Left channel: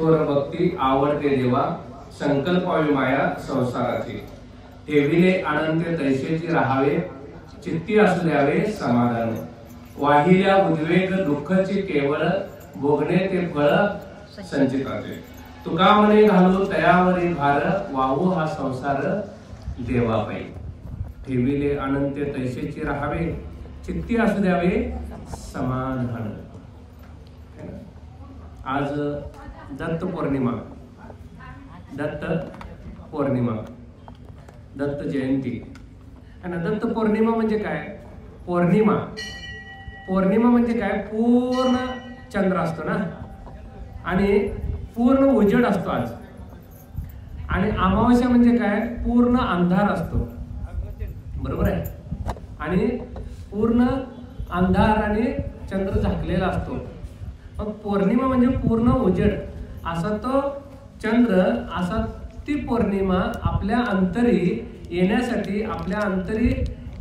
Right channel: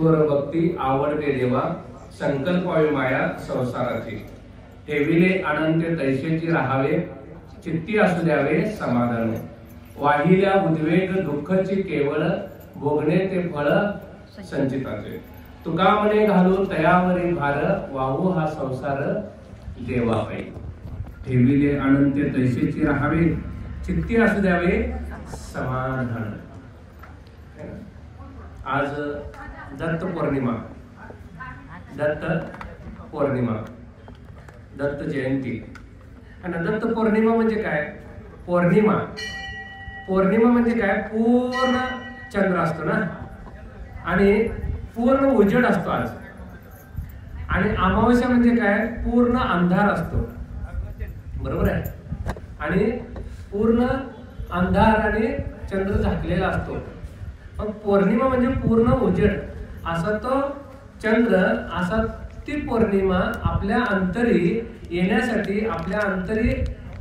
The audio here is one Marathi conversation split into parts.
थोर भक्ती आवडते देवा, संकल्पावी माया संसाराची. ठेविले अनंत तैसेची राहावे, चित्ती असू द्यावे समाधान. वाहिल्या उद्वेग दुःखची केवळ, भोगणे ते फळ संचिताचे. तुका मने घालू तयावरी भार, वाहू हा संसार देवा पायी. ठेविले अनंत तैसेची राहावे, चित्ती असू द्यावे समाधान. आज दत्त पौर्णिमा, दत्त पौर्णिमा, दत्त जयंती. आणि दत्त पौर्णिमा म्हणजे काय? पौर्णिमा, पौर्णिमा म्हणजे काय? पूर्ण चंद्र असतो ना, आणि पूर्ण उजेड असतो आज. आणि अमावस्या म्हणजे काय? पूर्ण अंधार असतो, बरोबर आहे. आणि पूर्ण अंधार आणि चंद्र झाकलेला असतो. मग पौर्णिमा म्हणजे पूर्ण उजेड असा तो चंद्र, असा ती पौर्णिमा आपल्या अंतरी येण्यासाठी, आपल्या अंतरी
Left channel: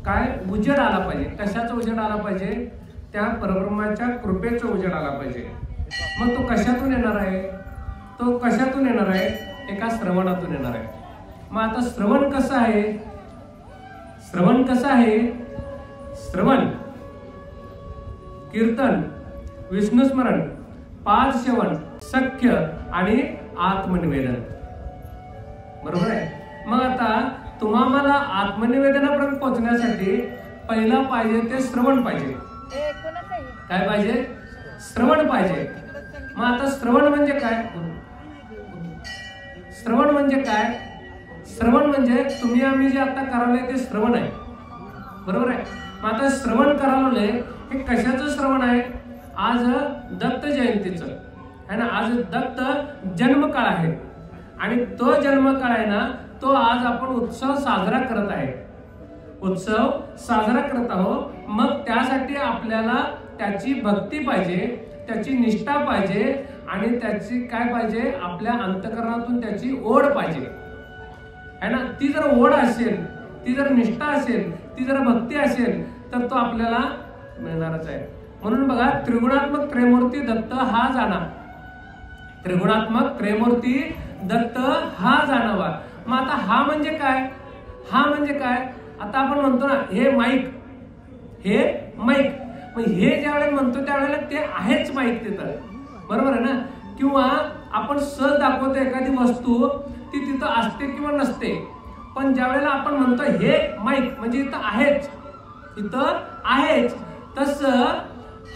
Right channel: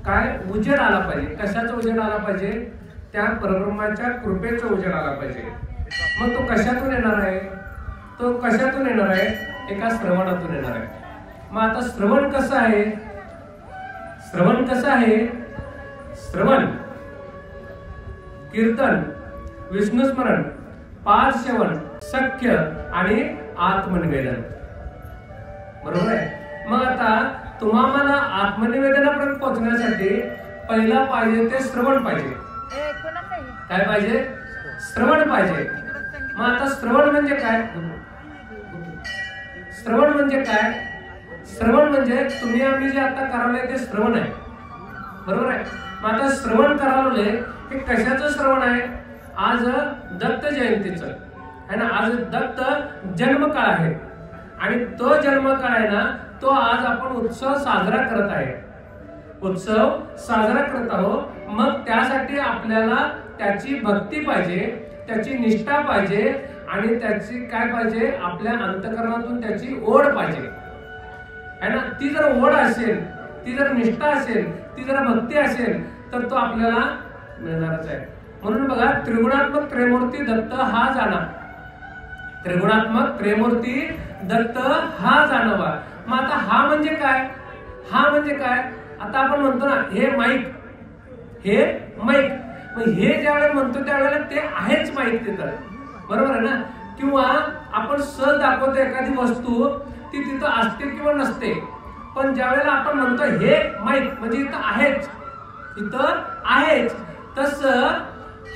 काय उजेड आला पाहिजे. कशाचा उजेड आला पाहिजे? त्या परब्रह्माच्या कृपेचा उजेड आला पाहिजे. मग तो कशातून येणार आहे? तो कशातून येणार आहे? एका श्रवणातून येणार आहे. मग आता श्रवण कसं आहे? श्रवण कसं आहे? श्रवण, कीर्तन, विष्णुस्मरण, पाद सेवन, सख्य आणि आत्मनिवेदन, बरोबर आहे. मग आता तुम्हाला आत्मनिवेदनापर्यंत पोहोचण्यासाठी पहिला पाहिजे ते श्रवण पाहिजे. काय पाहिजे? श्रवण पाहिजे. मग आता श्रवण म्हणजे काय? श्रवण म्हणजे काय? श्रवण म्हणजे तुम्ही आम्ही जे आता करावलंय ते श्रवण आहे, बरोबर आहे. मग आता श्रवण करावलंय, हे कशाचं श्रवण आहे? आज दत्त जयंतीचं आहे ना, आज दत्त जन्मकाळ आहे. आणि तो जन्मकाळ आहे ना, तो आज आपण उत्सव साजरा करत आहे, उत्सव साजरा करत आहोत. मग त्यासाठी आपल्याला त्याची भक्ती पाहिजे, त्याची निष्ठा पाहिजे, आणि त्याची काय पाहिजे? आपल्या अंतःकरणातून त्याची ओढ पाहिजे, है ना. ती जर ओढ असेल, ती जर निष्ठा असेल, ती जर भक्ती असेल, तर तो आपल्याला मिळणारच आहे. म्हणून बघा, त्रिगुणात्मक त्रयमूर्ती दत्त हा जाणा, त्रिगुणात्मक त्रयमूर्ती दत्त हा जाणावा. मग आता हा म्हणजे काय? हा म्हणजे काय? आता आपण म्हणतो ना, हे माईक, हे माईक. मग हे ज्यावेळेला म्हणतो त्यावेळेला ते आहेच माईक तिथं, बरोबर आहे ना. किंवा आपण सहज दाखवतो एखादी वस्तू, ती तिथं असते किंवा नसते, पण ज्यावेळेला आपण म्हणतो हे माईक म्हणजे इथं आहेच, इथं आहेच, तसं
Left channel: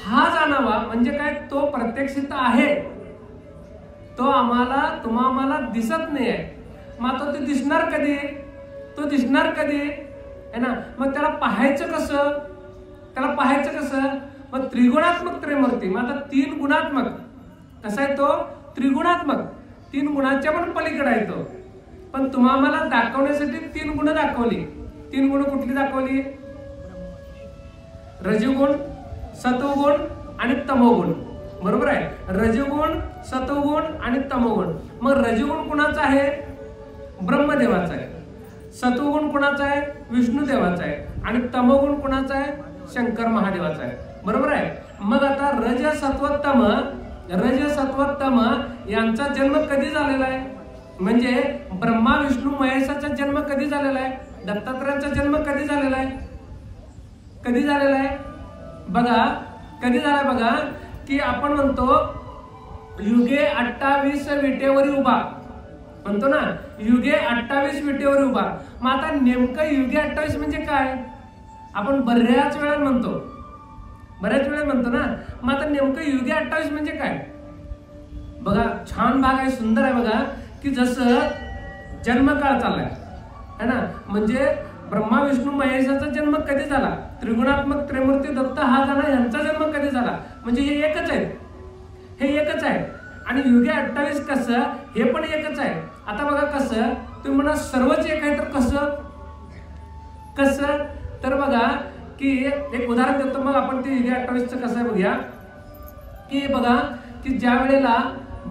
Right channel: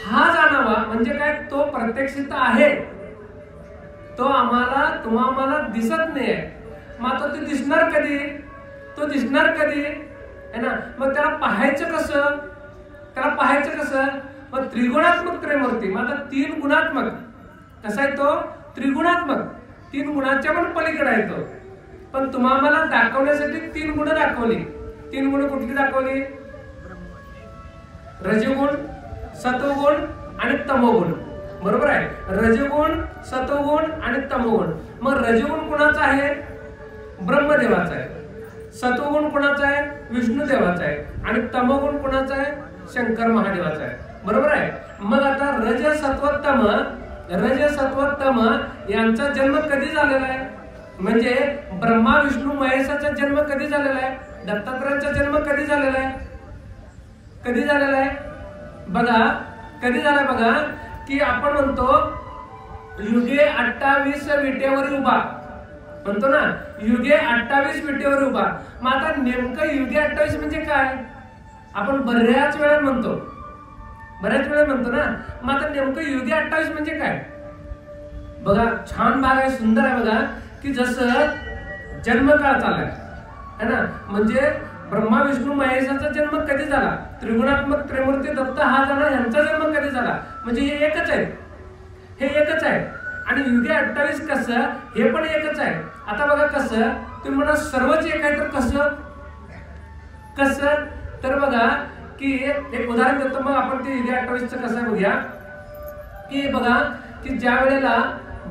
हा जाणावा म्हणजे काय? तो प्रत्यक्षित आहे, तो आम्हाला तुम्हाला दिसत नाहीये. मग आता ते दिसणार कधी? तो दिसणार कधी, है ना. मग त्याला पाहायचं कसं? त्याला पाहायचं कसं? मग त्रिगुणात्मक त्रयमूर्ती. मग आता तीन गुणात्मक कसा आहे तो? त्रिगुणात्मक, तीन गुणाच्या पण पलीकडे आहे तो. पण तुम्हाला दाखवण्यासाठी तीन गुण दाखवली. तीन गुण कुठली दाखवली? रजगुण, सत्वगुण आणि तमोगुण, बरोबर आहे. रजगुण, सत्वगुण आणि तमोगुण. मग रजगुण कुणाचा आहे? ब्रह्मदेवाचा आहे. सत्वगुण कुणाचा आहे? विष्णुदेवाचा आहे. आणि तमोगुण कुणाचा आहे? शंकर महादेवाचा आहे, बरोबर आहे. मग आता रज सत्वोत्तम, रज सत्वोत्तम यांचा जन्म कधी झालेला आहे? म्हणजे ब्रह्मा विष्णू महेशाचा जन्म कधी झालेला आहे? दत्तात्रयांचा जन्म कधी झालेला आहे? कधी झालेला आहे बघा? कधी झालाय बघा? की आपण म्हणतो युगे 28 विटेवर उभा, म्हणतो ना, युगे 28 विटेवर उभा. मग आता नेमकं युगे 28 म्हणजे काय? आपण बऱ्याच वेळा म्हणतो, बऱ्याच वेळा म्हणतो ना. मग आता नेमकं युगे 28 म्हणजे काय? बघा, छान भाग आहे, सुंदर आहे बघा. की जसं जन्मकाळ चाललाय, है ना. म्हणजे ब्रह्मा विष्णू महेशाचा जन्म कधी झाला? त्रिगुणात्मक त्रयमूर्ती दत्त हा जाणा यांचा जन्म कधी झाला? म्हणजे हे एकच आहे, हे एकच आहे. आणि युगे 28 कसं? हे पण एकच आहे. आता बघा कसं, तुम्ही म्हणा सर्वच एक आहे, तर कसं? कसं? तर बघा की एक उदाहरण देतो, मग आपण ते युगे 28चं कसं आहे बघूया. की बघा की ज्या वेळेला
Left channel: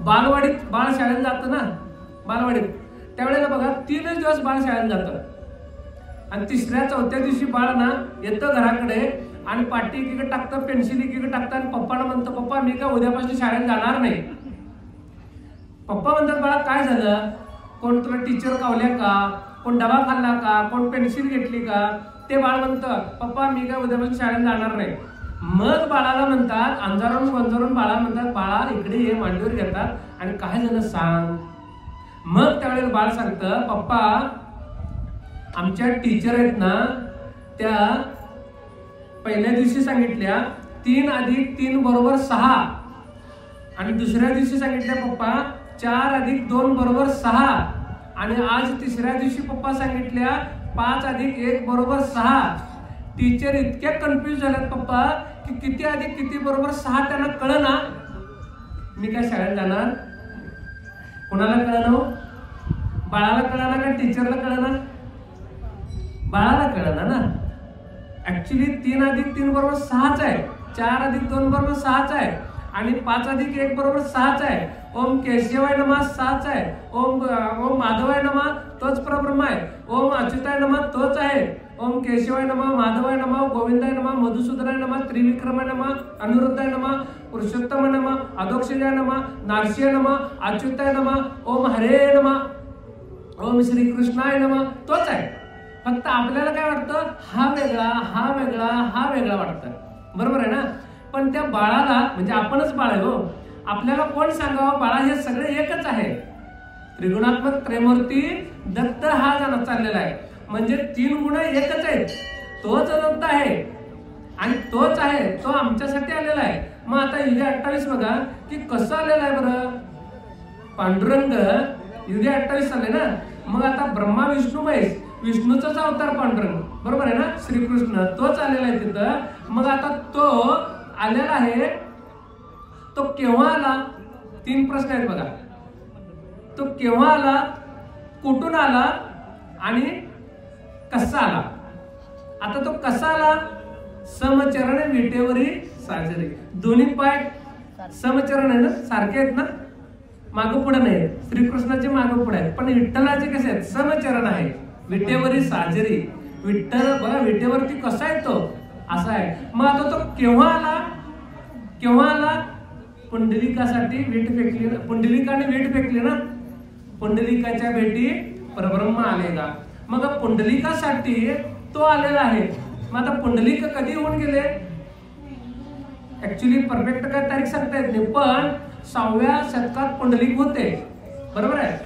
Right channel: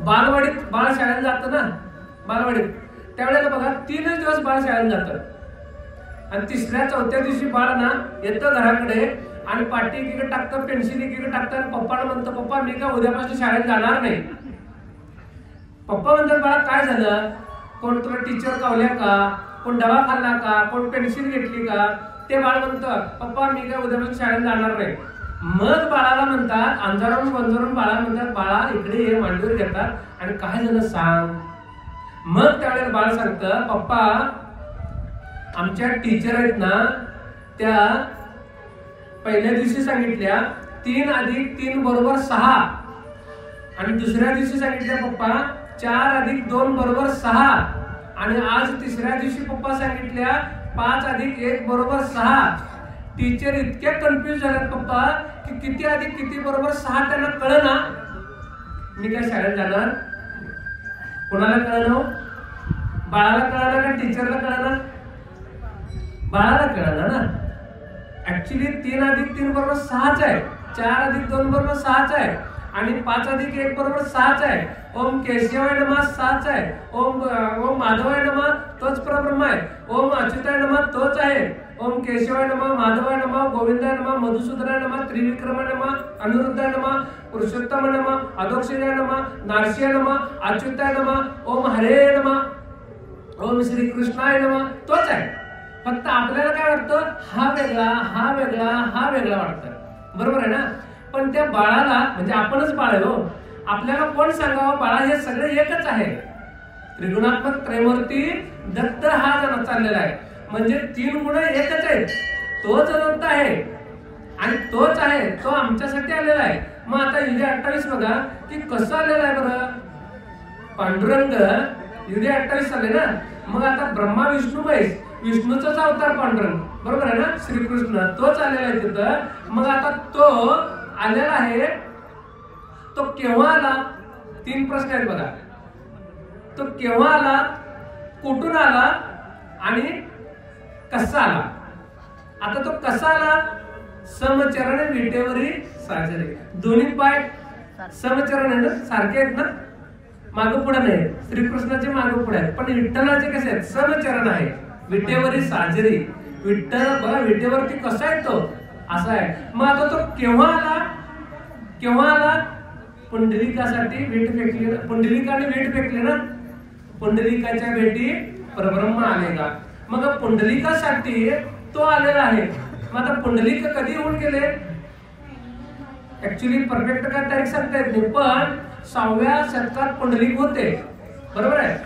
बालवाडीत बाळ शाळेला जातं ना, बालवाडीत, त्यावेळेला बघा 3 दिवस बाळ शाळेला जातं. आणि तिसऱ्या चौथ्या दिवशी बाळ ना येतं घराकडे, आणि पाटी एकीकडे टाकतं, पेन्सिल एकीकडे टाकतं, आणि पप्पाला म्हणतं, पप्पा मी का उद्यापासून शाळेत जाणार नाही. पप्पा म्हणतात बाळा काय झालं, कोण तुला टीचर कावल्या का, कोण डबा खाल्ला का, कोण पेन्सिल घेतली का. ते बाळ म्हणतं पप्पा मी काय उद्यापासून शाळेत जाणार नाही. मग बाळाला म्हणतात, अंजारून बंजारून बाळाला म्हणतात बाळा इकडे ये, मांडीवर घेतात आणि काय झालं सांग. मग त्यावेळेला बाळ सांगतं पप्पा आमच्या टीचर आहेत ना त्या पहिल्या दिवशी सांगितल्या 3 + 3 = 6 आणि दुसऱ्या दिवशी सांगितल्या पप्पा 4 + 2 = 6 आणि आज तिसऱ्या दिवशी पप्पा सांगितल्या 5 + 1 = 6. टीचर इतक्या कन्फ्युज झाल्यात पप्पा की किती अधिक किती बरोबर 6 त्यांना कळना. मी काय शाळेत जाणार. कोणाला कळना, बाळाला कळना का टीचरला कळना. बाळाला कळना ना. ऍक्च्युली 3 + 3 = 6च आहे, 4 + 2 = 6च आहे आणि 5 + 1 = 6च आहे. ओम केशवाय नमः 6च आहे. ओम माधवाय नमः तोच परब्रह्म आहे. ओम अच्युताय नमः तोच आहे. ओम केशवाय नमः, माधवाय नमः, गोविंदाय नमः, मधुसूदनाय नमः, त्रिविक्रमाय नमः, अनिरुद्धाय नमः, पुरुषोत्तमाय नमः, अधोक्षजाय नमः, नारसिंहाय नमः, अच्युताय नमः, ओम हरे नमः, ओम श्री कृष्णाय नमः तोच आहे. फक्त आपल्याला काय वाटतं हा वेगळा हा वेगळा हा वेगळा वाटतं. बरोबर आहे ना. पण त्या बाळाला म्हणजे आपणच बाळ आहे हो, आपल्याला कोण सांगावं बाळा हे सगळे एकच आहे. त्रिगुणात्मक त्रयमूर्ती दत्त हा जण चाललेला आहे. म्हणजे 3 गुण एकच आहेत. तोच दत्त आहे आणि तोच आहे, तो आमच्यासाठी आलेला आहे. मग आता युगे 28 बघा की कसं आलेला आहे बरं. पांडुरंग युगे 28 आले ना. मग आता ब्रह्मा विष्णू महेश, विष्णूचाच अवतार पांडुरंग, बरोबर आहे ना. श्रीकृष्ण तोच आलेला आहे तिथं. मग आता तो आलेला आहे, तो केव्हा आला. 3 प्रश्न आहेत बघा. तो केव्हा आला, कुठून आला आणि कसा आला. आता तो कसा आला. समचरण विटेवरी साजरे. दोन्ही पाय समचरण आहे ना, सारखे आहेत ना, मागं पुढे नाही. श्रीकृष्णाचे मागं पुढे आहेत, पण विठ्ठलाचे कसे आहेत समचरण आहे. विटेवरी साजरी. विठ्ठल बघा विटेवरती कसा आहे तो असा आहे. मग आता तो केव्हा आला. केव्हा आला. पुंडलिकासाठी वीट फेकली ना, पुंडलिकाने वीट फेकली ना. पुंडलिकाच्या भेटी परब्रह्म आलेला. मग पुंडलिकासाठी तो आलेला आहे. मग आता पुंडलिक कधी होऊन गेले. ऍक्च्युली परफेक्ट काय तारीख सांगता येत नाही, पण 6व्या शतकात पुंडलिक होते, बरोबर आहे.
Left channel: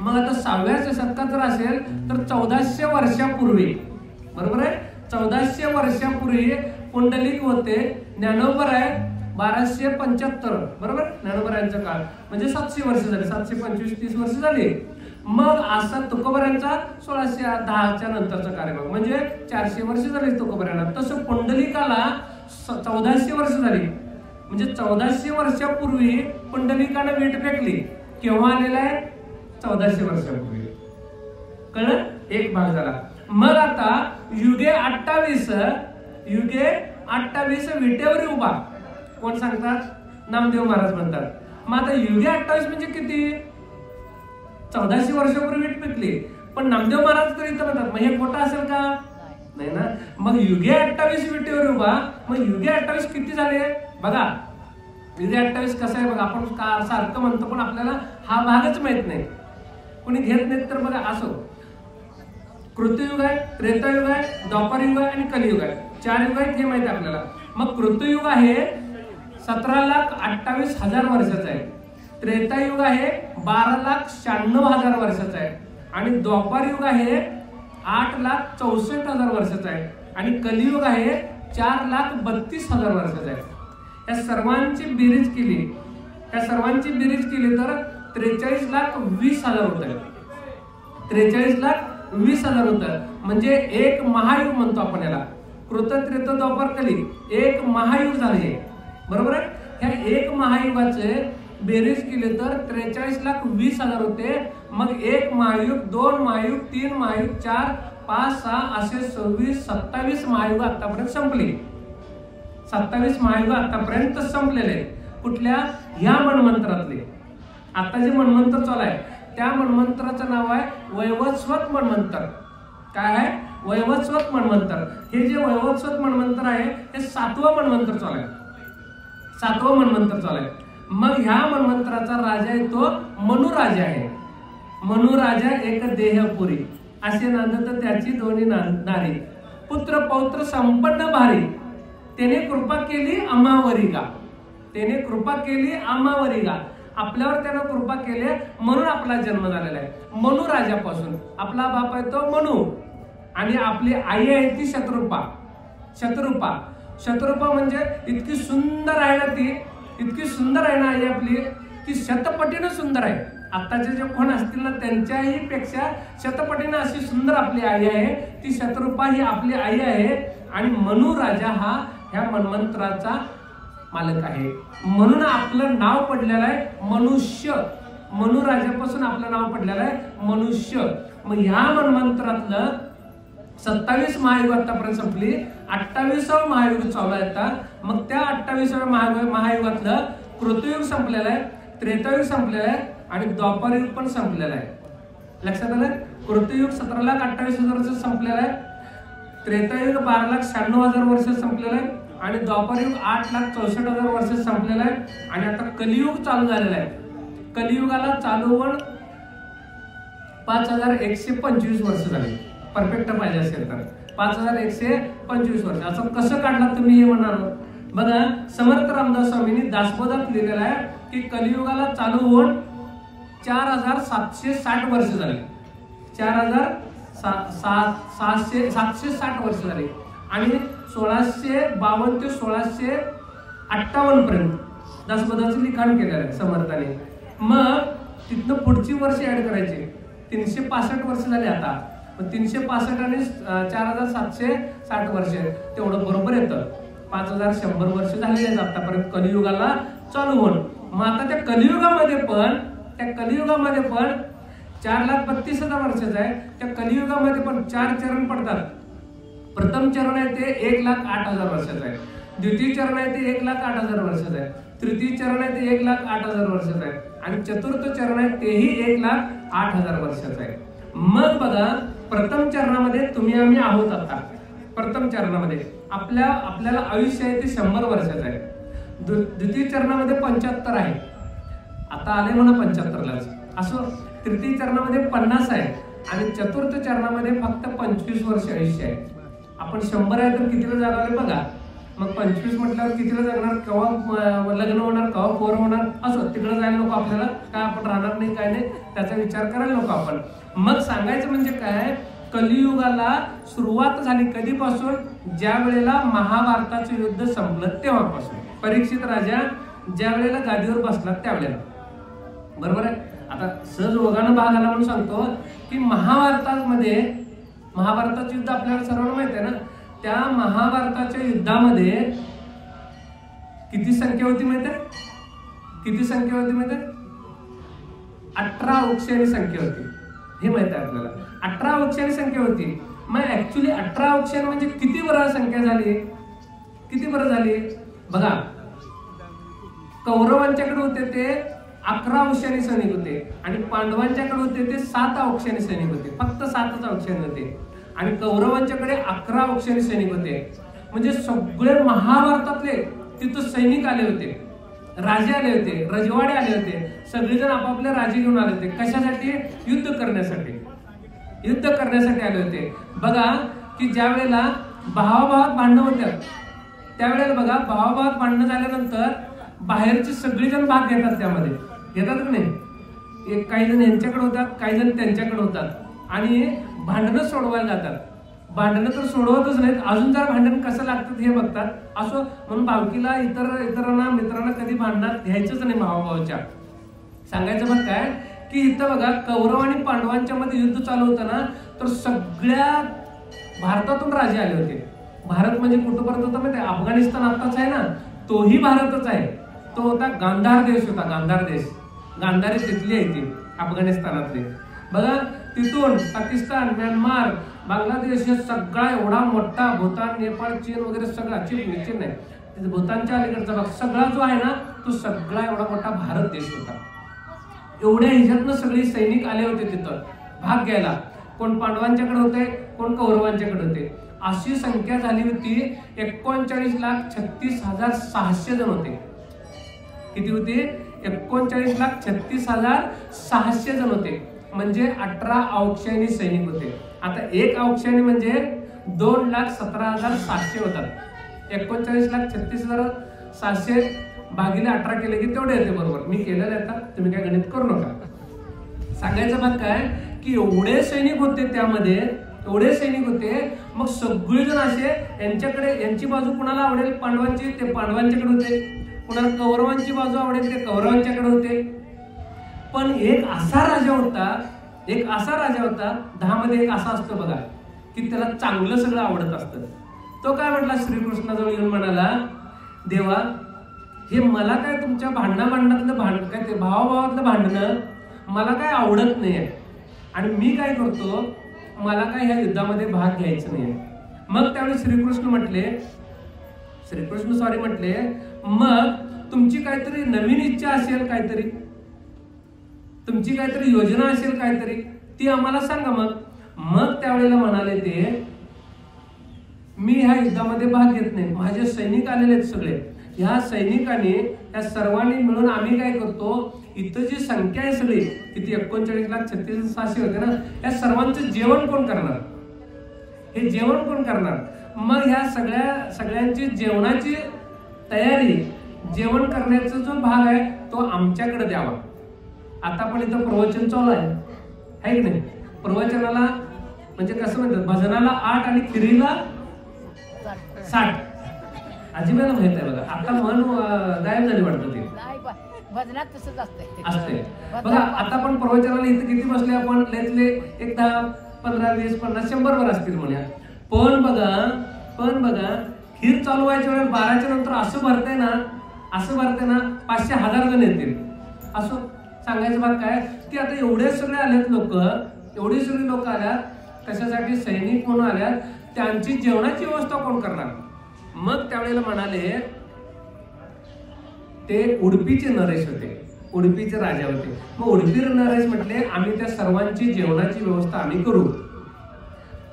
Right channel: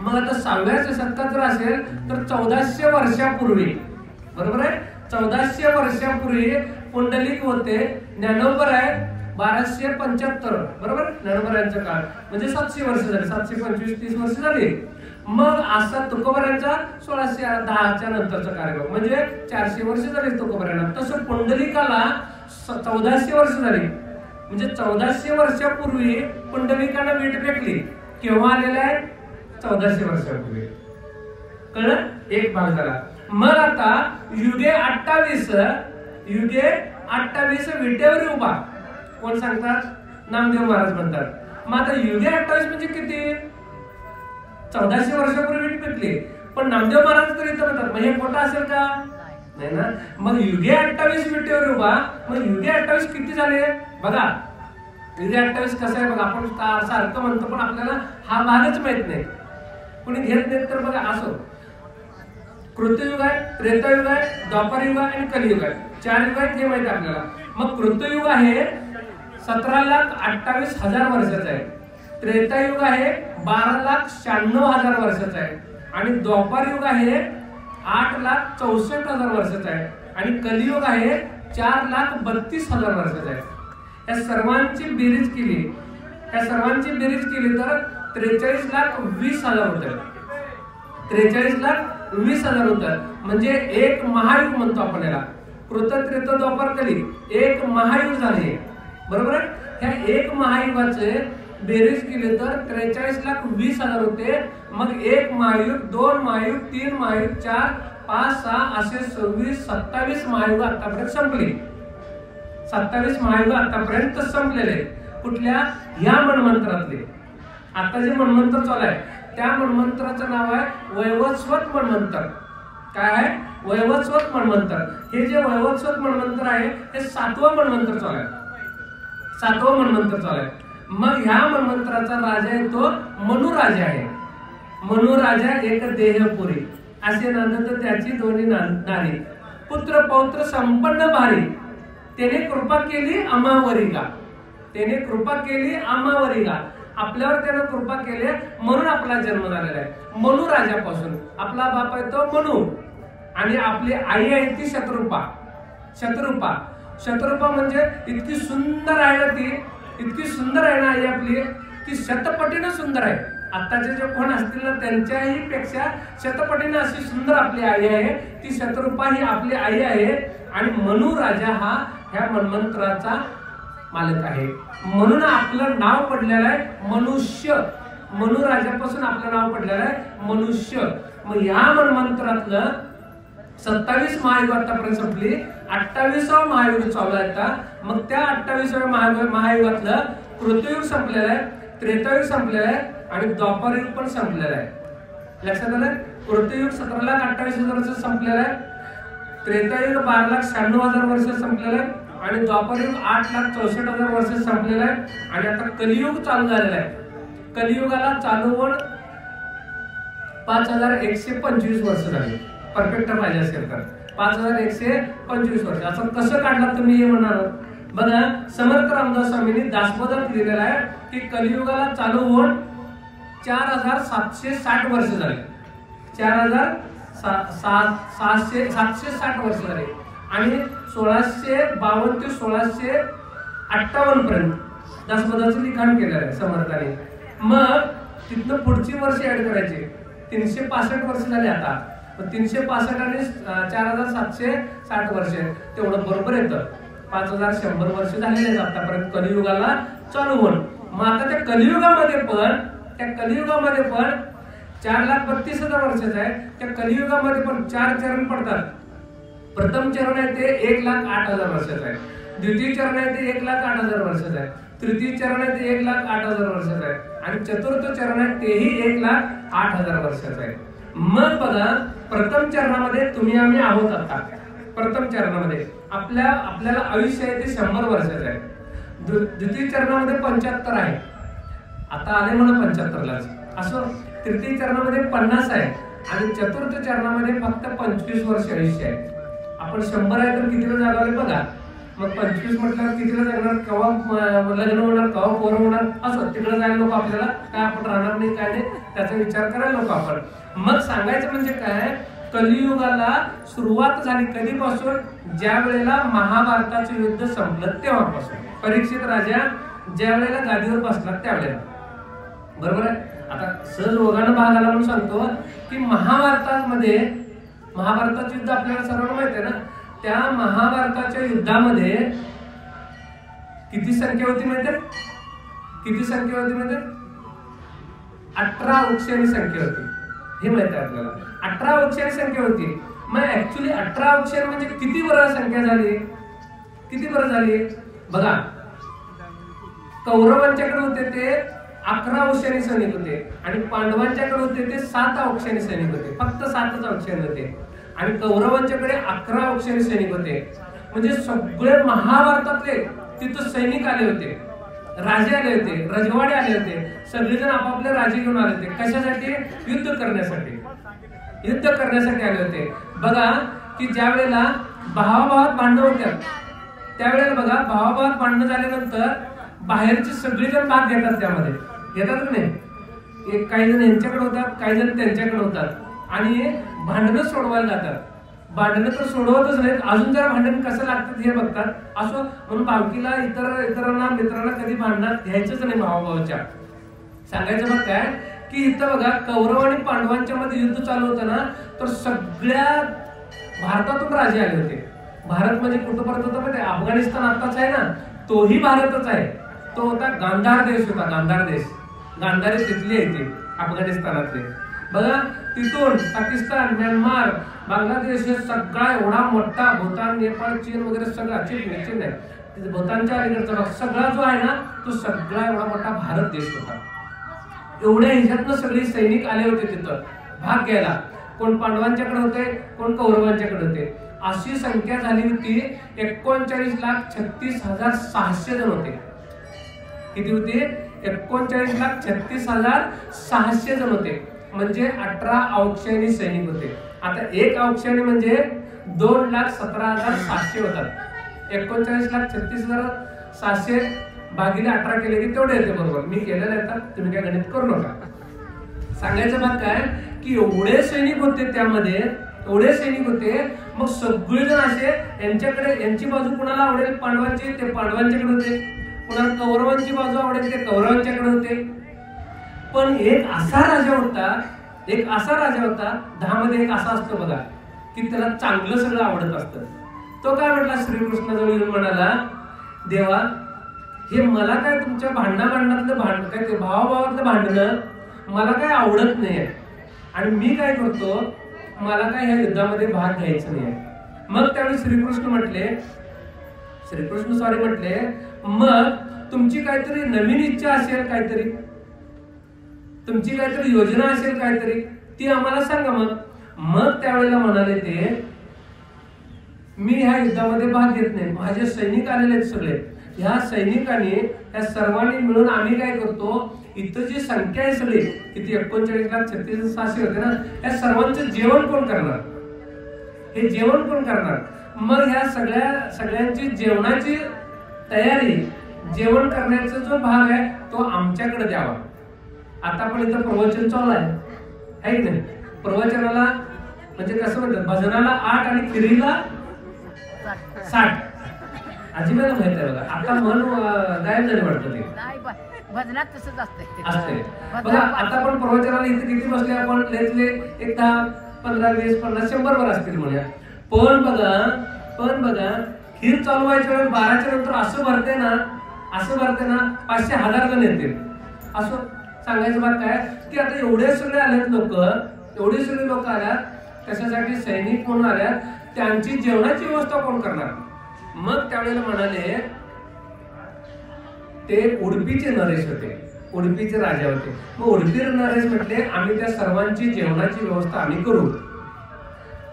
मग आता 6व्या शतकात जर असेल तर 1400 वर्षापूर्वी, बरोबर आहे, 1400 वर्षापूर्वी पुंडलिक होते. ज्ञानोबर आहे 1275, बरोबर. ज्ञानोबरायांचा काळ म्हणजे 700 वर्ष झाली. 725 30 वर्ष झाली. मग असा तुकोबरायांचा 1610च्या नंतरचा कार्यक्रम म्हणजे 400 वर्ष झाली तुकोबरायांना. तसं पुंडलिकाला 1400 वर्ष झाली. म्हणजे 1400 वर्षापूर्वी पुंडलिकानं वीट फेकली. केव्हा आलेला आहे 1400 वर्षापूर्वी. कळलं. एक भाग झाला. मग आता युगे 28 विटेवर उभा. कोण सांगतात. नामदेव महाराज म्हणतात. मग आता युगे 28 म्हणजे किती. 1400 वर्षापूर्वी वीट फेकली. पण नामदेव महाराज तर इथं म्हणतात. मग हे खोटं असेल का. नाही ना. मग युगे 28 विटेवर उभा. मग युगे 28 किती झाले बघा. युगे 28 कसं आहे बघा. आपण सारखं म्हणतो पण आपल्याला हा भागच माहित नाही, कोणी घेत नाही. तर बघा असो, कृतयुग आहे, त्रेतायुग आहे, द्वापारयुग आहे आणि कलियुग आहे. 4 युग आहेत हे माहिती आहे आपल्याला. मग कृतयुग आहे 17,28,000 वर्षाचा आहे. त्रेतायुग आहे 12,96,000 वर्षाचा आहे आणि द्वापारयुग आहे 8,64,000 वर्षाचा आहे आणि कलियुग आहे 4,32,000 वर्षाचा आहे. या सर्वांची बेरीज केली, तर 43,20,000 होत. 43,20,000 होतं. म्हणजे एक महायुग म्हणतो आपण याला. कृत त्रेता द्वापर कली एक महायुग झाले, बरोबर आहे. ह्या एक महायुगाचे बेरीज केले तर 43,20,000 होते. मग 1 महायुग, 2 महायुग, 3 महायुग, 4, 5, 6 असे 26, 27 महायुग आतापर्यंत संपली. 27 महायुग आतापर्यंत संपलेले. कुठल्या. ह्या मन्वंतरातले. आता जे मन्वंतर चालू आहे त्या मन्वंतराचं नाव आहे वैवस्वत मन्वंतर. काय आहे. वैवस्वत मन्वंतर. हे जे वैवस्वत मन्वंतर आहे हे 7वं मन्वंतर चालू आहे. 7वं मन्वंतर चालू आहे. मग ह्या मन्वंतराचा राजा आहे तो मनु राजा आहे. मनु राजा एक देहपुरी असे नांदत त्याची दोन्ही नारी. पुत्र पौत्र संपन्न भारी त्याने कृपा केली अमावरिगा. त्याने कृपा केली अमावरिगा. आपल्यावर त्यानं कृपा केली म्हणून आपला जन्म झालेला आहे. मनु राजापासून आपला बाप आहे तो मनु आणि आपली आई आहे ती शत्रुपा. शत्रुपा शत्रुपा म्हणजे इतकी सुंदर आहे ना ती, इतकी सुंदर आहे ना आई आपली की शतपटीनं सुंदर आहे. आत्ताचे जे कोण असतील ना त्यांच्याही पेक्षा शतपटीनं अशी सुंदर आपली आई आहे. ती शत्रुपा ही आपली आई आहे आणि मनु राजा हा ह्या मन्वंतराचा मालक आहे. म्हणून आपलं नाव पडलेलं आहे मनुष्य. मनु राजापासून आपलं नाव पडलेलं आहे मनुष्य. मग ह्या मन्वंतरातलं 27 महायुग आतापर्यंत संपली. 28वा महायुग चालू आहे आता. मग त्या 28व्या महायुगातलं कृतयुग संपलेलं आहे, त्रेतायुग संपलेलं आहे आणि द्वापारयुग पण संपलेलं आहे. लक्षात आलं? कृतयुग 17,28,000 वर्ष संपलेलं आहे, त्रेतायुग 12,96,000 वर्ष संपलेलं आहे आणि द्वापारयुग 8,64,000 वर्ष संपलेलं आहे आणि आता कलियुग चालू झालेलं आहे. कलियुगाला चालू होऊन 5,125 वर्ष झाली. परफेक्ट पाहिजे असेल तर 5,125 वर्ष. असं कसं काढलं तुम्ही हे म्हणाल? बघा, समर्थ रामदास स्वामींनी दासबोधात लिहिलेलं आहे की कलियुगाला चालू होऊन 4,760 वर्ष झाली. 4,760 वर्ष झाली आणि 1652 ते 1658 पर्यंत दासबोधाचं लिखाण केलेलं आहे समर्थाने. मग तिथनं पुढची वर्ष ऍड करायची. 365 वर्ष झाली आता. 365 आणि 4,760 वर्ष तेवढं बरोबर येतं. 5,100 वर्ष झालेले आहेत आतापर्यंत कलियुगाला चालू होऊन. मग आता त्या कलियुगामध्ये पण 4,32,000 वर्षाचा आहे. त्या कलियुगामध्ये पण 4 चरण पडतात. प्रथम चरण आहे ते 1,08,000 वर्षाचं आहे. द्वितीय चरण आहे ते 1,08,000 वर्षाचं आहे. तृतीय चरण आहे ते 1,08,000 वर्षाचं आहे आणि चतुर्थ चरण आहे तेही 1,08,000 वर्षाचं आहे. मग बघा, प्रथम चरणामध्ये तुम्ही आम्ही आहोत. आता प्रथम चरणामध्ये आपल्याला आयुष्य आहे ते 100 वर्षाचं आहे. द्वितीय चरणामध्ये 75 आहे. आता आले म्हणा 75लाच. असं तृतीय चरणामध्ये 50 आहे आणि चतुर्थ चरणामध्ये फक्त 25 वर्ष आयुष्य आहे. आपण 100 आहे तर कितीला जागवले बघा. मग 25 म्हटल्यावर कितीला जगणार, केव्हा लग्न होणार, केव्हा पोरं होणार, असं तिकडे जायला नको आपल्याला. काय आपण राहणार नाही, काय नाही, त्याचा विचार करायला नको आपण. मग सांगायचं म्हणजे काय, कलियुगाला सुरुवात झाली कधीपासून? ज्या वेळेला महाभारताचं युद्ध संपलं तेव्हापासून. परीक्षित राजा ज्या वेळेला गादीवर बसला त्यावेळेला. बरोबर आहे? आता सहज रोगानं भाग आला म्हणून सांगतो की महाभारताचं युद्ध आपल्याला सर्वांना माहित आहे ना. त्या महाभारताच्या युद्धामध्ये किती संख्या होती माहिती आहे? किती संख्या होती माहिती आहे? 18 अक्षरांची संख्या होती. हे माहित आहे आपल्याला. 18 अक्षरांची संख्या होती. मग ऍक्च्युली 18 अक्षर म्हणजे किती बरं संख्या झाली? किती बरं झाली बघा. कौरवांच्याकडे होते ते 11 अक्षरांची सैनिक होते आणि पांडवांच्याकडे होते ते 7 अक्षरांची सैनिक होते. फक्त 7च अक्षर होते आणि कौरवांच्याकडे 11 अक्षरांची सैनिक होते. म्हणजे सगळे महाभारतातले तिथं सैनिक आले होते, राजे आले होते, रजवाडे आले होते. सगळेजण आपापले राजे घेऊन आले होते. कशासाठी? युद्ध करण्यासाठी. युद्ध करण्यासाठी आले होते. बघा की ज्या वेळेला भावाभावात भांडणं होत्या त्यावेळेला बघा, भावाभावात भांडणं झाल्यानंतर बाहेरचे सगळेजण भाग घेतात. त्यामध्ये घेतात की नाही? काही जण यांच्याकडे होतात, काही जण त्यांच्याकडे होतात आणि भांडणं सोडवायला जातात. भांडणं तर सोडवतच नाहीत, अजून जरा भांडण कसं लागतात हे बघतात. असं म्हणून भावकीला इतरांना मित्रांना कधी भांडणात घ्यायचंच नाही. भावाभावाच्या सांगायचं बघ काय की इथं बघा, कौरव आणि पांडवांच्या मध्ये युद्ध चालू होतं ना, तर सगळ्या भारतातून राजे आले होते. भारत म्हणजे कुठं परत होतं माहिती आहे? अफगाणिस्तान आत्ताच आहे ना, तोही भारतच आहे. तो होता गांधार देश होता. गांधार देश, गांधारी तिथली आहे ती अफगाणिस्तानातली. बघा, तिथून पाकिस्तान, म्यानमार, बांगलादेश हे सगळा एवढा मोठा, भूतान, नेपाळ, चीन वगैरे सगळा, चीन नाही, भूतानच्या अलीकडचा भाग सगळा जो आहे ना, तो सगळा एवढा मोठा भारत देश होता. एवढ्या ह्याच्यातनं सगळे सैनिक आले होते तिथं भाग घ्यायला. कोण पांडवांच्याकडे होते, कोण कौरवांच्याकडे होते. अशी संख्या झाली होती 39,36,600 जण होते. किती होते? 39,36,600 जण होते. म्हणजे 18 औक्षणी सैनिक होते. आता एक औक्षणी म्हणजे 2,17,700 होतात. 39,36,600 भागिले 18 केले की तेवढे येते. बरोबर मी केलेलं आहे, तुम्ही काय गणित करू नका. सांगायचं भाग काय की एवढे सैनिक होते, त्यामध्ये एवढे सैनिक होते. मग सगळेजण असे यांच्याकडे, यांची बाजू कुणाला आवडेल पांडवांची, ते पांडवांच्याकडे होते. कुणाला कौरवांची बाजू आवडेल ते कौरवांच्याकडे होते. पण एक असा राजा होता, 10 मध्ये एक असा असतो बघा की त्याला चांगलं सगळं आवडत असतं. तो काय म्हटला? श्रीकृष्णाजवळ येऊन म्हणाला, देवा हे मला काय तुमच्या भांडणातलं काय ते भावाभावातलं भांडणं मला काय आवडत नाहीये, आणि मी काय करतो, मला काय ह्या युद्धामध्ये भाग घ्यायचा नाहीये. मग त्यावेळी श्रीकृष्ण म्हटले, मग तुमची काहीतरी नवीन इच्छा असेल, तुमची काहीतरी योजना असेल, ती आम्हाला सांगा. मग त्यावेळेला म्हणाले ते, मी ह्या युद्धामध्ये भाग घेत नाही. माझे सैनिक आलेले आहेत सगळे. ह्या सैनिकांनी, त्या सर्वांनी मिळून आम्ही काय करतो, इथं जी संख्या आहे सगळी किती 39,36,600 होते ना, त्या सर्वांचं जेवण कोण करणार? हे जेवण कोण करणार? मग ह्या सगळ्यांची जेवणाची तयारी, जेवण करण्याचा जो भाग आहे तो आमच्याकडे द्यावा. आता आपण इथं प्रवचन चालू आहे की नाही? प्रवचनाला म्हणजे कसं म्हणतात, भजनाला 8 आणि खिरीला 60. अजिबाला माहित आहे बघा. आता मन गायब झाली वाटतं ते. भजनात तसंच असते बघा. आता आपण प्रवचनाला इथे किती बसले आपण? लेतले एक 10, 15, 20, 50, 100 वर असतील म्हणूया. पण बघा खीर चालू व्हायच्या वेळेस 12च्या नंतर असं भरते ना 500-1000 जण येतील. असं सांगायचं बात काय की आता एवढे सगळे आलेत लोक, एवढे सगळे लोक आल्यात, कशासाठी? सैनिक म्हणून आल्यात. त्यांची जेवणाची व्यवस्था कोण करणार? मग त्यावेळेला म्हणाले, ते उडपीचे नरेश होते, उडपीचे राजा होते. मग उडपी नरेश म्हटले, आम्ही त्या सर्वांची जेवणाची व्यवस्था आम्ही करू.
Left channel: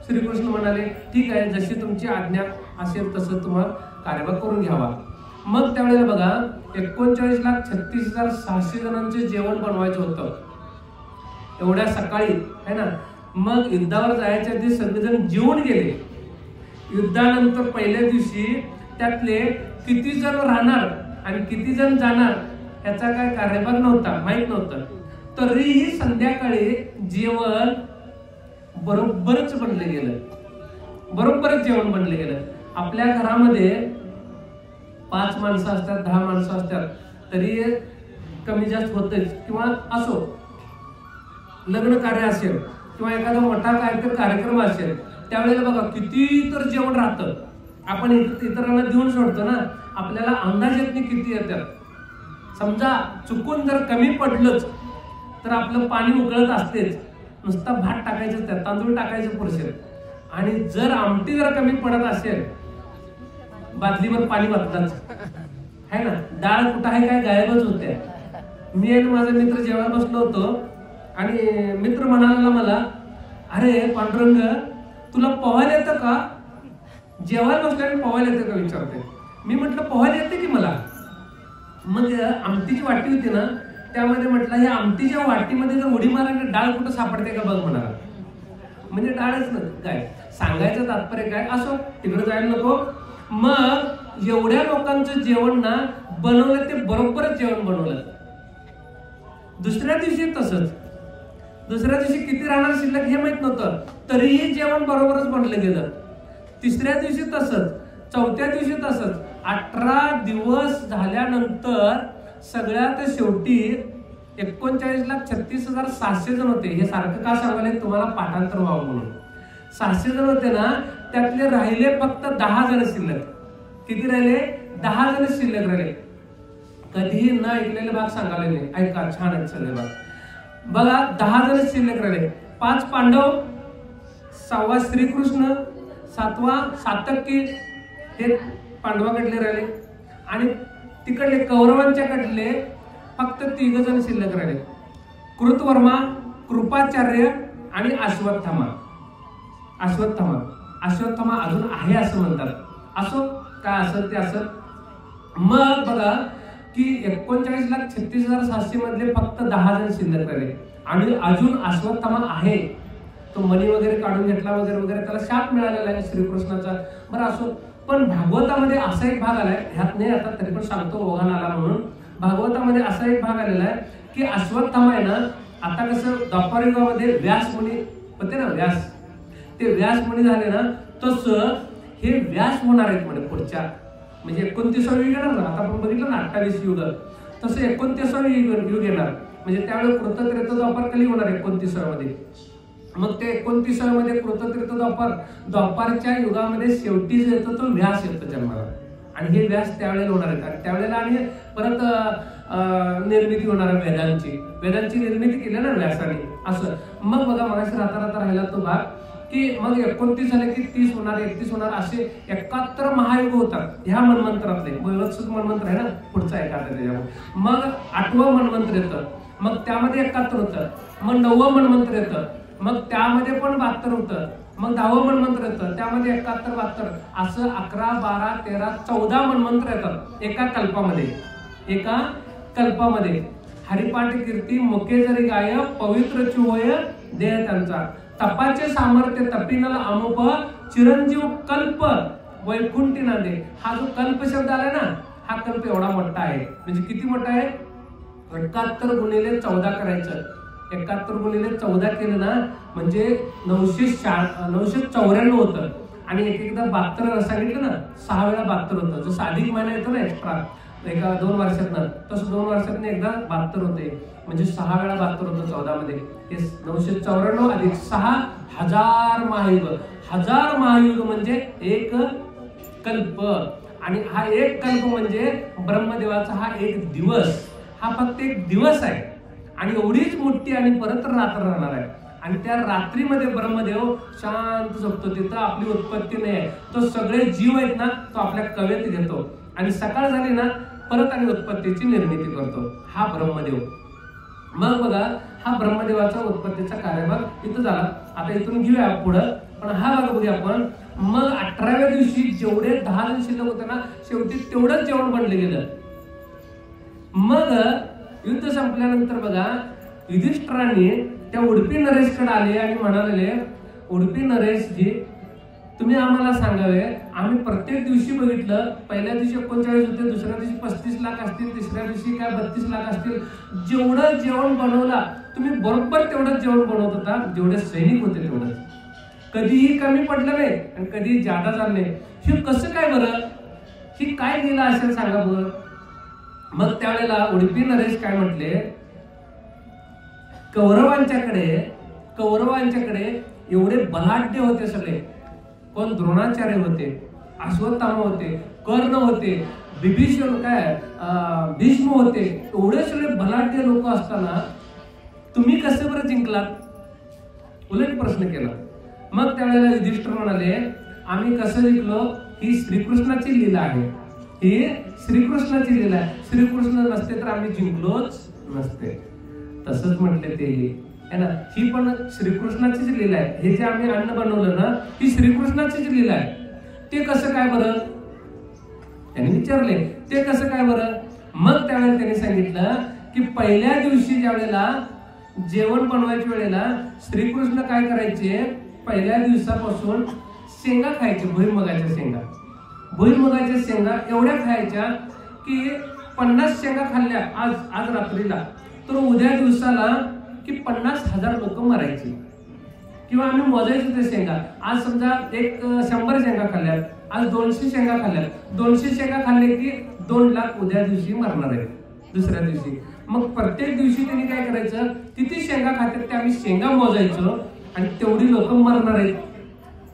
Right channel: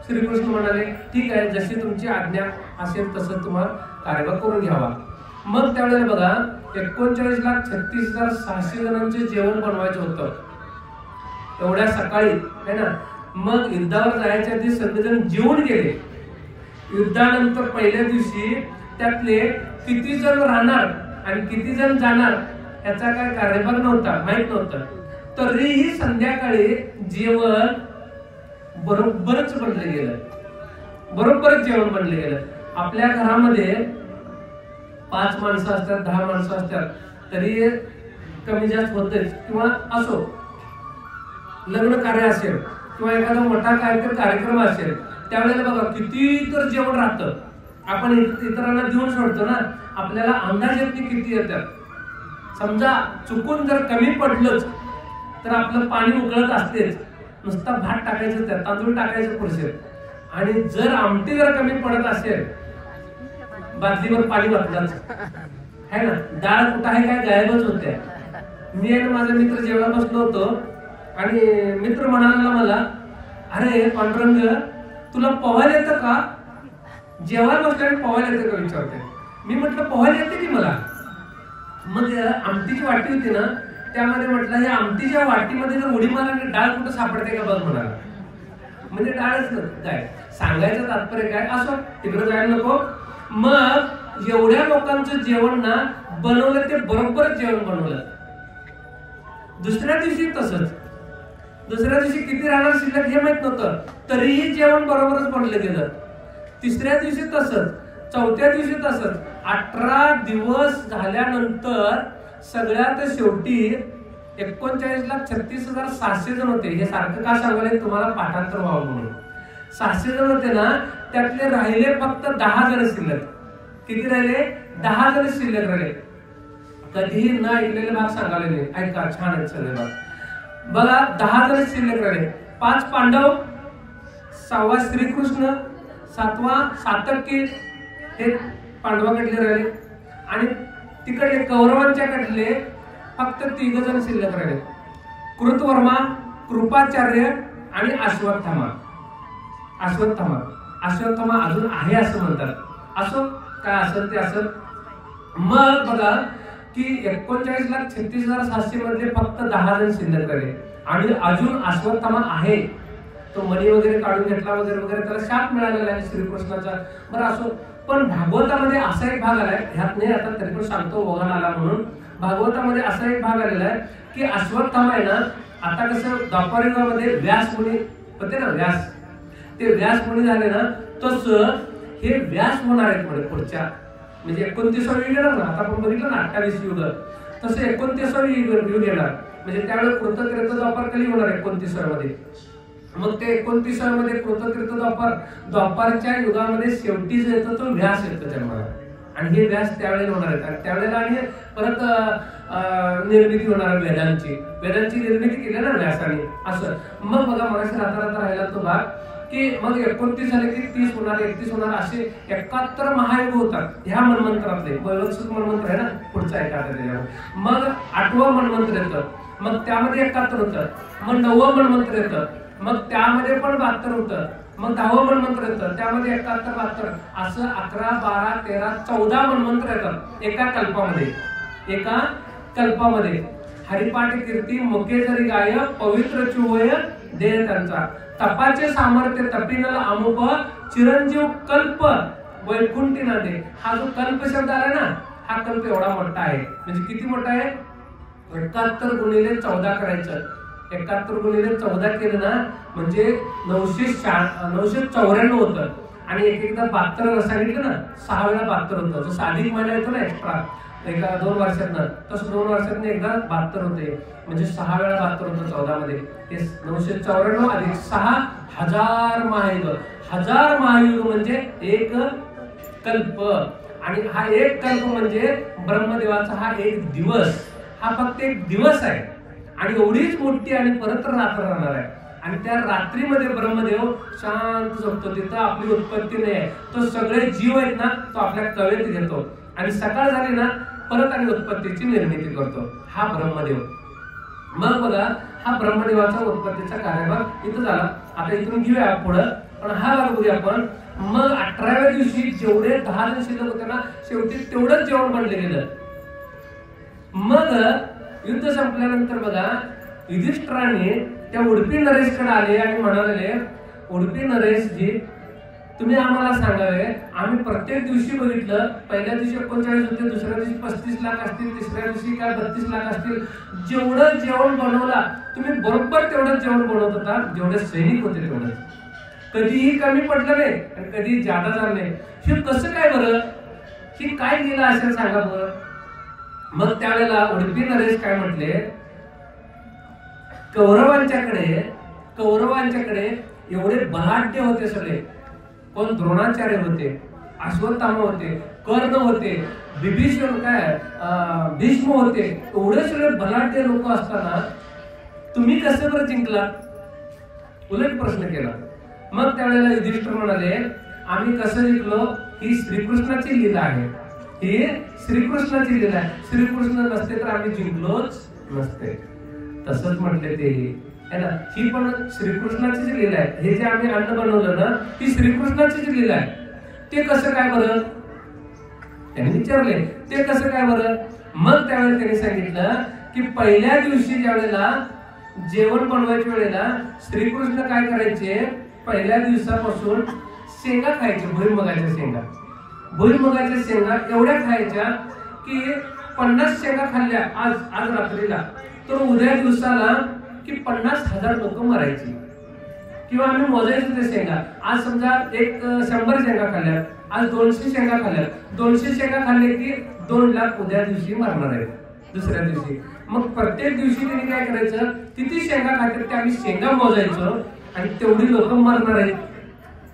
श्रीकृष्ण म्हणाले, ठीक आहे, जशी तुमची आज्ञा असेल तसं तुम्हाला कार्यभाग करून घ्यावा. मग त्यावेळेला बघा 39,36,600 जणांचे जेवण बनवायचं होतं एवढ्या सकाळी, है ना. मग युद्धावर जायच्या आधी सगळेजण जेवून गेले. युद्धानंतर पहिल्या दिवशी त्यातले किती जण राहणार आणि किती जण जाणार याचा काय कार्यभाग नव्हता, माहित नव्हतं. तरीही संध्याकाळी जेवण बरोबरच बनले गेलं, बरोबरच जेवण बनले गेलं. आपल्या घरामध्ये 5 माणसं असतात, 10 माणसं असतात, तरी कमी जास्त होतेच. किंवा असो लग्न कार्य असेल किंवा एखादा मोठा काहीतरी कार्यक्रम असेल, त्यावेळेला बघा किती तर जेवण राहतं. आपण इतरांना देऊन सोडतो ना, आपल्याला अंदाज येत नाही किती येतात. समजा चुकून जर कमी पडलंच तर आपलं पाणी उकळत असतेच, नुसता भात टाकायचं, त्यात तांदूळ टाकायचं पुरेसे. आणि जर आमटी जर कमी पडत असेल, बादलीवर पाणी वाटलंच, है ना. डाळ कुठं आहे काय गायबच होत्या. मी आणि माझा मित्र जेवायला बसलो होतो आणि मित्र म्हणाला मला, अरे पांडुरंग तुला पोहायला येतं का? जेवायला बसल्याने पोहायला येतं का विचारते. मी म्हटलं पोहायला येते की मला. मग आमटीची वाटी होती ना, त्यामध्ये म्हटलं ह्या आमटीच्या वाटीमध्ये जर उडी मारली डाळ कुठं सापडते का बघ म्हणाला. म्हणजे डाळच काय सांगायचं तात्पर्य काय, असो तिकडे जायला नको. मग एवढ्या लोकांचं जेवण ना बनवलं, ते बरोबरच जेवण बनवलं. दुसऱ्या दिवशी तसंच, दुसऱ्या दिवशी किती राहणार शिल्लक हे माहित नव्हतं, तरीही जेवण बरोबरच बनलं गेलं. तिसऱ्या दिवशी तसंच, चौथ्या दिवशी तसंच. 18 दिवस झाल्यानंतर सगळ्यात शेवटी 39,36,600 जण होते. हे सारखं का सांगायला, तुम्हाला पाठांतर व्हावं म्हणून. 600 जण होते ना, त्यातले राहिले फक्त 10 जण शिल्लक. किती राहिले? 10 जण शिल्लक राहिले. कधीही न ऐकलेले भाग सांगायला नाही, ऐका छान आहेत सगळे भाग. बघा 10 जण शिल्लक राहिले. 5 पांडव, 6वा श्रीकृष्ण, 7वा सातकी, हे पांडवाकडले राहिले. आणि तिकडले कौरवांच्या कडले फक्त 3 जण शिल्लक राहिले. कृतवर्मा, कृपाचार्य आणि अश्वत्थामा. अश्वत्थामा अजून आहे असं म्हणतात. असो काय असेल ते असेल. मग बघा की 39,36,700 मधले फक्त 10 जण शिल्लक राहिले आणि अजून अश्वत्थामा आहे, तो मणी वगैरे काढून घेतला वगैरे वगैरे, त्याला शाप मिळालेला आहे श्रीकृष्णाचा. बरं असो, पण भागवतामध्ये असा एक भाग आलाय, ह्यात नाही आता तरी पण सांगतो ओघान आला म्हणून. भागवतामध्ये असा एक भाग आलेला आहे की अश्वत्थामा आहे ना, आता कसं द्वापर युगामध्ये व्यास मुनी होते ना, व्यास, ते व्यास मुनी झाले ना, तसं हे व्यास होणार आहेत म्हणजे पुढच्या, म्हणजे 29वे युग येणार ना. आता आपण बघितलं ना 28 युग, तसं 29वे युग येणार. म्हणजे त्यावेळेस कृततीर्थ द्वापर कली होणार 29व्या मध्ये. मग ते 29व्या मध्ये कृततीर्थ द्वापारच्या युगामध्ये शेवटी जो येतो तो व्यास येतो जन्माला, आणि हे व्यास त्यावेळेला होणार आहेत. आणि त्यावेळेला आणि परत निर्मिती होणार वेदांची निर्मिती केली ना व्यासाने. असं मग बघा मगाशी राहता राहिला तो भाग की मग 29 झाले की 30 होणार, 31 होणार, असे 71 महायुग होतात ह्या मनमंत्रातले. वैवत्सुक मनमंत्र आहे ना पुढचा 71. मग 8वं मनमंत्र येतं, मग त्यामध्ये 71 होतं. मग 9वं मनमंत्र येतं, मग त्यामध्ये पण 72 होतं. मग 10वं मनमंत्र येतं, त्यामध्ये 71, 72, असं 11, 12, 13, 14 मनमंत्र येतात एका कल्पामध्ये. हरिपाठ कीर्ती मुके जरी गाय, पवित्र होय देह त्यांचा. तपाचे सामर्थ्य तपिनल अमुप, चिरंजीव कल्प वैकुंठी नांदे. हा जो कल्प शब्द आला ना, हा कल्प एवढा मोठा आहे. म्हणजे किती मोठा आहे? 71 गुणिले 14 करायचं. 71 गुणिले 14 केलं ना म्हणजे 994 होतं. आणि एकदा 72 सांगितलं ना, 6 वेळा 72 होतं. जसं अधिक महिना येतो ना एक्स्ट्रा एका 2 वर्षातनं, तसं 2 वर्षातनं एकदा 72 होते. म्हणजे 6 वेळा 72 होतं 14 मध्ये. 994 अधिक 6, 1000 महायुग. 1000 महायुग म्हणजे एक कल्प. आणि हा एक कल्प म्हणजे ब्रह्मदेवाचा हा एक दिवस, हा फक्त एक दिवस आहे. आणि एवढीच मोठी आणि परत रात्र राहणार आहे. आणि त्या रात्रीमध्ये ब्रह्मदेव शांत झोपतो. तिथं आपली उत्पत्ती नाही आहे. तो सगळे जीव आहेत ना, तो आपल्या कवेत घेतो आणि सकाळ झाली ना परत आणि उत्पत्तीची निर्मिती करतो, हा ब्रह्मदेव. मग बघा, हा ब्रह्मदेवाचा उत्पत्तीचा कार्यभाग इथं झाला. आता इथून घेऊया पुढं, पण हा भाग बघूया आपण. मग 18व्या दिवशी जेवढे 10 जण शिल्लक होते ना, शेवटी तेवढंच जेवण बनले गेलं. मग युद्ध संपल्यानंतर बघा, युधिष्ठिराने त्या उडपी नरेशकडे आले आणि म्हणाले, उडपी नरेशजी, तुम्ही आम्हाला सांगावे, आम्ही प्रत्येक दिवशी बघितलं, पहिल्या दिवशी 39 होते, दुसऱ्या दिवशी 35 लाख असतील, तिसऱ्या दिवशी काय 32 लाख असतील. जेवढं जेवण बनवला तुम्ही बरोबर तेवढंच जेवण बनवत होता, जेवढे सैनिक होते तेवढं. कधीही कमी पडलं नाही आणि कधी जादा झालं नाही. हे कसं काय बरं? ही काय लिहिलं असेल सांगा बरं. मग त्यावेळेला उडपी नरेश काय म्हटले, कौरवांच्याकडे एवढे बलाढ्य होते सगळे. कोण? द्रोणाचार्य होते, अश्वत्थामा होते, कर्ण होते, विभीषण भीष्म होते. एवढे सगळे बलाढ्य लोक असताना तुम्ही कसं बरं जिंकलात? उलट प्रश्न केला. मग त्यावेळेला युधिष्ठिर म्हणाले, आम्ही कसं जिंकलो? ही श्रीकृष्णाची लीला आहे, ही श्रीकृष्णाची लीला आहे. श्रीकृष्ण नसते तर आम्ही जिंकलोच नसते. तसंच म्हटले ते है ना, ही पण श्रीकृष्णाचीच लीला आहे. हे जे आम्ही अन्न बनवलं ना, ही श्रीकृष्णाचीच लीला आहे. ते कसं काय बरं? त्यांनी विचारले, ते कसं काय बरं? मग त्यावेळेला त्यांनी सांगितलं की पहिल्या दिवशी ज्या वेळेला जेवण बनवायच्या वेळेला श्रीकृष्ण काय करायचे, पहिल्या दिवसापासून शेंगा खायचे, भुईमुगाच्या शेंगा. भुईमुगाच्या शेंगा एवढ्या खायच्या की 50 शेंगा खाल्ल्या आज रात्रीला तर उद्या दिवसाला की 50,000 लोक मरायची. किंवा आम्ही मोजायचो ते शेंगा. आज समजा 100 शेंगा खाल्ल्या, आज 200 शेंगा खाल्ल्या, 200 शेंगा खाल्ले की 2 लाख उद्या दिवशी मरणार आहेत दुसऱ्या दिवशी. मग प्रत्येक दिवशी त्यांनी काय करायचं, किती शेंगा खात्यात ते आम्ही शेंगा मोजायचो आणि तेवढी लोक मरणार आहेत.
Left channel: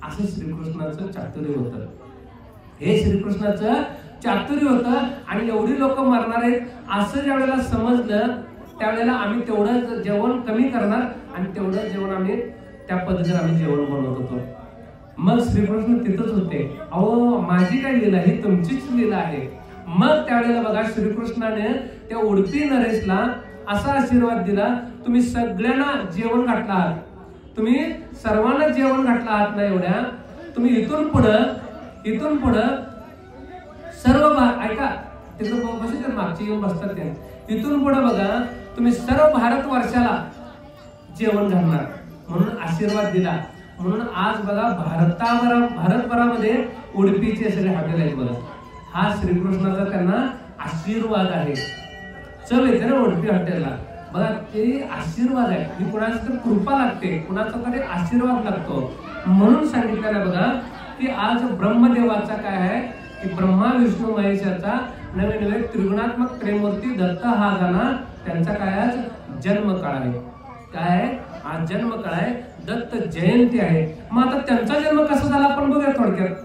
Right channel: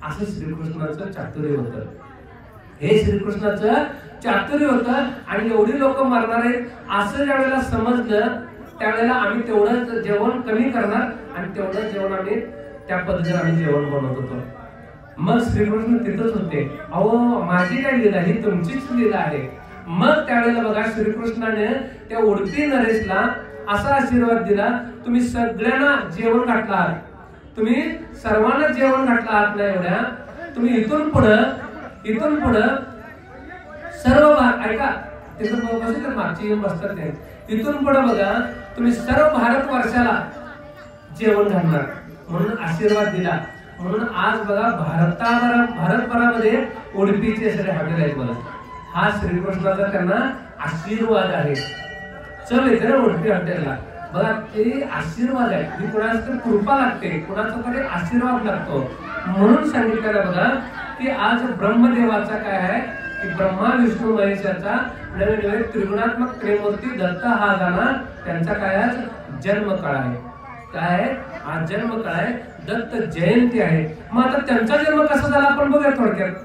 असं श्रीकृष्णाचं चातुर्य होतं. हे श्रीकृष्णाचं चातुर्य होतं. आणि एवढी लोक मरणार आहेत असं ज्या वेळेला समजलं, त्यावेळेला आम्ही तेवढं जेवण कमी करणार आणि तेवढं जेवण आम्ही त्या पद्धतीने आम्ही जेवण बनवत होतो. मग श्रीकृष्ण तिथंच होते. अहो, माझी काय लीला, ही तुमचीच लीला आहे. मग त्यावेळेला बघा, श्रीकृष्णाने त्या उडपी नरेशला असा आशीर्वाद दिला, तुम्ही सगळ्यांना जेवण घातला आहात, तुम्ही सर्वांना जेवण घातला आहात ना एवढ्या, तुम्ही इथून पुढं सर्व ऐका, तिथं बसतात, मागची येऊन बसतात ते. इथून पुढे बघा तुम्ही सर्व भारतवर्षाला जेवण घालणार म्हणून आशीर्वाद दिला. म्हणून आज बघा भारतभरामध्ये उडपीचे सगळे हॉटेल आहेत बघा. हा श्रीकृष्णाचा त्यांना आशीर्वाद आहे. चल येते ना उडपी हॉटेलला बघा, ते आशीर्वाद आहे. ही कुणाची तर कृपा लागते, कुणाचा तरी आशीर्वाद लागतो. म्हणून सांगितलेलं बघा की आज ब्रह्मदेवाचा काय आहे की ब्रह्मा विष्णू महेशाचा नवे नवे त्रिगुणात्मक त्रिमूर्ती दत्त हा झाला. त्यांचा काय आज जन्मकाळ आहे. काय आहे आज जन्मकाळ आहे, दत्त जयंती आहे. मग आता त्यांचा जन्म कसा झाला आपण बघूया थोडक्यात.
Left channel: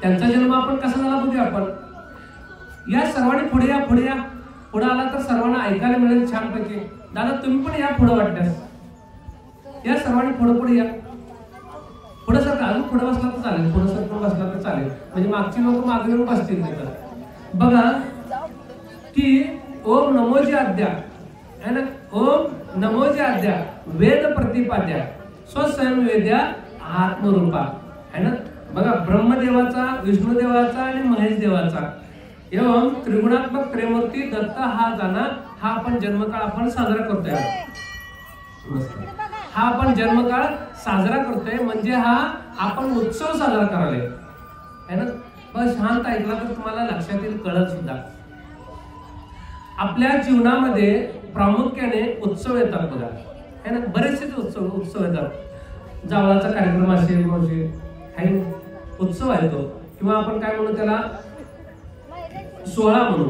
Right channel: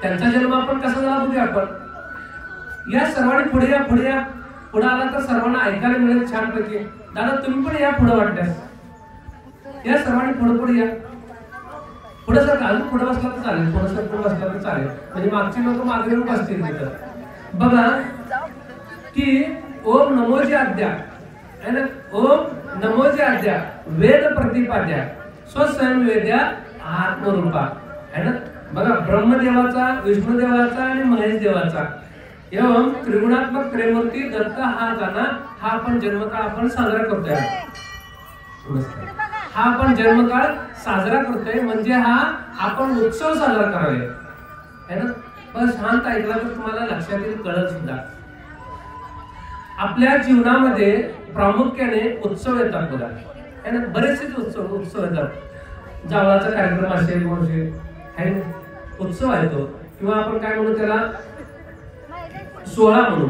त्यांचा जन्म आपण कसा झाला बघूया आपण. या सर्वांनी पुढे या, पुढे या. पुढे आला तर सर्वांना ऐकायला मिळेल छानपैकी. दादा तुम्ही पण या पुढे वाटल्यास. या सर्वांनी पुढे पुढे या. पुढे सर अजून पुढे बसला तर चालेल, पुढे सर पुढे बसला तर चालेल, म्हणजे मागची लोक मागे लोक असतील तिथं. बघा की ओम नमोजी आद्या है ना, ओम नमोजी आद्या वेद प्रतिपाद्या स्वयं वेद्या आत्मरूपा है ना. बघा ब्रह्मदेवाचा, विष्णुदेवाचा आणि महेश देवाचा एवं त्रिगुणात्मक त्रिमूर्ती दत्त हा जाना. हा आपण जन्मकाळ आपण साजरा करतोय. हा आपण जन्मकाळ साजरा करतोय म्हणजे हा आपण उत्सव साजरा करावे है ना. बस शांत ऐकला तर तुम्हाला लक्षात येईल, कळत सुद्धा. आपल्या जीवनामध्ये प्रामुख्याने उत्सव येतात बघा है ना. बरेचसे उत्सव येतात. जावळाचा कार्यक्रम असेल म्हणजे उत्सव आहे तो, किंवा आपण काय म्हणू त्याला सोहळा म्हणू.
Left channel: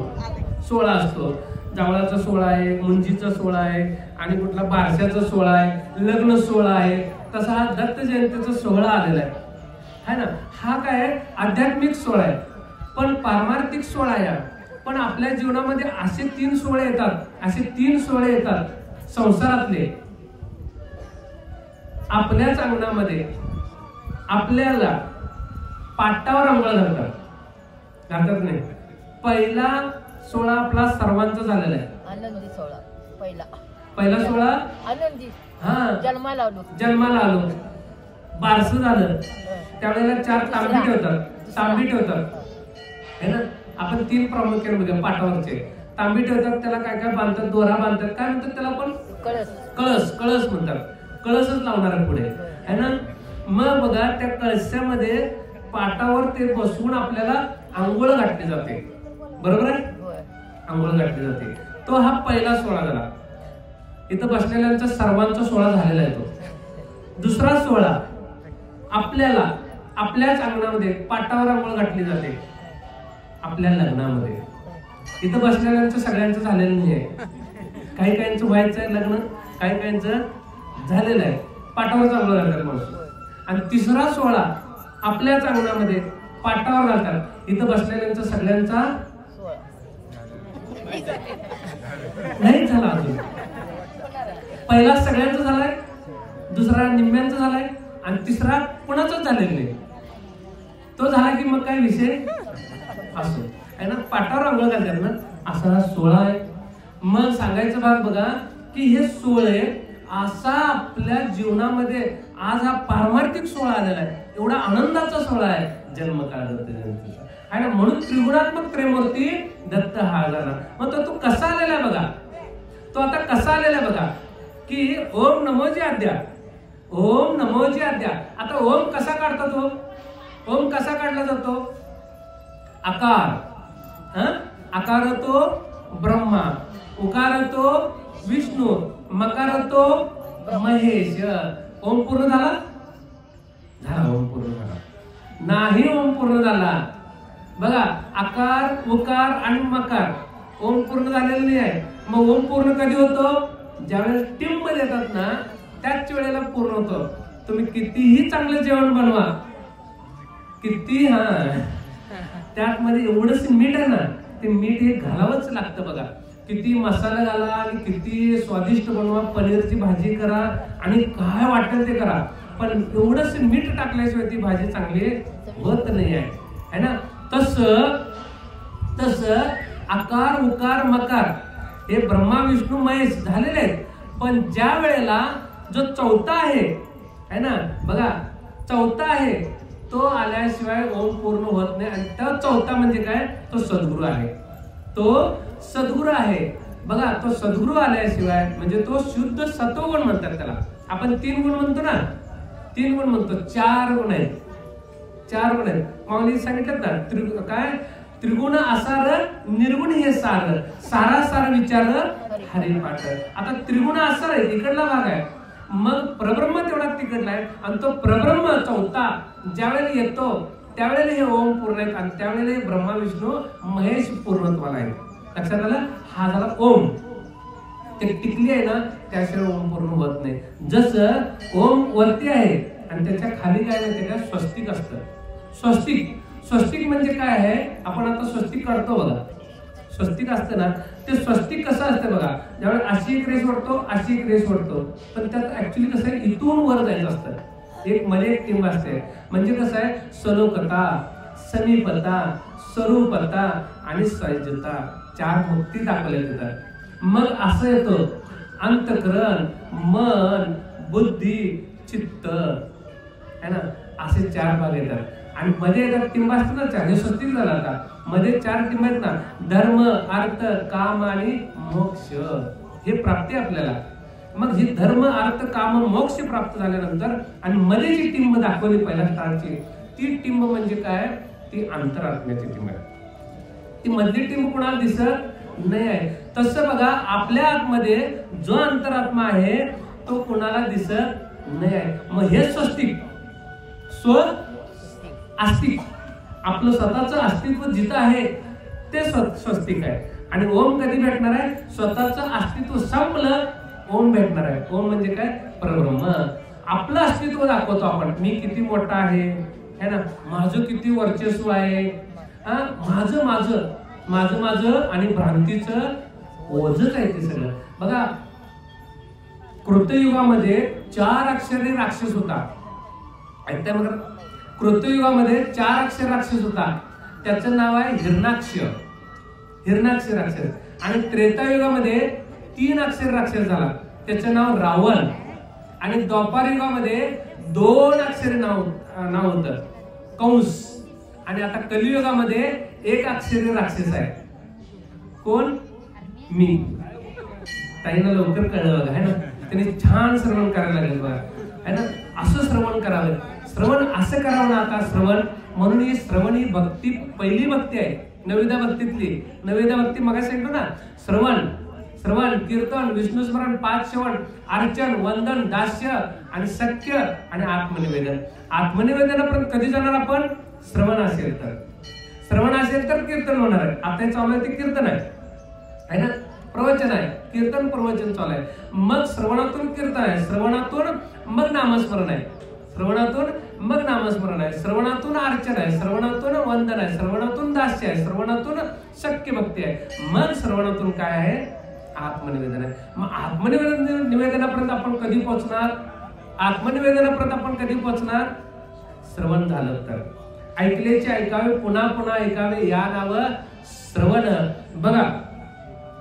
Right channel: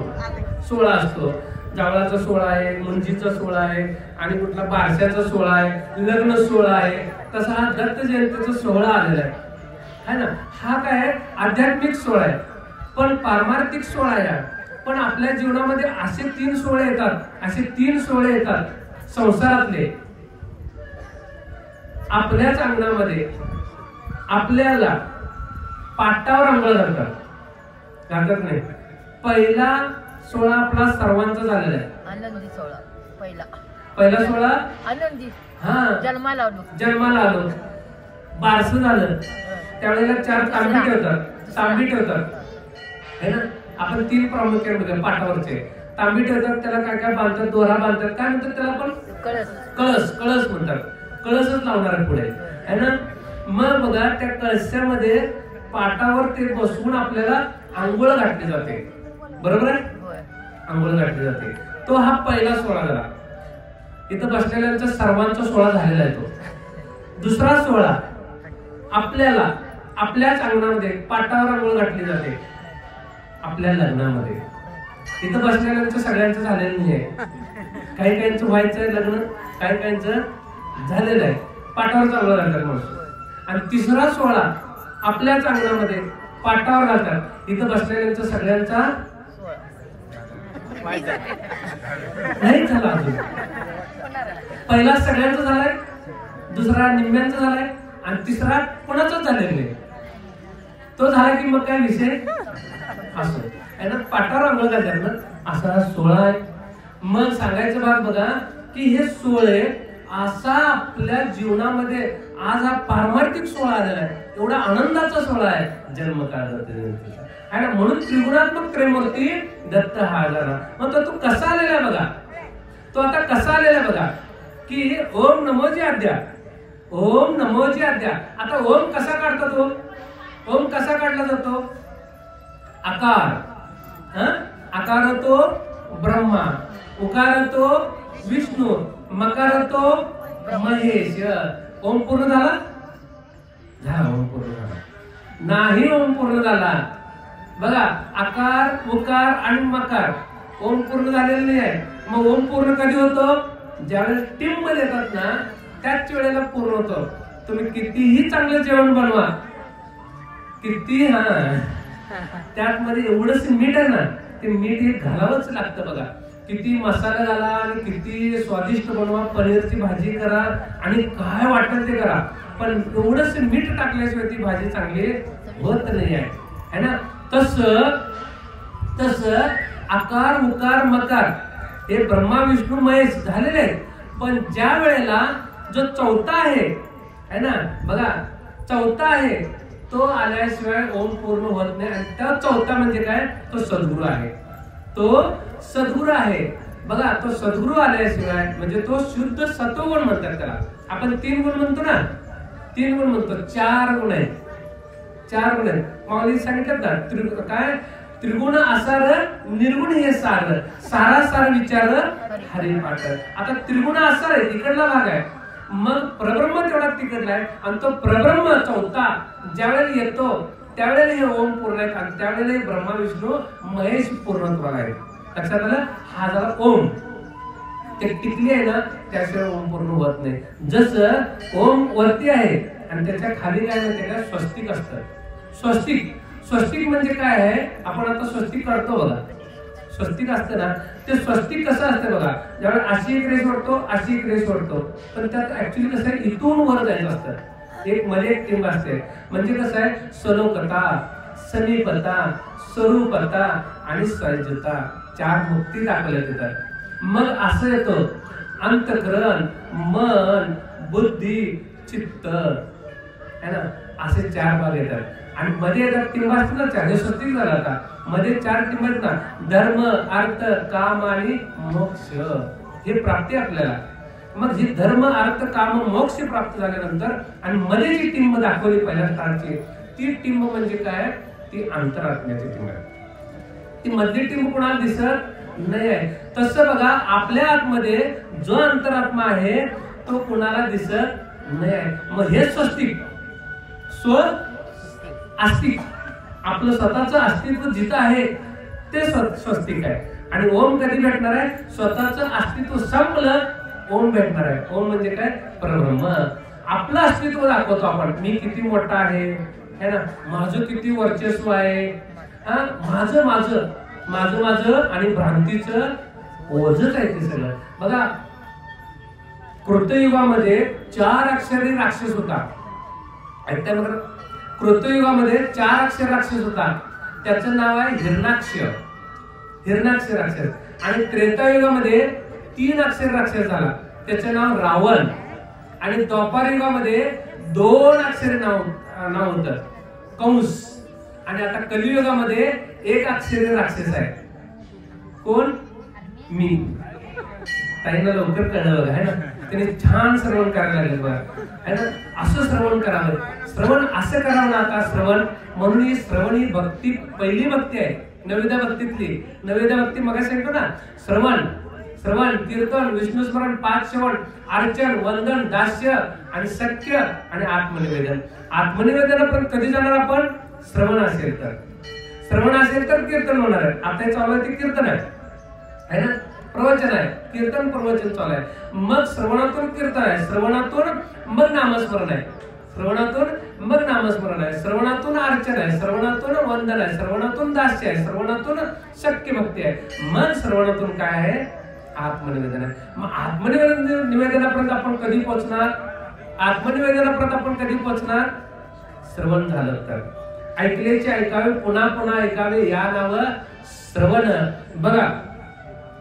सोहळा असतो, जावळाचा सोहळा आहे, मुंजीचा सोहळा आहे, आणि कुठला बारशाचा सोहळा आहे, लग्न सोहळा आहे. तसा हा दत्त जयंतीचा सोहळा आलेला आहे ना. हा काय आध्यात्मिक सोहळा आहे, पण पारमार्थिक सोहळा आहे. पण आपल्या जीवनामध्ये असे 3 सोहळे येतात, असे 3 सोहळे येतात संसारातले. आपल्याच अंगणामध्ये आपल्याला पाटावर अंघोळ घालतात नाही. पहिला सोहळा आपला सर्वांचा झालेला आहे. आनंदी सोहळा पहिला सोहळा आनंदी. हा जन्माला आलो बारस झालं त्यावेळेला 4 तांबी ठेवतात है ना. आपण 3 प्रामुख्याने बघा पाटावरचे तांबी ठेवतात. त्याला काय काय बांधतात, दोरा बांधतात, काय म्हणतात त्याला आपण कळस म्हणतात. कळसच लावणार आहे पुढे है ना. मग बघा त्या कळशामध्ये पाटावर ते बसवून आपल्याला आंघोळ घातली जाते. बरोबर आहे, आंघोळ घातली जाते. तो हा पहिला सोहळा झाला. इथं बसलेल्यांचा सर्वांचा सोहळा झालेला आहे तो. दुसरा सोहळा आपल्याला आपल्याच अंगणामध्ये पाटावर आंघोळ घातली जाते आपल्या लग्नामध्ये. इथं बसलेल्यांचं सगळ्यांचं झालेलं नाहीये. काही काहींचं व्हायचं आहे लग्न, काही काहींचं झालेलं आहे. पाटावर आंघोळ घालतात माणूस. आणि तिसरा सोहळा आपल्याच अंगणामध्ये पाटावर घालतात. इथं बसलेल्यांचं सगळ्यांचा नाही झाला अजून. पहिला सगळ्यांचा झालाय, दुसरा निम्म्यांचा झालाय, आणि तिसरा कोणाचाच झालेला नाही. तो झाला की मग काय विषय असो आहे ना. पाटावर अंघोळ घालतात ना, असा सोहळा आहे. मग सांगायचं भाग बघा की हे सोहळे असा आपल्या जीवनामध्ये आज हा पारमार्थिक सोहळा आलेला आहे. एवढा आनंदाचा सोहळा आहे जन्मकाळ दत्त जयंतीचा आहे ना. म्हणून त्रिगुणात्मक त्रिमूर्ती दत्त हा झाला. मग तो कसा आलेला आहे बघा. तो आता कसा आलेला आहे बघा की ओम नमोजी आद्या, ओम नमोजी आद्या. आता ओम कसा काढतो तो, ओम कसा काढला जातो. आकार, आकार तो ब्रह्मा, उकार तो विष्णू, मकार तो महेश. ओम पूर्ण झाला, ओम पूर्ण झाला नाही. ओम पूर्ण झाला बघा. आकार उकार आणि मकार ओम पूर्ण झालेलं नाही आहे. मग ओम पूर्ण कधी होतो, ज्यावेळेस टिंब मध्ये येतात ना त्याच वेळेला पूर्ण होतो. तुम्ही कितीही चांगलं जेवण बनवा, किती त्यात मध्ये एवढंच मीठ आहे ना, ते मीठ हे घालावंच लागतं बघा. किती मसाला घाला आणि किती स्वादिष्ट बनवा, पनीरची भाजी करा आणि काय वाटतं ते करा, पण एवढंच मीठ टाकल्याशिवाय ती भाजी चांगली होत नाही आहे ना. तस आकार उकार मकार हे ब्रह्मा विष्णू महेश झालेले आहेत. पण ज्या वेळेला जो चौथा आहे ना बघा, चौथा आहे तो आल्याशिवाय ओम पूर्ण होत नाही. आणि त्या चौथा म्हणजे काय, तो सद्गुरू आहे. तो सद्गुरू आहे. बघा, तो सद्गुरू आल्याशिवाय म्हणजे तो शुद्ध सत्वगुण म्हणतात त्याला. आपण 3 गुण म्हणतो ना, 3 गुण म्हणतो, 4 गुण आहेत. 4 गुण आहेत. माऊली सांगितलं ना, काय त्रिगुण आसार निर्गुण हे सार, सारासार विचार हरी पाठ. आता त्रिगुण आसार आहे, तिकडला भाग आहे. मग प्रब्रह्म तेवढा तिकडला आहे. आणि तो प्रब्रह्म चौथा ज्यावेळेला येतो त्यावेळेला हे ओम पूर्ण आहेत. आणि त्यावेळेला हे ब्रह्मा विष्णू महेश पूर्णत्वाला आहे. लक्षात आलं? हा झाला ओम. ते टिकली आहे ना, त्याशिवाय ओम पूर्ण होत नाही. जसं ओम वरती आहे आणि त्याच्या खाली काय माहिती का, स्वस्तिक असतं. स्वस्तिक, स्वस्तिक म्हणजे काय आहे, आपण आता स्वस्तिक करतो बघा. स्वस्तिक असतं ना, ते स्वस्तिक कसं असतं बघा, ज्यावेळेला अशी एक रेष ओढतो, अशी एक रेष ओढतो, पण त्यात ऍक्च्युली कसं आहे, इथून वर जायचं असतं. एक मध्ये एक टिंब असते. म्हणजे कसं आहे, सलोकता, समीपता, स्वरूपता आणि सहजता, 4 मुक्ती दाखवल्या तिथं. मग असं येतो अंतकरण, मन, बुद्धी, चित्त, है ना, असे 4 भाग येतात. आणि मध्ये येतात टिंब असतात ना 4, हे स्वस्तिक झालं. आता मध्ये 4 टिंब आहेत ना, धर्म, अर्थ, काम आणि मोक्ष, हे प्राप्ती आपल्याला. मग ही धर्म, अर्थ, काम, मोक्ष प्राप्त झाल्यानंतर आणि मध्ये जी टिंब दाखवली पहिल्या स्थानाची, ती टिंब म्हणजे काय, ती अंतरात्म्याची टिंब आहे. ती मधली टिंब कुणाला दिसत नाही आहे. तसं बघा, आपल्या आतमध्ये जो अंतरात्मा आहे तो कुणाला दिसत नाही आहे. मग हे स्वस्तिक, स्व आस्तिक, आपलं स्वतःचं अस्तित्व जिथं आहे ते स्वस्तिक आहे. आणि ओम कधी भेटणार आहे, स्वतःचं अस्तित्व संपलं ओम भेटणार आहे. ओम म्हणजे काय, परब्रह्म. आपलं अस्तित्व दाखवतो आपण, मी किती मोठा आहे, है ना, माझं किती वर्चस्व आहे, हा, माझं माझं माझं माझं आणि भ्रांतीचं ओझच आहे ते सगळं. बघा, कृतयुगामध्ये 4 अक्षरी राक्षस होता. ऐकताय बघा, कृतयुगामध्ये 4 अक्षर राक्षस होता. त्याचं नाव आहे हिरणाक्ष, हिरणाक्ष राक्षस. आणि त्रेतायुगामध्ये 3 अक्षर राक्षस झाला, त्याचं नाव रावण. आणि द्वापार युगामध्ये 2 अक्षरी नाव होतं, कंस. आणि आता कलियुगामध्ये 1 अक्षरी राक्षस आहे. कोण? मी. ताईंना लवकर कळलं बघा, है ना, त्यांनी छान श्रवण करायला लागेल बघा, है ना. असं श्रवण करावं, श्रवण असं करावं ना आता श्रवण. म्हणून ही श्रवण ही भक्ती पहिली भक्ती आहे, नवविधा भक्तीतली. नवविधा भक्ती मग सांगतो ना, श्रवण, श्रवण, कीर्तन, विष्णू स्मरण, 5 श्रवण, अर्चन, वंदन, दास्य आणि सख्य आणि आत्मनिवेदन. आत्मनिवेदन पण कधी जाणार आपण, श्रवण असेल तर. श्रवण असेल तर कीर्तन होणार आहे. आता हे चालू आहे ते कीर्तन आहे ना, प्रवचन आहे, कीर्तन प्रवचन चालू आहे. मग श्रवणातून कीर्तन आहे, श्रवणातून मग नामस्मरण आहे, श्रवणातून मग नामस्मरण आहे, श्रवणातून अर्चन आहे, श्रवणातून वंदन आहे, श्रवणातून दास्य आहे, श्रवणातून शक्य भक्ती आहे. मग श्रवणातून काय आहे, आत्मनिवेदन आहे. मग आत्मनिवेदन निवेदनापर्यंत आपण कधी पोहोचणार, आत्मनिवेदनापर्यंत आपण कधी पोहोचणार, श्रवण झालं तर. ऐकलेचे ऐकावे, पुन्हा पुन्हा ऐकावे, या नाव श्रवण. बघा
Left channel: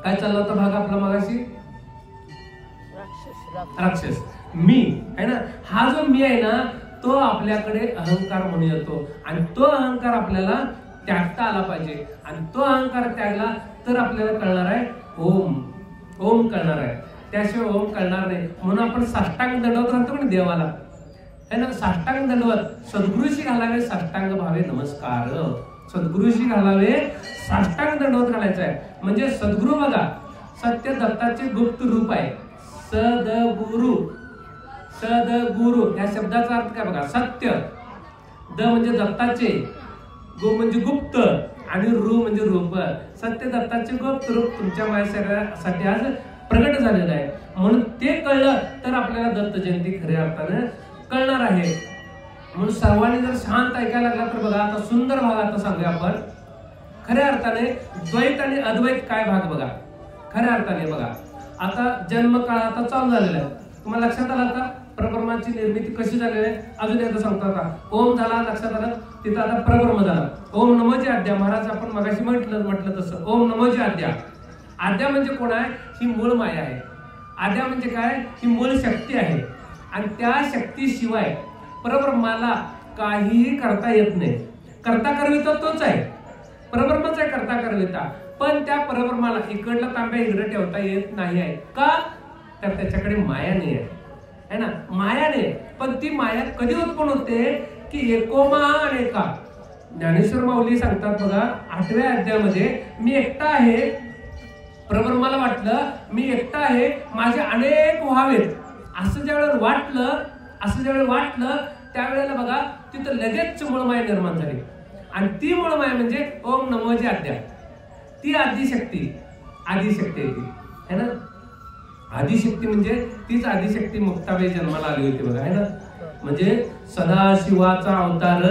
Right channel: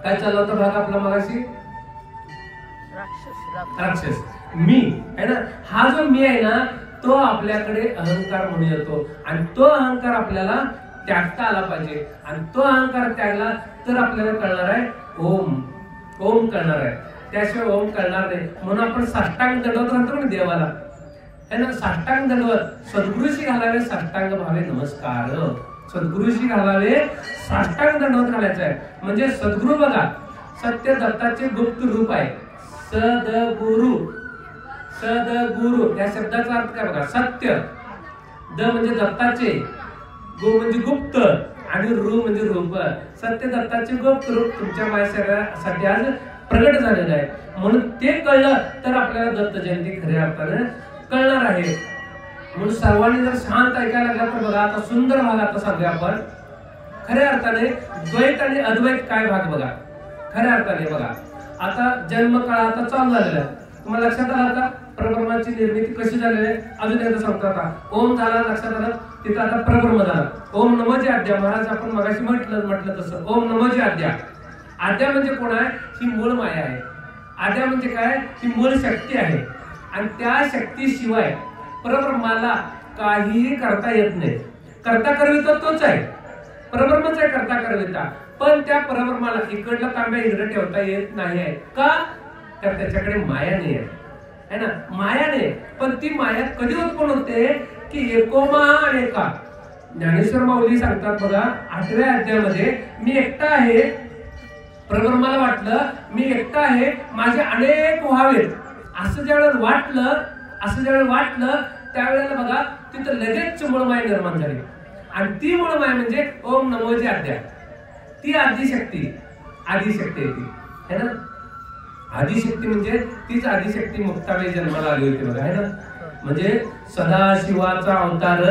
काय चाललं होतं भाग आपला मगाशी, राक्षस, मी आहे ना. हा जो मी आहे ना, तो आपल्याकडे अहंकार म्हणून येतो. आणि तो अहंकार आपल्याला त्यागता आला पाहिजे. आणि तो अहंकार त्यागला तर आपल्याला कळणार आहे ओम, ओम कळणार आहे. त्याशिवाय ओम कळणार नाही. म्हणून आपण साष्टांग दंडवत म्हणतो ना देवाला, है ना, साष्टांग दंडवत. सद्गुरूशी घालावे साष्टांग भावे नमस्कार, सद्गुरूशी घालावे साष्टांग दंडवत घालायचं आहे. म्हणजे सद्गुरू बघा, सत्य दत्ताचे गुप्त रूप आहे. सद्गुरू, सद्गुरू या शब्दाचा अर्थ काय बघा, सत्य, द म्हणजे दत्ताचे, गो म्हणजे गुप्त आणि रू म्हणजे रूप. सत्य दत्ताचे गुप्त रूप तुमच्या माझ्यासाठी आज प्रगट झालेलं आहे. म्हणून ते कळलं तर आपल्याला दत्त जयंती खऱ्या अर्थाने कळणार आहे. म्हणून सर्वांनी जर शांत ऐकायला लागला तर बघा, आता सुंदर भाग आता सांगूया आपण. खऱ्या अर्थाने द्वैत आणि अद्वैत काय भाग बघा, खऱ्या अर्थाने बघा. आता जन्म काळ आता चालू झालेला आहे, तुम्हाला लक्षात आलं का परब्रह्माची निर्मिती कशी झालेली आहे. अजून एकदा सांगतो, आता ओम झाला, लक्षात आलं, तिथं आता परब्रह्म झाला. ओम नमोजी आद्या, महाराज आपण मगाशी म्हटलं तसं ओम नमोजी आद्या. आद्या म्हणजे कोण आहे, ही मूळ माया आहे. आद्या म्हणजे काय, ही मूळ शक्ती आहे. आणि त्या शक्तीशिवाय परब्रह्माला काहीही करता येत नाही. करता करविता तोच आहे, परब्रह्मच आहे करता करविता. पण त्या परब्रह्माला इकडला तांब्या इकडे ठेवता येत नाही आहे का? तर त्याच्याकडे माया नाही आहे ना, माया नाही. पण ती माया कधी उत्पन्न होते की एकोमा अनेका. ज्ञानेश्वर माऊली सांगतात बघा 8व्या अध्यायामध्ये, मी एकटा आहे. परब्रह्माला वाटलं मी एकटा आहे, माझे अनेक व्हावेत. असं ज्यावेळेला वाटलं त्यावेळेला बघा तिथं लगेच मूळमाया निर्माण झाली. आणि ती मूळमाया म्हणजे ओम नमोची आद्या, ती आदिशक्ती आहे ती है ना. आदिशक्ती म्हणजे तीच आदिशक्ती मुक्ताबाई जन्माला आली होती बघा है ना. म्हणजे सदाशिवाचा अवतार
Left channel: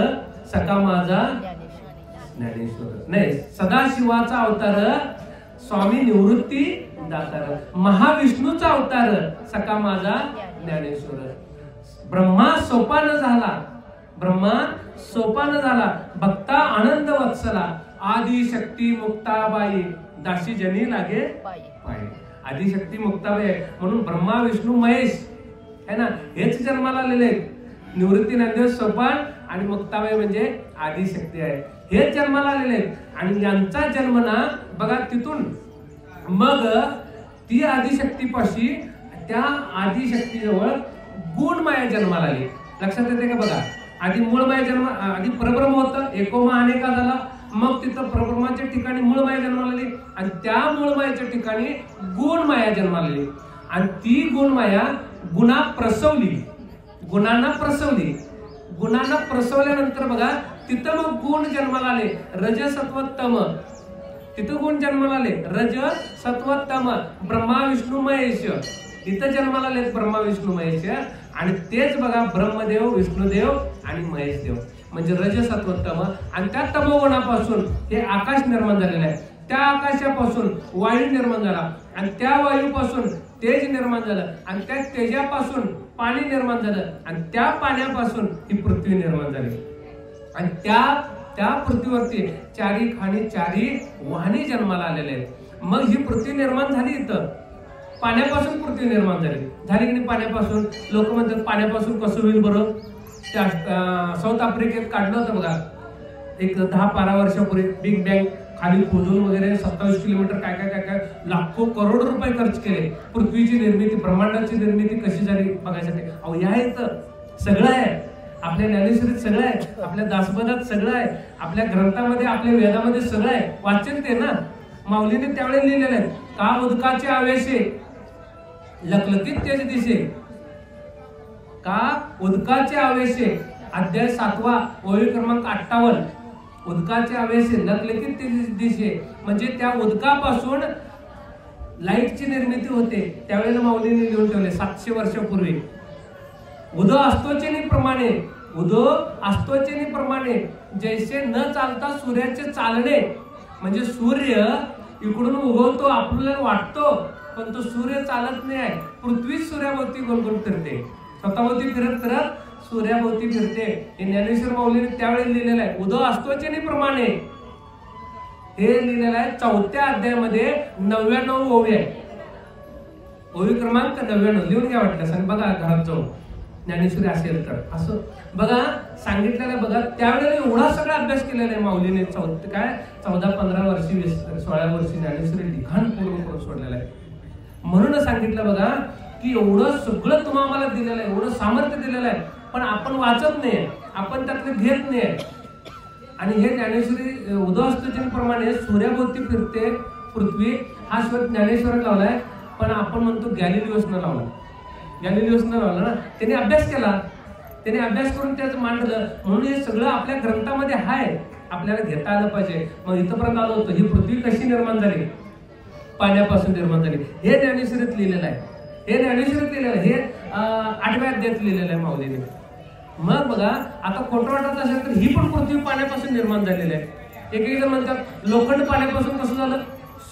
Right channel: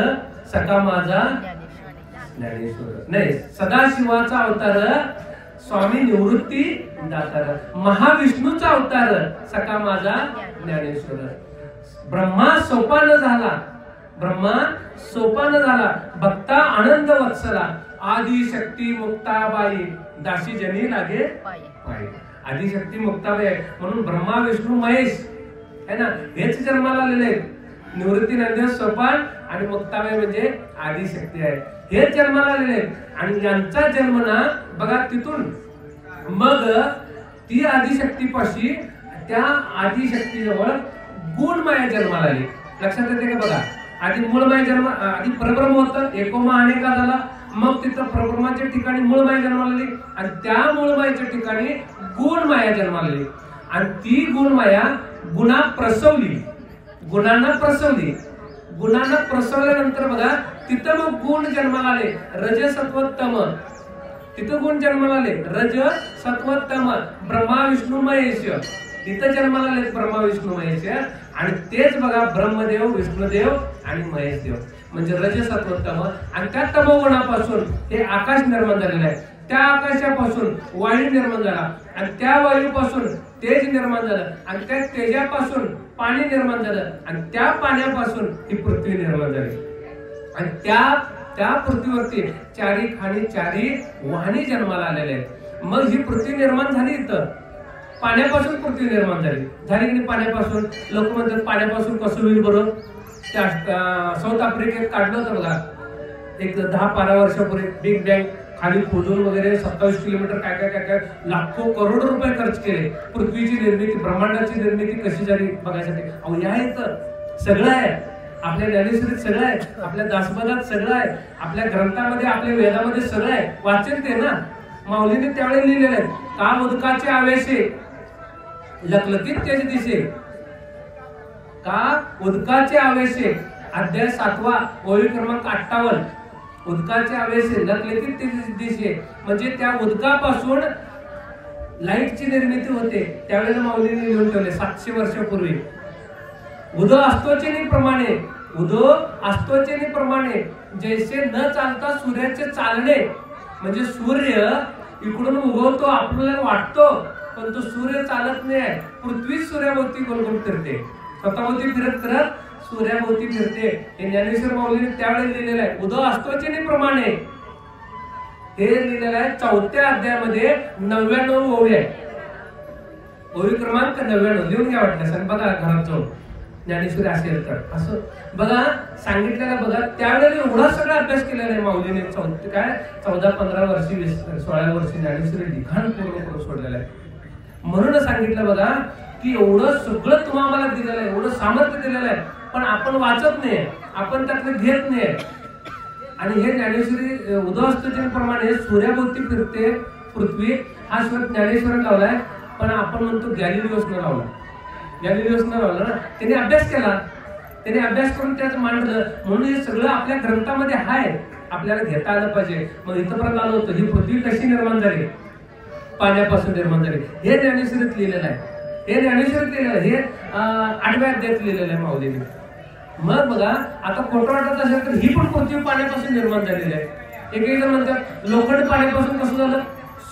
सखा माझा ज्ञानेश्वर, नाही सदाशिवाचा अवतार स्वामी निवृत्ती दातार, महाविष्णूचा अवतार सखा माझा ज्ञानेश्वर. ब्रह्मा सोपान झाला भक्ता आनंद वत्सला, आदिशक्ती मुक्ताबाई दाशी जनी लागे पायी. आदिशक्ती मुक्ताबाई आहे म्हणून ब्रह्मा विष्णू महेश है ना, हेच जन्माला आलेले आहेत. निवृत्ती नंदी सोपान आणि मुक्ताबाई म्हणजे आदिशक्ती आहे, हेच जन्माला आलेले आहेत. आणि यांचा जन्म ना बघा तिथून मग ती आदिशक्तीपाशी त्या आदिशक्तीजवळ गुणमाया जन्माला आली. लक्षात येते का बघा, आधी मूळमाया जन्म, आधी परब्रह्म होतं, एकोमा अनेका झाला. मग तिथं परब्रह्माच्या ठिकाणी मूळमाया जन्माला आली आणि त्या मूळमायाच्या ठिकाणी गुणमाया जन्माला आली. आणि ती गुणमाया गुणांना प्रसवल्यानंतर बघा तिथं मग गुण जन्माला आले, रज सत्व तम. तिथं गुण जन्माला आले, रज सत्व तम. ब्रह्मा विष्णू महेश इथं जन्माला आले, ब्रह्मा विष्णू महेश. आणि तेच बघा ब्रह्मदेव, विष्णुदेव आणि महेशदेव म्हणजे रज सत्व तम. आणि त्या तमोगुणापासून हे आकाश निर्माण झालेलं आहे. त्या आकाशापासून वायू निर्माण झाला आणि त्या वायूपासून तेज निर्माण झालं आणि त्या तेजापासून पाणी निर्माण झालं आणि त्या पाण्यापासून ही पृथ्वी निर्माण झाली. आणि त्या पृथ्वीवरती चारी खाणी चारी वाहनी जन्माला आलेले आहेत. मग ही पृथ्वी निर्माण झाली, इथं पाण्यापासून पृथ्वी निर्माण झाली की नाही. पाण्यापासून लोक म्हणतात पाण्यापासून कसं होईल बरोबर. त्या साऊथ आफ्रिकेत काढलं होतं बघा एक 10-12 वर्षापूर्वी बिग बँग खाली खोदून वगैरे 27 किलोमीटर काय लाखो करोड रुपये खर्च केले पृथ्वीची निर्मिती, ब्रह्मांडाची निर्मिती कशी झाली बघायसाठी. अहो या इथं सगळं आहे, आपल्या ज्ञानेश्वरीत सगळं आहे, आपल्या दासबोधात सगळं आहे, आपल्या ग्रंथामध्ये आपल्या वेदामध्ये सगळं आहे. वाचन ते ना माऊलीने त्यावेळेला लिहिलेलं आहे. का उदकाचे आवेशे लखलखीत तेज दिसे, का उदकाचे आवेशे अध्याय 7वा ओवी क्रमांक 58. उदकाचे आवेशे लखलखीत तेज दिसे म्हणजे त्या उदकापासून लाईटची निर्मिती होते. त्यावेळेला माऊलीने लिहून ठेवले 700 वर्षापूर्वी. उदो असतोचेनी प्रमाणे जैसे न चालता सूर्याचे चालणे. म्हणजे सूर्य इकडून उगवतो आपल्याला वाटतो पण तो सूर्य चालत नाही आहे. पृथ्वी सूर्याभोवती गोलगोल फिरते, स्वतःभोवती फिरत सूर्याभोवती फिरते. हे ज्ञानेश्वर माऊलीने त्यावेळेला लिहिलेलं आहे. उदो असतोचेनी प्रमाणे हे लिहिलेलं आहे 4थ्या अध्यायामध्ये 99 ओवी आहे. ओवी क्रमांक 99 लिहून घ्या वाटल्यास आणि बघा घरात जाऊन ज्ञानेश्वरी असेल तर असं बघा सांगितलेलं बघा. त्यावेळेला एवढा सगळा अभ्यास केलेला आहे माऊलीने. 14-15 वर्षी 16 वर्षी ज्ञानेश्वरी लिखाण पूर्ण करून सोडलेलं आहे. म्हणून सांगितलं बघा की एवढं सगळं तुम्हाला आम्हाला दिलेलं आहे, एवढं सामर्थ्य दिलेलं आहे पण आपण वाचत नाही, आपण त्यातलं घेत नाही. आणि हे ज्ञानेश्वरी उदयास्तप्रमाणे सूर्याभोवती फिरते पृथ्वी हा शब्द ज्ञानेश्वरात लावलाय पण आपण म्हणतो गॅलिलिओसनं लावला. गॅलिलिओसनं लावला ना, त्याने अभ्यास केला, त्याने अभ्यास करून त्याचं मांडलं. म्हणून हे सगळं आपल्या ग्रंथामध्ये आहे, आपल्याला घेता आलं पाहिजे. मग इथपर्यंत आलो होतो. ही पृथ्वी कशी निर्माण झाली, पाण्यापासून निर्माण झाली, हे ज्ञानेश्वरीत लिहिलेलं आहे. हे ज्ञानेश्वरीत लिहिलेलं आहे, हे 8व्या अध्यायात लिहिलेलं आहे माऊलीने. मग बघा आता खोटं वाटत असेल तर ही पण पृथ्वी पाण्यापासून निर्माण झालेली आहे. एक जण म्हणतात लोखंड पाण्यापासून कसं झालं,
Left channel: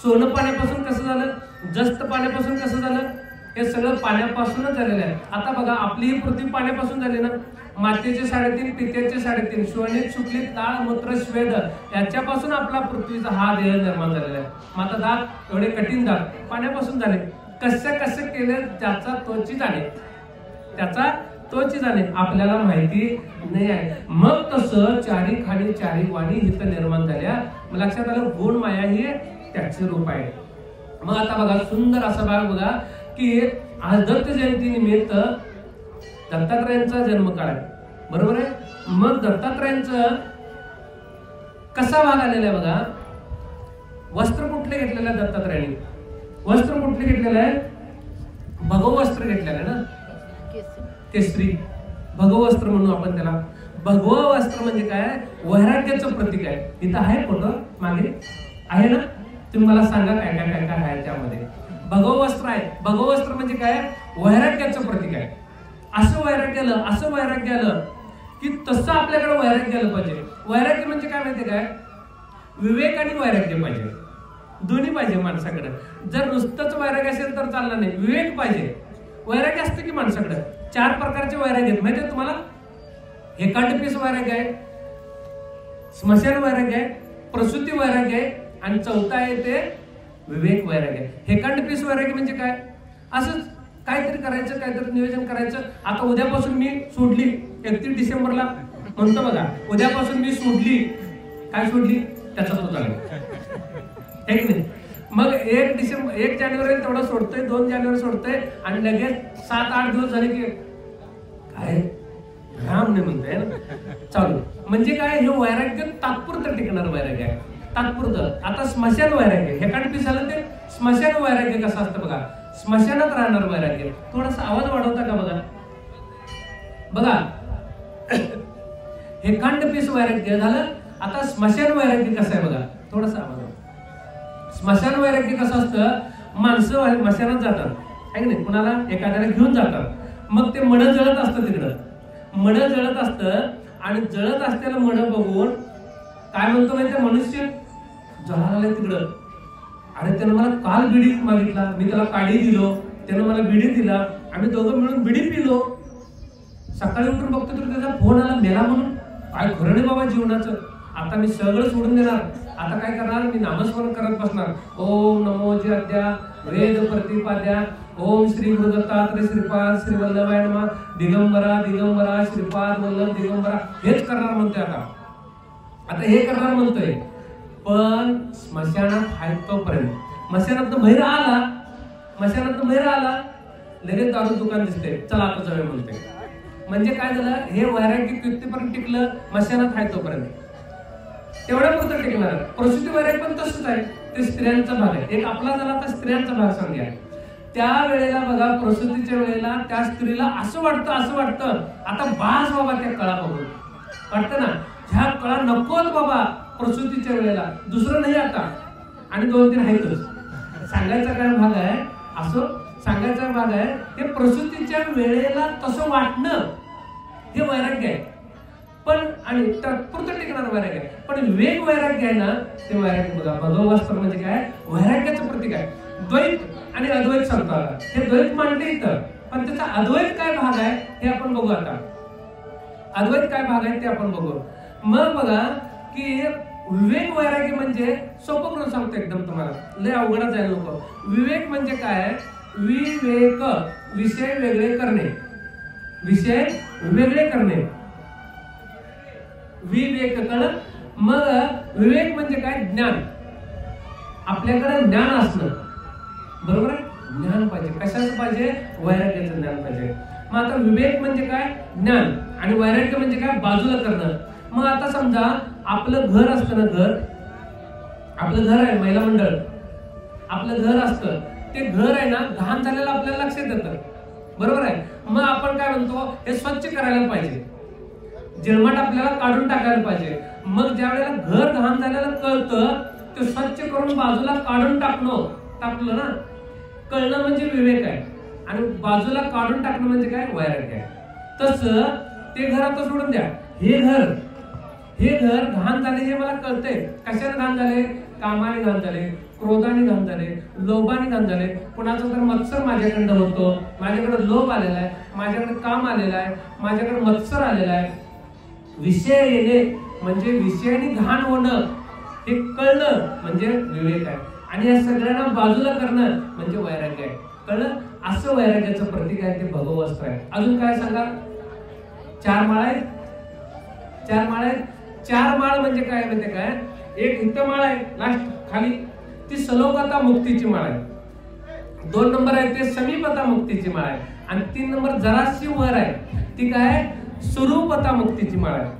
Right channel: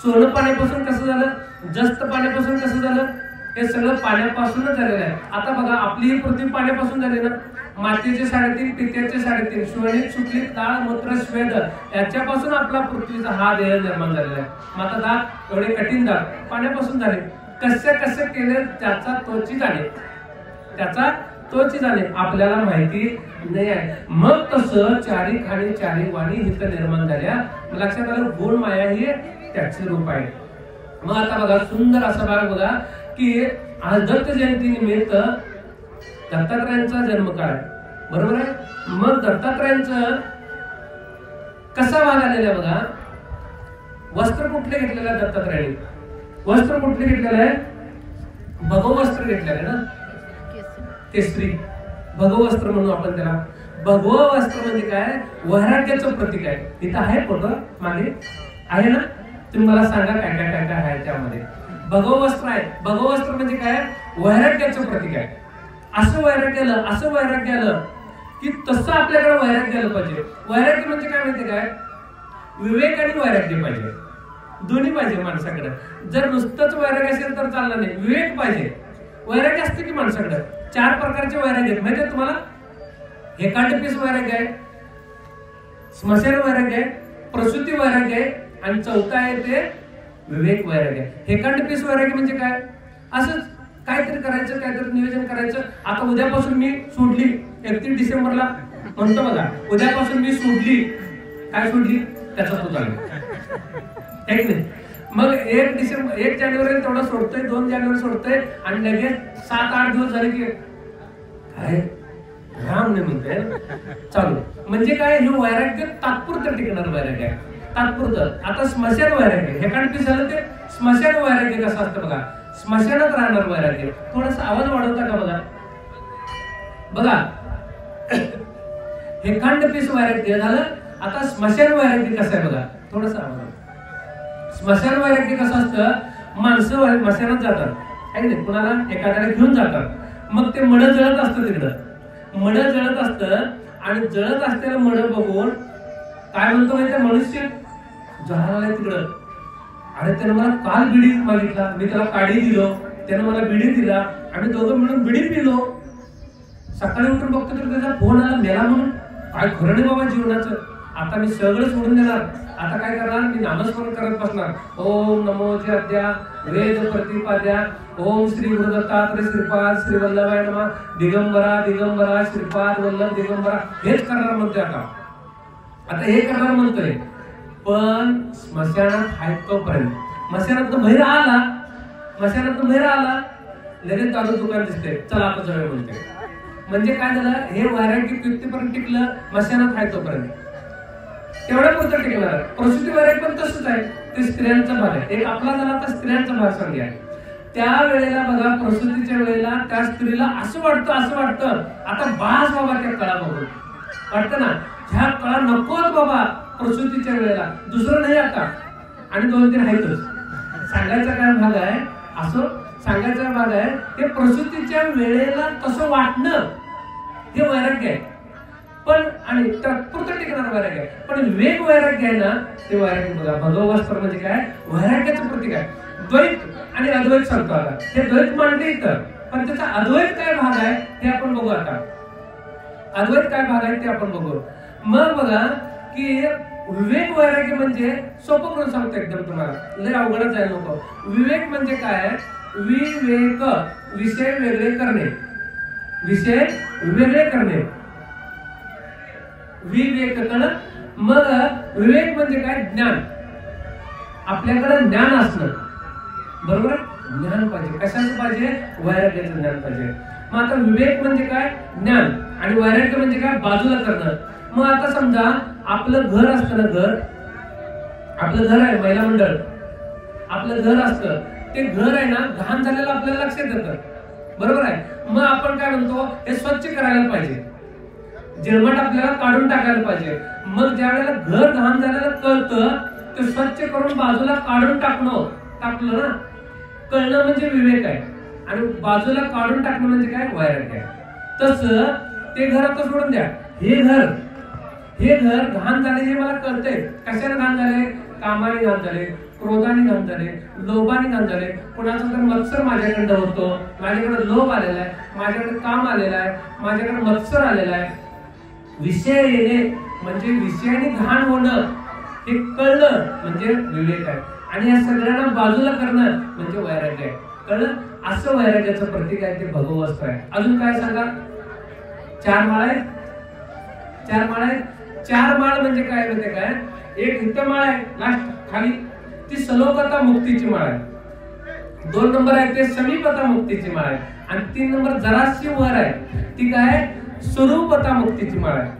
सोनं पाण्यापासून कसं झालं, जस्त पाण्यापासून कसं झालं. हे सगळं पाण्यापासूनच झालेलं आहे. आता बघा आपली ही पृथ्वी पाण्यापासून झाली ना. मातीचे 3.5, पित्याचे 3.5, श्वणित, शुक्लित, लाळ, मूत्र, स्वेद याच्यापासून आपला पृथ्वीचा हा देह निर्माण झालेला आहे. मग आता दात एवढे कठीण दात पाण्यापासून झाले. कसे केले त्याचा तोची जाणे आपल्याला माहिती नाही आहे. मग तसं चारी खाणी चारी वाणी इथं निर्माण झाल्या. लक्षात आलं गुण माया ही त्याचे रूप आहे. मग आता बघा सुंदर असा भाग बघा की आज दत्त जयंती निमित्त दत्तात्रयांचा जन्मकाळ आहे, बरोबर आहे. मग दत्तात्रयांचं कसा भाग आलेला आहे बघा. वस्त्र कुठले घेतलेलं आहे दत्तात्रयांनी? वस्त्र कुठले घेतलेलं आहे? भगवस्त्र घेतलेलं आहे ना, केसरी भगवस्त्र म्हणून आपण त्याला. भगवस्त्र म्हणजे काय? वैराग्याचं प्रतीक आहे. इथं आहे फोटो मागे आहे ना, तुम्ही मला सांगा काय काय काय काय आहे त्यामध्ये. भगवस्त्र आहे. भगवस्त्र म्हणजे काय? वैराग्याचं प्रतीक आहे. असं वैराग्य आलं की तसं आपल्याकडे वैराग्य आलं पाहिजे. वैराग्य म्हणजे काय माहितीये काय? विवेक आणि वैराग्य पाहिजे, दोन्ही पाहिजे माणसाकडे. जर नुसतंच वैराग्य असेल तर चालणार नाही, विवेक पाहिजे. वैराग्य असते की माणसाकडे 4 प्रकारचे वैराग्य आहेत माहिती आहे तुम्हाला. हेकांडपीस वैराग्य आहे, स्मशान वैराग्य आहे, प्रसूती वैराग्य आहे आणि चौथा आहे ते विवेक वैराग्य आहे. हेकांडपीस वैराग्य म्हणजे काय? असंच काहीतरी करायचं, काहीतरी नियोजन करायचं. आता उद्यापासून मी सोडली, 31 डिसेंबरला म्हणतो बघा, उद्यापासून मी सोडली. काय सोडली? त्याचा तो चालू आहे की नाही. मग 1 जानेवारी तेवढा सोडतोय, 2 जानेवारी सोडतोय आणि लगेच 7-8 दिवस झाले की काय राम नाही म्हणतोय ना चालू. म्हणजे काय? हे वैराग्य तात्पुरतं टिकणार वैराग्य आहे, तात्पुरतं. आता स्मशान वैराग्य, हे काढ झालं ते स्मशान वैराग्य कसं असतं बघा. स्मशानात राहणार वैराग्य. थोडासा आवाज वाढवता का बघा. बघा हे खंड पीस वैराग्य झालं. आता स्मशान वैराग्य कसं आहे बघा, थोडासा आवाज. स्मशान वैराग्य कसं असतं? माणसं स्मशानात जातात आहे ना, कुणाला एखाद्याला घेऊन जातात. मग ते मड जळत असतं तिकडं, मड जळत असतं आणि जळत असलेलं मड बघून काय म्हणतो माहिती? मनुष्य जळाला तिकडं. अरे त्यानं मला काल बिडी मागितला, मी त्याला काडी दिलो, त्यानं मला बिडी दिला, आम्ही दोघं मिळून बिडी पिलो. सकाळी उठून बघतो तर त्याचा फोन आला मेला म्हणून. काय खरं नाही बाबा जीवनाचं. आता मी सगळं सोडून देणार. आता काय करणार? मी नामस्मरण करत बसणार. ओम नमो जद्या वेद प्रतिपाद्या ओम श्री गुरु दत्तात्रय श्रीपाद श्री वल्लभाय नमः दिगंबरा दिगंबरा श्रीपाद वल्लभ दिगंबरा हेच करणार म्हणतोय. आता हे करणार म्हणतोय. पण स्मशानात आहे तोपर्यंत, स्मशानात बाहेर आला लगेच दारू दुकान दिसते, चला आता जाऊया म्हणते. म्हणजे काय झालं? हे वैराग्य कितीपर्यंत टिकलं? स्मशानात आहे तोपर्यंत तेवढ्या पुरतं टिकणार. प्रसूती वैराग्य पण तसंच आहे, ते स्त्रियांचा भाग आहे. एक आपला झाला तर स्त्रियांचा भाग सांगूया. त्या वेळेला बघा, प्रसूतीच्या वेळेला त्या स्त्रीला असं वाटतं आता बास बाबा त्या कळा बघून वाटतं ना, ह्या कळा नकोत बाबा प्रसूतीच्या वेळेला, दुसरं नाही आता. आणि 2-3 आहेतच. सांगायचा काय भाग आहे? असं सांगायचा भाग आहे हे प्रसूतीच्या वेळेला तसं वाटणं हे वैराग्य आहे. पण आणि तात्पुरतं टिकणार वैराग्य आहे. पण विवेक वैराग्य आहे ना, ते वैराग्य बघा. भगवस्त्र म्हणजे काय? वैराग्याचं प्रतीक आहे. द्वैत आणि अद्वैत सांगतो. हे द्वैत मांडले इथं, पण त्याचा अद्वैत काय भाग आहे हे आपण बघू. आता अद्वैत काय भाग आहे ते आपण बघू. मग बघा की विवेक वैराग्य म्हणजे सोपं करून सांगतो एकदम तुम्हाला, लय अवघडच जायला नको. विवेक म्हणजे काय? विवेक विषय वेगळे करणे, विषय वेगळे करणे, विवेक कळलं. मग विवेक म्हणजे काय? ज्ञान. आपल्याकडे ज्ञान असणं, बरोबर आहे? ज्ञान पाहिजे. कशाचं पाहिजे? वैराग्याचं ज्ञान पाहिजे. मग आता विवेक म्हणजे काय? ज्ञान. आणि वैराग्य म्हणजे काय? बाजूला करणं. मग आता समजा आपलं घर असतं ना, आपलं घर आहे, महिला मंडळ आपलं घर असतं, ते घर आहे ना, घाण झालेलं आपल्याला लक्षात येतं, बरोबर आहे? मग आपण काय म्हणतो? हे स्वच्छ करायला पाहिजे, जेळमाट आपल्याला काढून टाकायला पाहिजे. मग ज्या वेळेला घर घाण झालेलं कळतं, ते स्वच्छ करून बाजूला काढून टाकलं ना, कळणं म्हणजे विवेक आहे. आणि बाजूला काढून टाकणं म्हणजे काय? वैराग्य आहे. तसं ते घर आता सोडून द्या. हे घर घाण झाले हे मला कळतंय. कशाने घाण झाले? कामाने घाण झाले, क्रोधाने घाण झाले, लोभाने घाण झाले. कोणाचा तर मत्सर माझ्याकडे होतो, माझ्याकडे लोभ आलेला आहे, माझ्याकडे काम आलेला आहे, माझ्याकडे मत्सर आलेला आहे. विषय येणे म्हणजे विषयाने घाण होणं, हे कळलं म्हणजे विवेक आहे. आणि या सगळ्यांना बाजूला करणं म्हणजे वैराग्य आहे. कळलं? असं वैराग्याचं प्रतीक आहे ते भगवस्त्र आहे. अजून काय सांगा? 4 माळ आहेत. 4 माळ आहेत. 4 माळ म्हणजे काय माहिती काय? एक इथं माळ आहे लास्ट खाली, ती सलोकता मुक्तीची माळ आहे. 2 नंबर आहे ते समीपता मुक्तीची माळ आहे. आणि 3 नंबर जराशी वर आहे ती काय स्वरूपता मुक्तीची माळ आहे.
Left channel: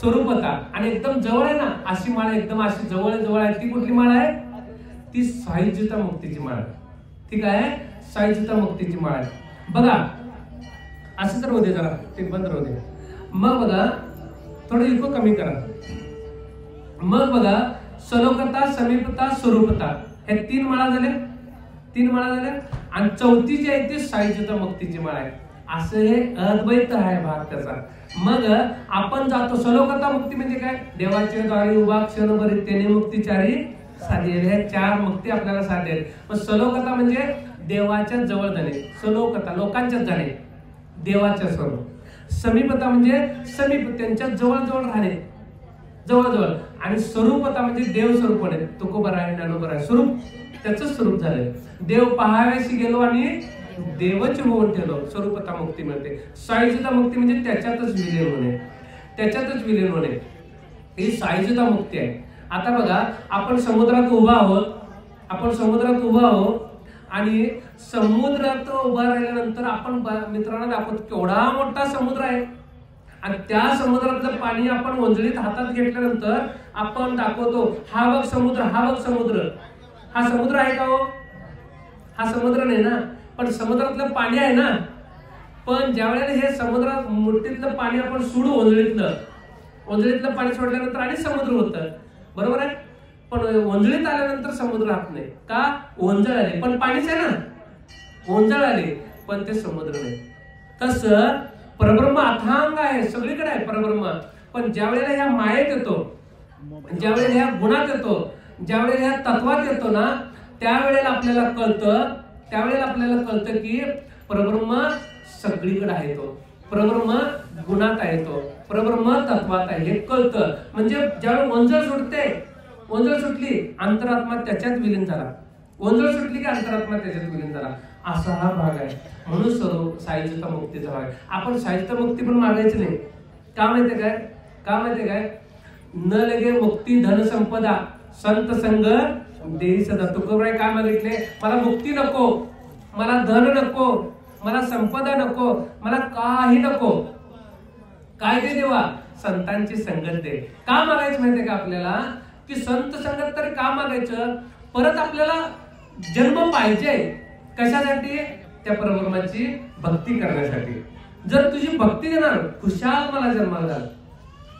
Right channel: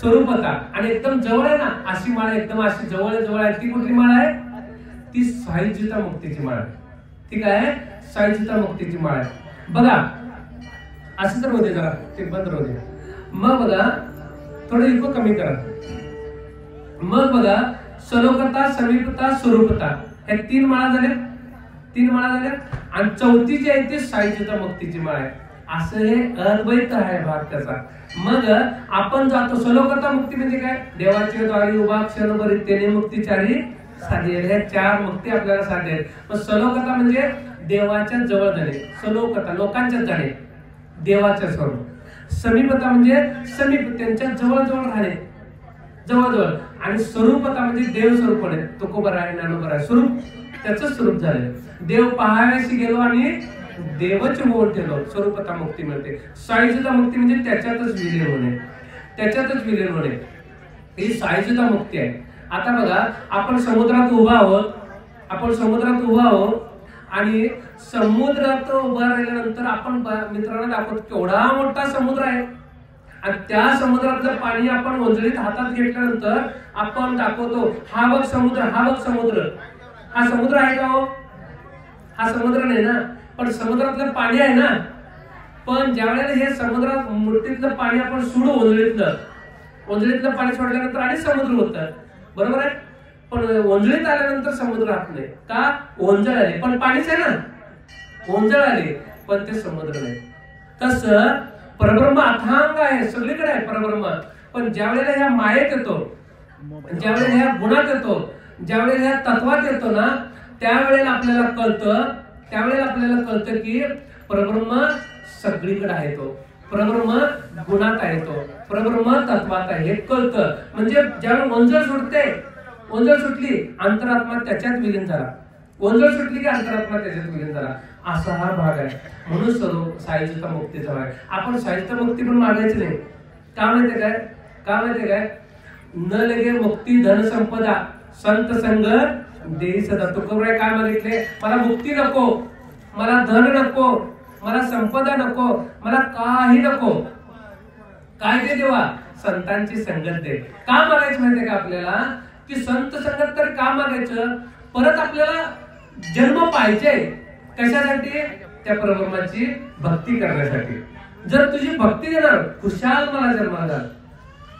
स्वरूपता आणि एकदम जवळ आहे ना अशी माळ, एकदम अशी जवळ जवळ आहे ती कुठली माळ आहे? ती सायुज्यता मुक्तीची माळ आहे. ठीक आहे, सायुज्यता मुक्तीची माळ आहे. बघा असं तर होते, जरा ते बंद राहू दे. मग बघा थोडं इको कमी करा. मग बघा सलोकता, समीपता, स्वरूपता हे 3 माळा झाले. 3 माळा झाले. आणि चौथी जी आहे ती सायुज्यता मुक्तीची माळ आहे. असं हे अद्वैत आहे भाग त्याचा. मग आपण जातो सलोकता मुक्ती म्हणजे काय? देवाचे द्वारी उभा क्षणभरी तेने मुक्तीचारी साधे. ह्या 4 मुक्ती आपल्याला साध्य आहेत. मग सलोकता म्हणजे देवाच्या जवळ जाणे. सलोकता लोकांच्याच जाणे, देवाच्या स्वरूप. समीपता म्हणजे समीप त्यांच्या जवळ जवळ राहणे, जवळ जवळ. आणि स्वरूपता म्हणजे देव स्वरूप आहे. तुकोबर आहे, ज्ञानोबर आहे, स्वरूप त्याचं स्वरूप झालंय. देव पाहाव्याशी गेलो आणि देवच होऊन ठेवलो, स्वरूपता मुक्ती मिळते. सायुज्यता मुक्ती म्हणजे त्याच्यातच विलीन होणे, त्याच्यातच विलीन होणे, ही सायुज्यता मुक्ती आहे. आता बघा आपण समुद्रात उभा आहोत, आपण समुद्रात उभा आहोत आणि समुद्रात उभा राहिल्यानंतर आपण मित्रांना दाखवतो केवढा मोठा समुद्र आहे. आणि त्या समुद्रातलं पाणी आपण ओंजळीत हातात घेतल्यानंतर आपण दाखवतो हा बघ समुद्र, हा बघ समुद्र. हा समुद्र आहे का हो? हा समुद्र नाही ना, पण समुद्रातलं पाणी आहे ना. पण ज्या वेळेला हे समुद्रात मुठीतलं पाणी आपण सोडू ओंजळीतलं पाणी सोडल्यानंतर आणि समुद्र होतं, बरोबर आहे. पण ओंजळीत आल्यानंतर समुद्र राहत नाही का? ओंजळ आले पण पाणीच आहे ना, ओंजळ आले पण ते समुद्र नाही. तसं परब्रह्म अथांग आहे, सगळीकडे आहे परब्रह्म. पण ज्या वेळेला ह्या मायेत येतो, ज्या वेळेला ह्या गुणात येतो, ज्या वेळेला ह्या तत्वात येतो ना, त्यावेळेला आपल्याला कळतं की परब्रह्म सगळीकडे आहे. तो परब्रह्म गुणात आहे, तो परब्रह्म तत्वात आहे हे कळतं. म्हणजे ज्यावेळेला ओंजळ सुटते, ओंजळ सुटली अंतरात्मा त्याच्यात विलीन झाला, ओंजळ सुटली की अंतरात्मा त्याच्यात विलीन झाला. असा हा भाग आहे. म्हणून सर्व सायुज्यता मुक्तीचा भाग आहे. आपण सायुज्यता मुक्ती पण मागायची नाही. का माहितीये काय? न लगे मुक्ती धन संपदा संत संग देई सदा. तुकोबराय काय मागितले? मला मुक्ती नको, मला धन नको, मला संपदा नको, मला काही नको. काय दे देवा? संतांची संगत दे. का मागायचं माहितीये का आपल्याला? की संत संगत तरी का मागायचं? परत आपल्याला जन्म पाहिजे. कशासाठी? त्या परब्रह्माची भक्ती करण्यासाठी. जर तुझी भक्ती देणार, खुशाल मला जन्माला घाल,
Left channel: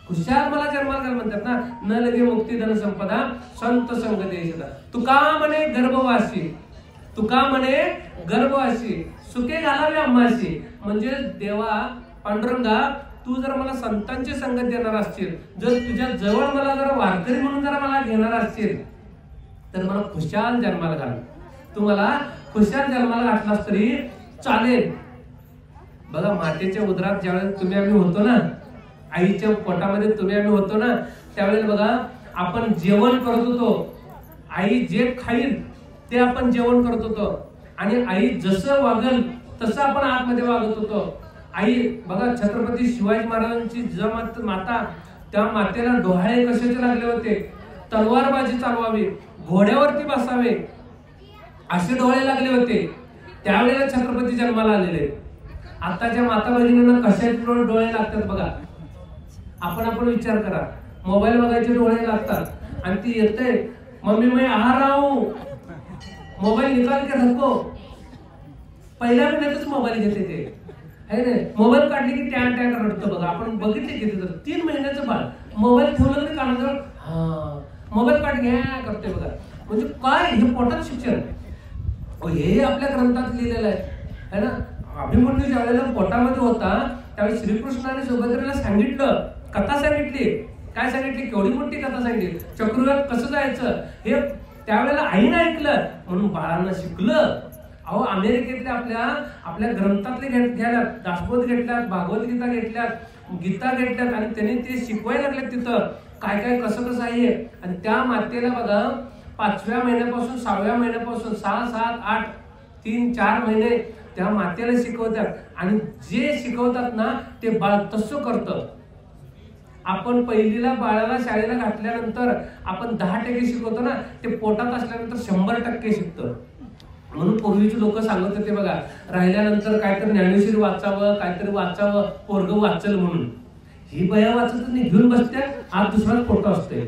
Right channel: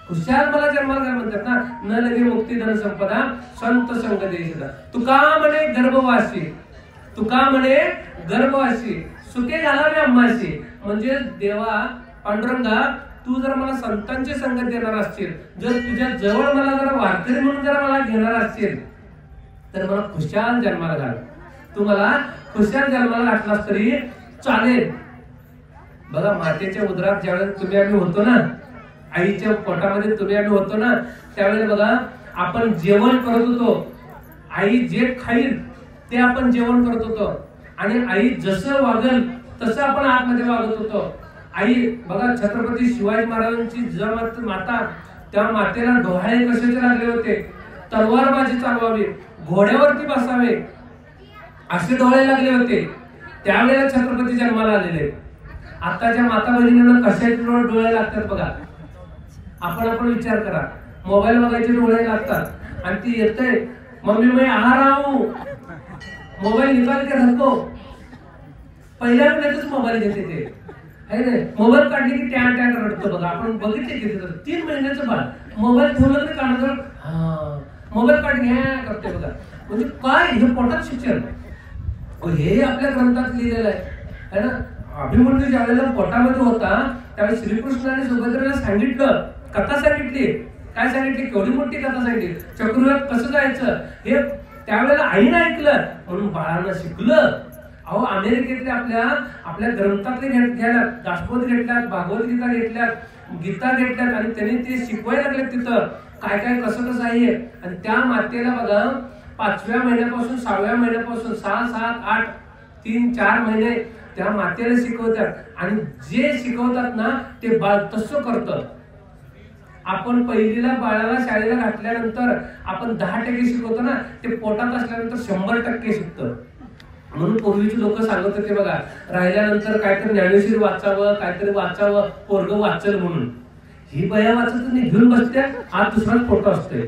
खुशाल मला जन्माला घाल म्हणतात ना. न लगे मुक्ती धन संपदा संत संग देई सदा. तुका म्हणे गर्भवासी, तुका म्हणे गर्भवासी सुखे घालावे आम्हाशी. म्हणजे देवा पांडुरंगा तू जर मला संतांची संगत देणार असशील, जर तुझ्या जवळ मला जर वारकरी म्हणून जर मला घेणार असशील, तर मला खुशाल जन्माला घाल. तू मला खुशाल जन्माला घातलास तरी चालेल. बघा मातेच्या उदरात ज्यावेळेस तुम्ही आम्ही होतो ना, आईच्या पोटामध्ये तुम्ही आम्ही होतो ना, त्यावेळेला बघा आपण जेवण करत होतो. आई जे खाईल ते आपण जेवण करत होतो. आणि आई जसं वागेल तसं आपण आतमध्ये वागत होतो. आई बघा छत्रपती शिवाजी महाराजांची माता, त्या मातेला डोहाळे कशाचे लागले होते? तलवारबाजी चालवावी, घोड्यावरती बसावे असे डोळे लागले होते. त्यावेळेला छत्रपती जन्माला आलेले. आताच्या माता भगिनींना कशाचे डोळे लागतात बघा. आपण विचार करा. मोबाईल बघायचे डोळे लागतात आणि ती येते मम्मी मैं आ रहा हूं, मोबाईल निकाल के रखो. पहिल्या वेळेतच मोबाईल घेते ते, है ना. मोबाईल काढली की त्या रडतो बघा. आपण बघितले की 3 महिन्याचं बाळ मोबाईल ठेवलं की कानाजवळ हा मोबाईल काढ घ्या करते बघा. म्हणजे काय हे पोटात शिक्षण, हे आपल्या ग्रंथात लिहिलेलं आहे ना. अभिमन्यू ज्या वेळेला पोटामध्ये होता त्यावेळी श्रीकृष्णाने सुभद्रेला सांगितलं, कथा सांगितली. काय सांगितली? केवढी मोठी कथा सांगितली. चक्रुव्यूहात कसं जायचं हे त्यावेळेला आईनं ऐकलं म्हणून बाळानं शिकलं. अहो अमेरिकेतल्या आपल्या ग्रंथातले घ्यायला, दासबोध घेतल्यात, भागवत गीता घेतल्यात, गीता घेतल्यात आणि त्यांनी ते शिकवायला लागले तिथं काय कसं आहे. आणि त्या मातेला बघा 5व्या महिन्यापासून 6व्या महिन्यापासून 6, 7, 8, 3, 4 महिने त्या मातेला शिकवतात. आणि जे शिकवतात ना ते बाळ तसं करतं. आपण पहिलीला बाळाला शाळेला घातल्यानंतर आपण 10% शिकवतो ना, ते पोटात असल्यानंतर 100% शिकतं. म्हणून पूर्वीची लोक सांगत होते बघा, राहिल्यानंतर काहीतरी ज्ञानेश्वरी वाचावं, काहीतरी वाचावं, पोरग वाचल म्हणून. ही बया वाचत नाही, घेऊन बसत्या, आज दुसराच फोटो असतोय.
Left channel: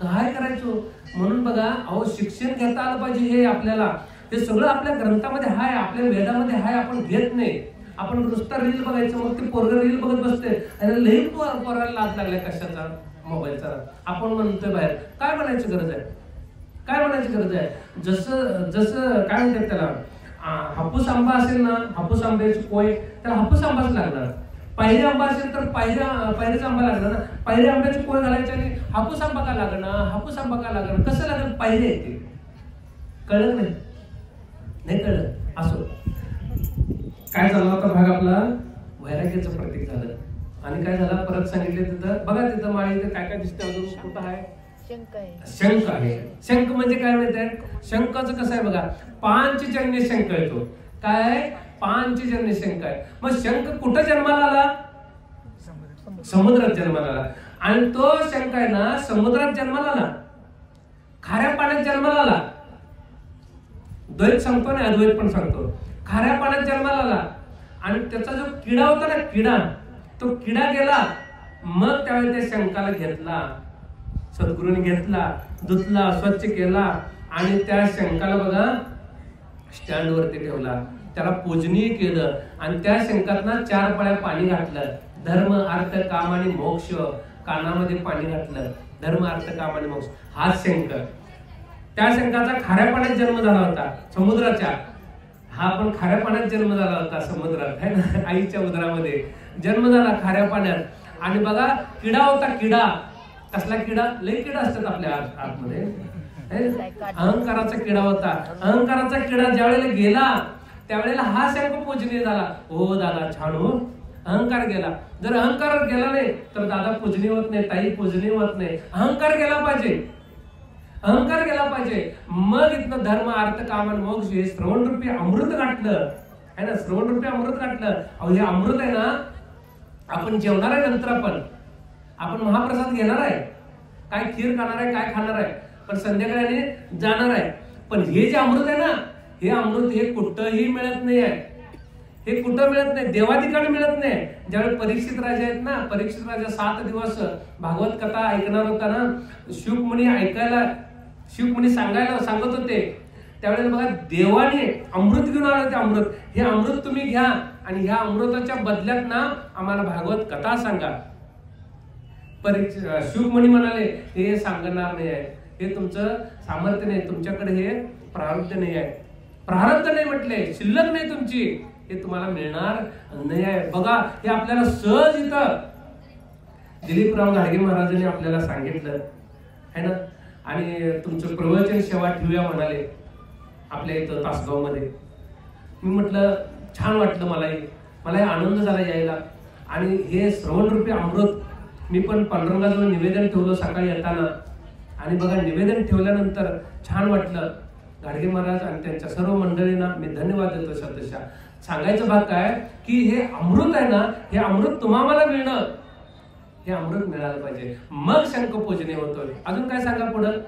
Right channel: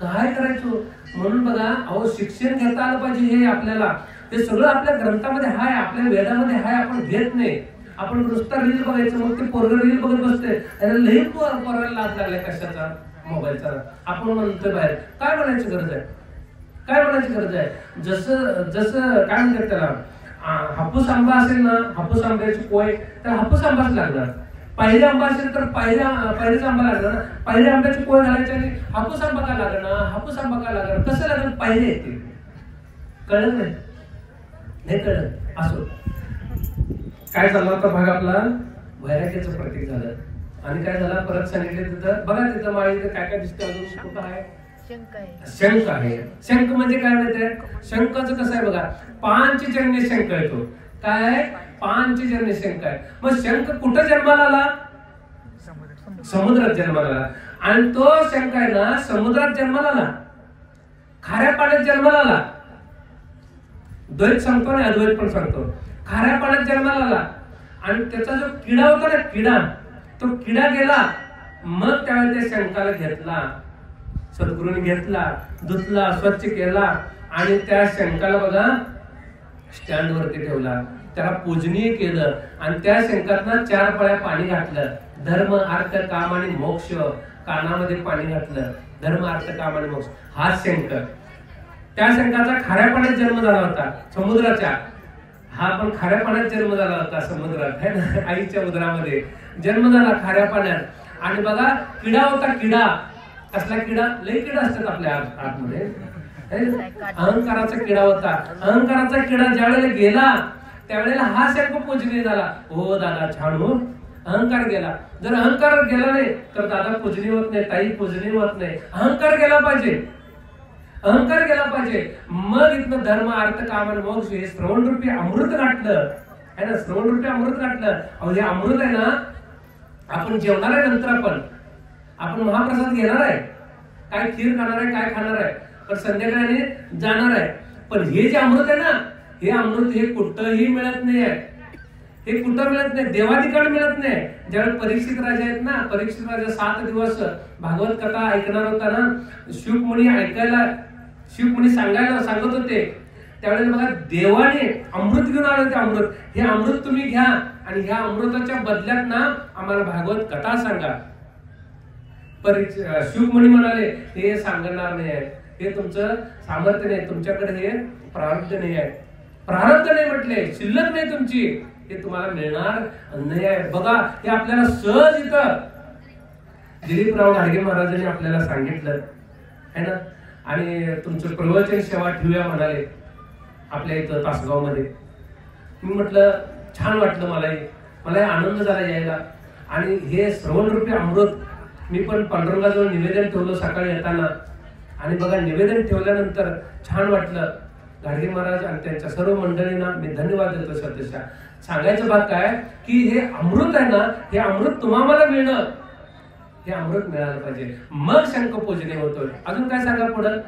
काय करायचो? म्हणून बघा, अहो शिक्षण घेता आलं पाहिजे. हे आपल्याला ते सगळं आपल्या ग्रंथामध्ये हाय, आपल्या वेदामध्ये हाय, आपण घेत नाही. आपण नुसता रील बघायचं, मग ते पोरग रील बघत बसते, लई पोराला लाज लागल्या कशाचा, मोबाईलचा. आपण म्हणतोय बाहेर, काय म्हणायची गरज आहे? काय म्हणायची गरज आहे? जसं काय म्हणतात त्याला, हापूस आंबा असेल ना, हापूस आंब्याची कोय, तर हापूस आंबाच लागणार. पायरी आंबा असेल तर पायरीचा आंबा लागणार ना. पायरी आंब्याची कोय घालायची आणि हापूस आंबा का लागणार, हापूस आंबा का लागणार, कसं लागणार? पायरी येते. कळलं नाही कळलं. असो, काय झाला होता भाग आपला? वैराग्याचं प्रतीक झालं. आणि काय झालं परत सांगितलं तिथं बघा, तिथं माळी काय काय दिसतं अजून, कुठं आहे? शंख आहे. शंख म्हणजे काय माहितीये? शंखाचं कसं आहे बघा, पांचजन्य शंख येतो. काय? पांचजन्य शंख आहे. मग शंख कुठं जन्माला आला? समुद्रात जन्माला आला. आणि तो शंख आहे ना, समुद्रात जन्माला आला, खाऱ्या पाण्यात जन्माला आला. द्वैत सांगतो आणि अद्वैत पण सांगतो. खाऱ्या पाण्यात जन्माला आला आणि त्याचा जो किडा होता ना, किडा, तो किडा गेला. मग त्यावेळी त्या शंखाला घेतला, सद्गुरूने घेतला, धुतला, स्वच्छ केला आणि त्या शंखाला बघा स्टँड वरती ठेवला, त्याला पूजनीय केलं आणि त्या शंखातना 4 पळ्या पाणी घातलं. धर्म अर्थ काम आणि मोक्ष, कानामध्ये पाणी घातलं. धर्म अर्थ काम आणि मोक्ष, हा शंख. त्या शंखाचा खाऱ्या पाण्यात जन्म झाला होता, समुद्राच्या. हा पण खाऱ्या पाण्यात जन्म झाला होता, समुद्रात है ना, आईच्या उदरामध्ये जन्म झाला खाऱ्या पाण्यात. आणि बघा किडा होता, किडा. कसला किडा? लई किडा असतात आपल्या आतमध्ये. अहंकाराचा किडा होता. अहंकाराचा किडा ज्यावेळेला गेला त्यावेळेला हा शंख पूजनीय झाला. हो दादा छान हो, अहंकार गेला. जर अहंकार गेला नाही तर दादा पूजनीय होत नाही, ताई पूजनीय होत नाही. अहंकार गेला पाहिजे, अहंकार गेला पाहिजे. मग इथनं धर्म अर्थ काम आणि मोक्ष हे श्रवण रूपी अमृत घातलं है ना, श्रवण रूपी अमृत घातलं. अहो हे अमृत आहे ना, आपण जेवणार आहे नंतर, आपण महाप्रसाद घेणार आहे, काय खीर खाणार आहे, काय खाणार आहे, पण संध्याकाळी जाणार आहे. पण हे जे अमृत आहे ना, हे अमृत हे कुठंही मिळत नाही आहे. हे कुठं मिळत नाही, देवाधिकाने मिळत नाही. ज्यावेळी परीक्षित राजा आहेत ना, परीक्षित राजा 7 दिवस भागवत कथा ऐकणार होता ना, शुकमुनी ऐकायला, शुकमुनी सांगत होते, त्यावेळेला बघा देवाने अमृत घेऊन आलं. ते अमृत, हे अमृत तुम्ही घ्या आणि ह्या अमृताच्या बदल्यात ना आम्हाला भागवत कथा सांगा. शुकमुनी म्हणाले हे सांगणार नाही आहे, हे तुमचं सामर्थ्य नाही, तुमच्याकडे हे प्रारब्ध नाही आहे. प्रारब्ध नाही म्हटले, शिल्लक नाही तुमची, हे तुम्हाला मिळणार नाही आहे. बघा हे आपल्याला सहज इथं दिलीपराव घाडगे महाराजांनी आपल्याला सांगितलं है ना. आणि तुमचं प्रवचन सेवा ठेवूया म्हणाले आपल्या इथं तासगाव मध्ये. मी म्हटलं छान वाटलं, मला आनंद झाला यायला. आणि हे श्रवण रूपी अमृत मी पण पांडुरंगाजवळ निवेदन ठेवलं सकाळी येताना. आणि बघा निवेदन ठेवल्यानंतर छान वाटलं. घाडगे महाराज आणि त्यांच्या सर्व मंडळींना मी धन्यवाद देतो. सदस्या सांगायचं भाग काय की हे अमृत आहे ना, हे अमृत तुम्हाला मिळणं, हे अमृत मिळालं पाहिजे, मग शंख पूजने होतोय. अजून काय सांगा पुढं?